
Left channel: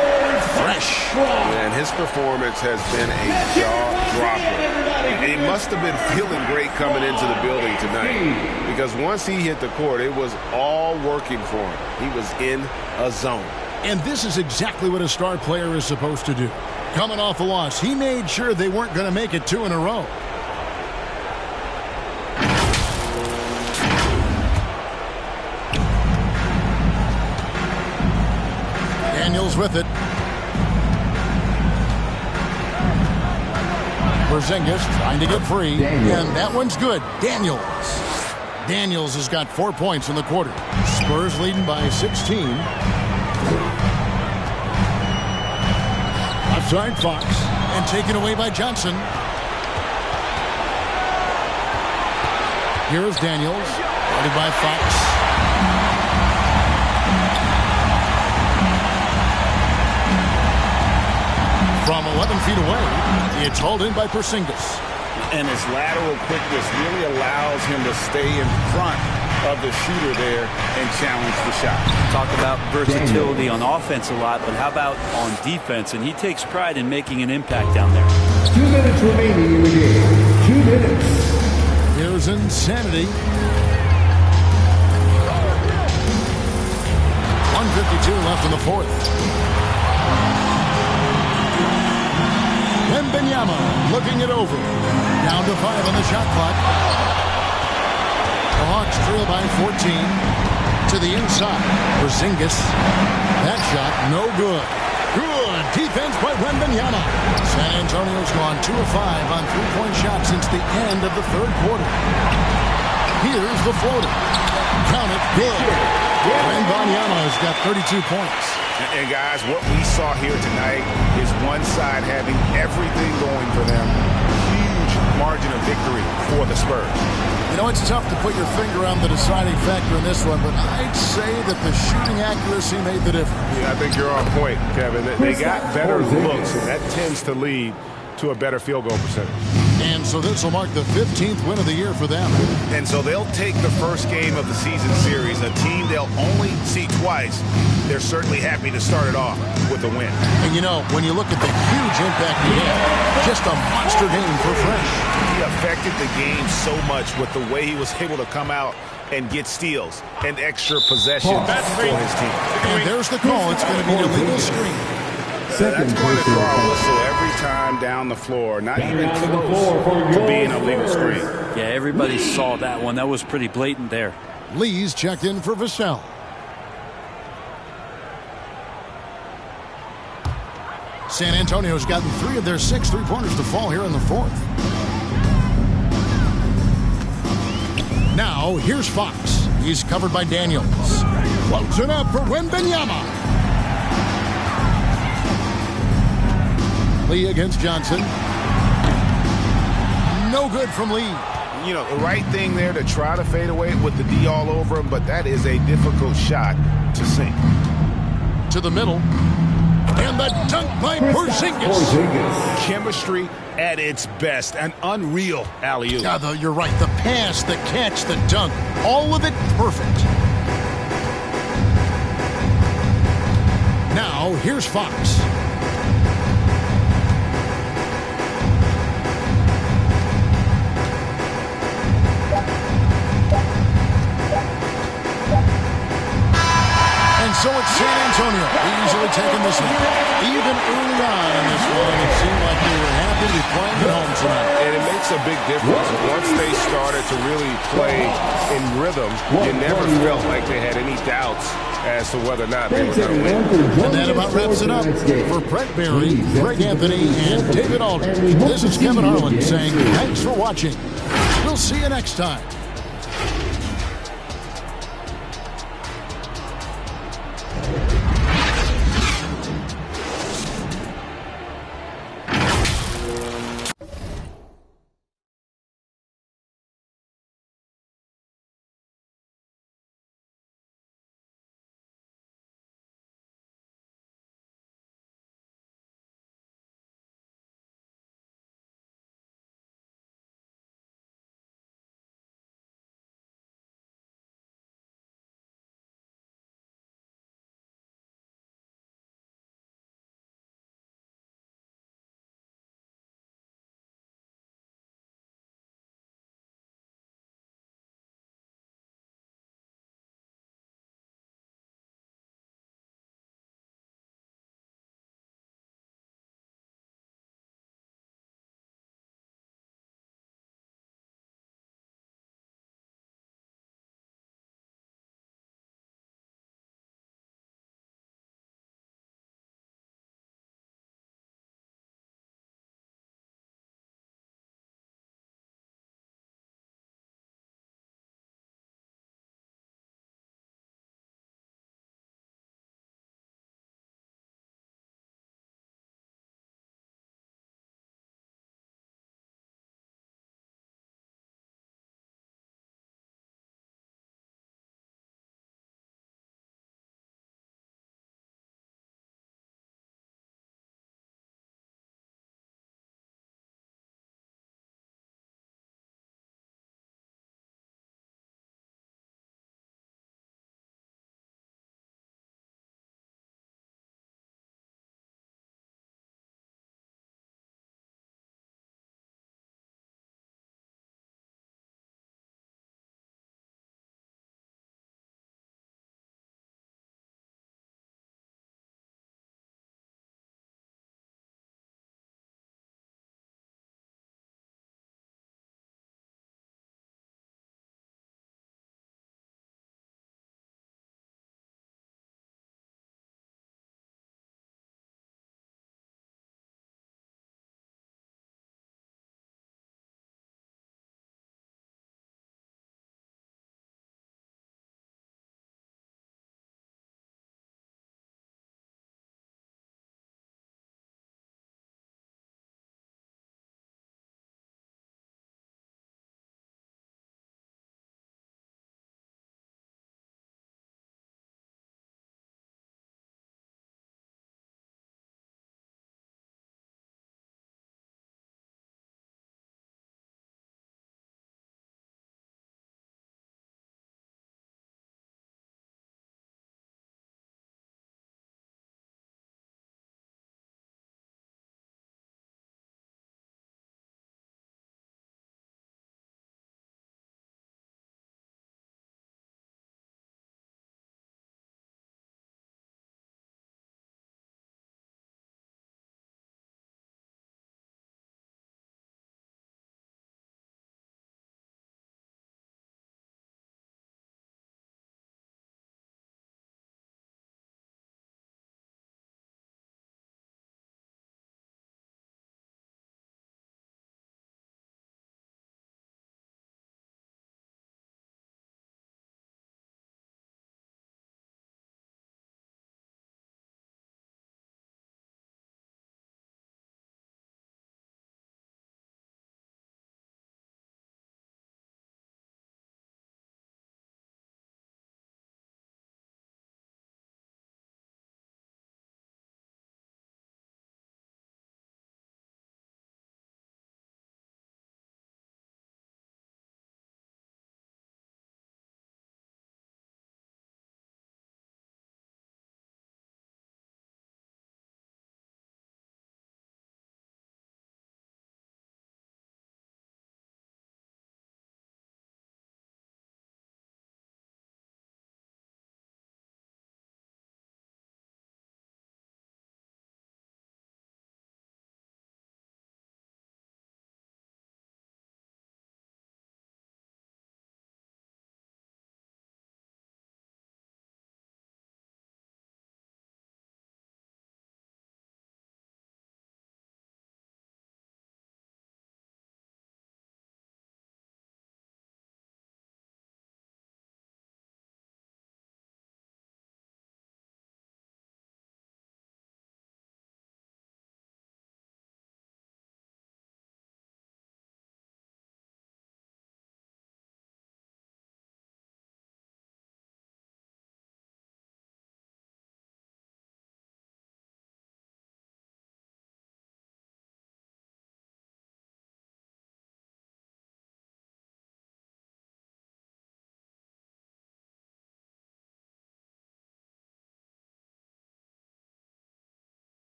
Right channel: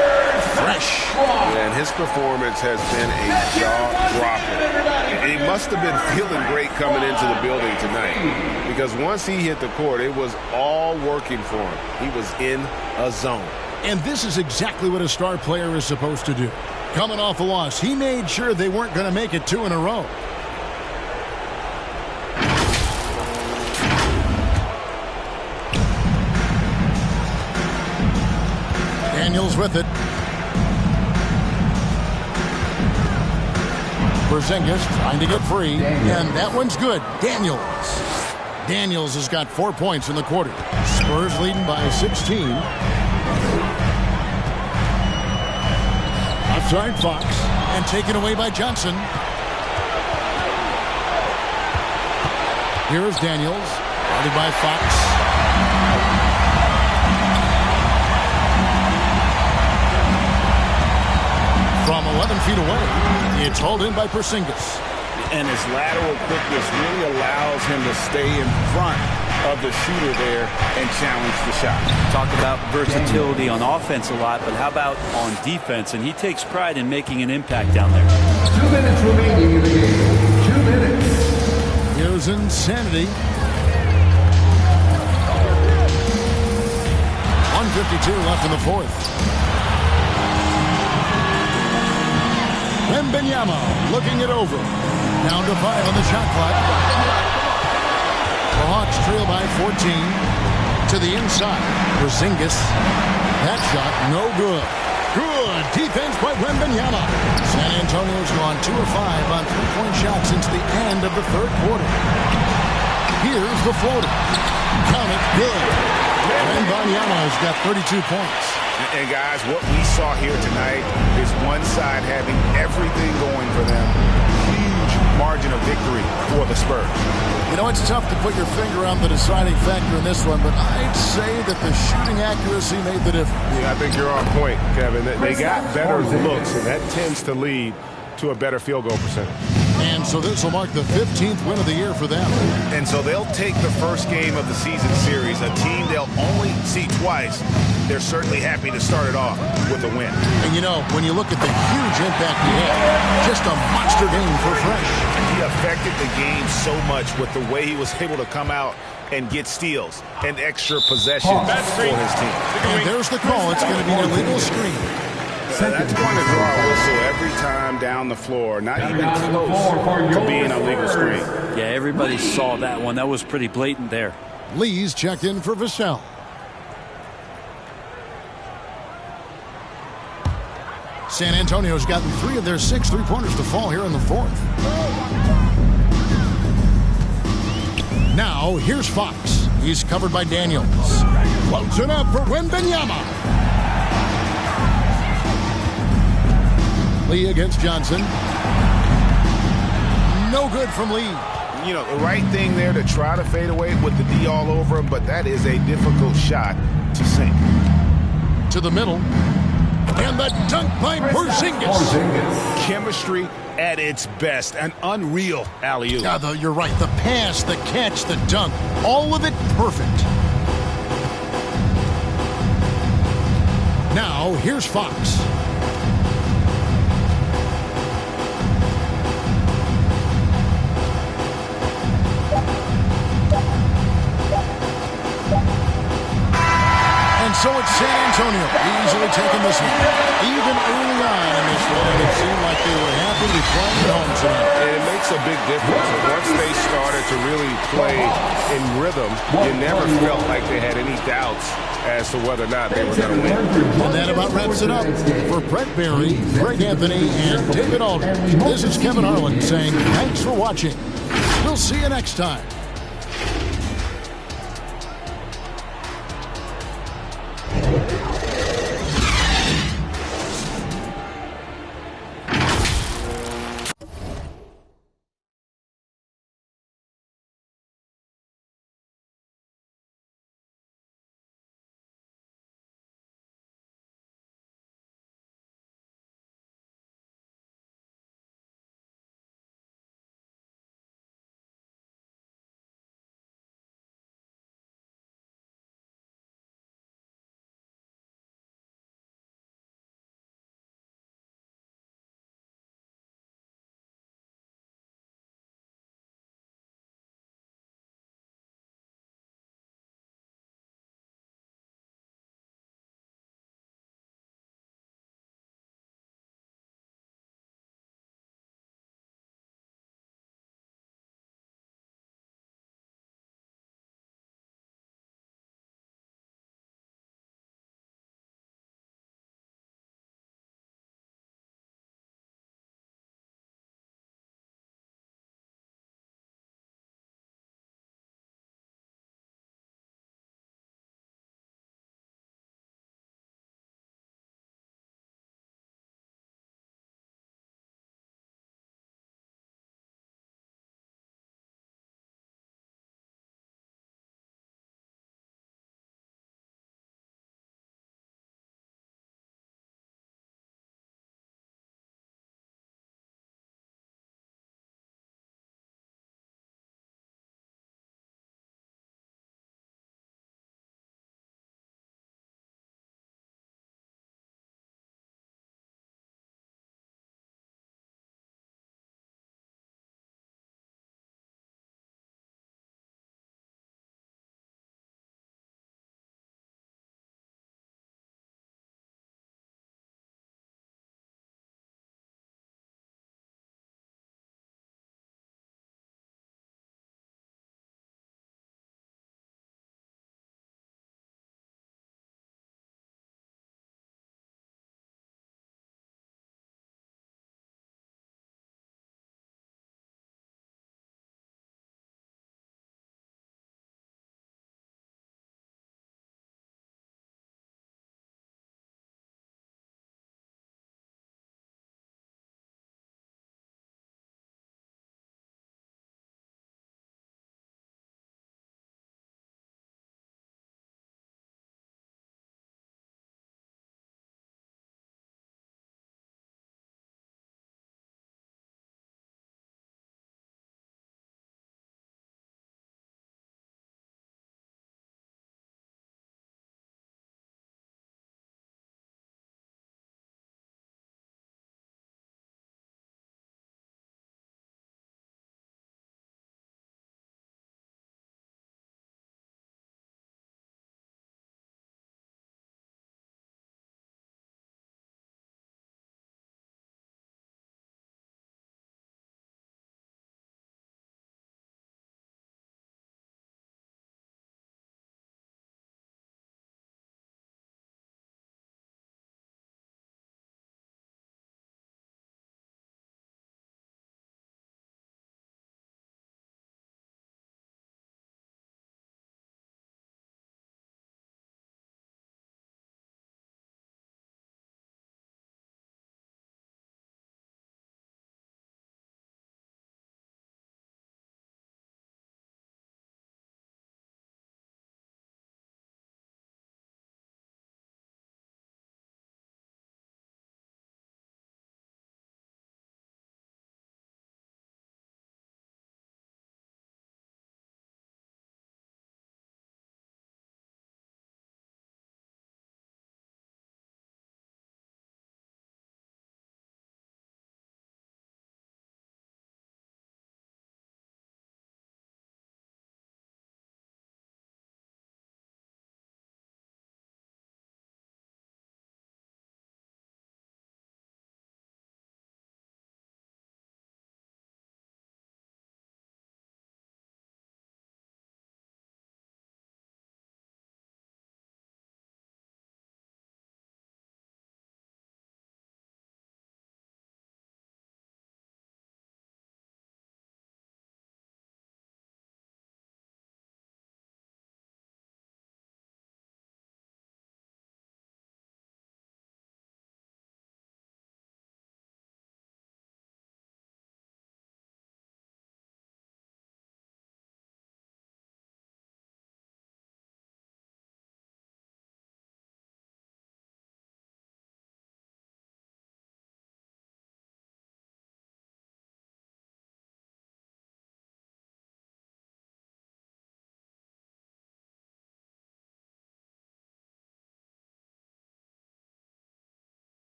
Fresh. And his performance has been a jaw-dropper. He must have been feeling great coming into the building tonight, because once he hit the court, it was all working for him. He was in a zone. And this is exactly what a star player is supposed to do. Coming off a loss, he made sure they weren't going to make it 2 in a row. Daniels with it. Porzingis trying to get free, and that one's good. Daniels has got 4 points in the quarter. Spurs leading by 16. Outside Fox, and taken away by Johnson. Here's Daniels, guarded by Fox. From 11 feet away, it's hauled in by Porzingis. And his lateral quickness really allows him to stay in front of the shooter there and challenge the shot. Talk about versatility on offense a lot, but how about on defense? And he takes pride in making an impact down there. 2 minutes remaining in the game. 2 minutes. Here's Insanity. 1:52 left in the fourth. Wembanyama looking it over. Down to 5 on the shot clock. The Hawks trail by 14. To the inside. Porzingis. That shot no good. Good defense by Wembanyama. San Antonio's gone 2 of 5 on 3-point shots since the end of the third quarter. Here's the floater. Count it. Good. Wembanyama has got 32 points. And guys, what we saw here tonight is one side having everything going for them. Huge margin of victory for the Spurs. You know, it's tough to put your finger on the deciding factor in this one, but I'd say that the shooting accuracy made the difference. Yeah, I think you're on point, Kevin. They got better looks, and that tends to lead to a better field goal percentage. And so this will mark the 15th win of the year for them. And so they'll take the first game of the season series, a team they'll only see twice. They're certainly happy to start it off with a win. And you know, when you look at the huge impact he had, just a monster game for Fresh. He affected the game so much with the way he was able to come out and get steals and extra possessions for his team. And there's the call. It's going to be an illegal screen. That's going to draw a whistle every time down the floor. Not even close to being a legal screen. Yeah, everybody saw that one. That was pretty blatant there. Lee's checked in for Vassell. San Antonio's gotten 3 of their 6 3-pointers to fall here in the fourth. Now, here's Fox. He's covered by Daniels. Floats it up for Wembanyama. Lee against Johnson. No good from Lee. You know, the right thing there to try to fade away with the D all over him, but that is a difficult shot to sink. To the middle. And the dunk by Porzingis. Chemistry at its best. An unreal alley-oop. Yeah, you're right. The pass, the catch, the dunk. All of it perfect. Now, here's Fox. And so it's San Antonio easily taking this one. Even early on in this one, it seemed like they were happy to be playing at home tonight. And it makes a big difference. Once they started to really play in rhythm, you never felt like they had any doubts as to whether or not they were going to win. And that about wraps it up. For Brett Berry, Greg Anthony, and David Aldridge, this is Kevin Harlan saying thanks for watching. We'll see you next time.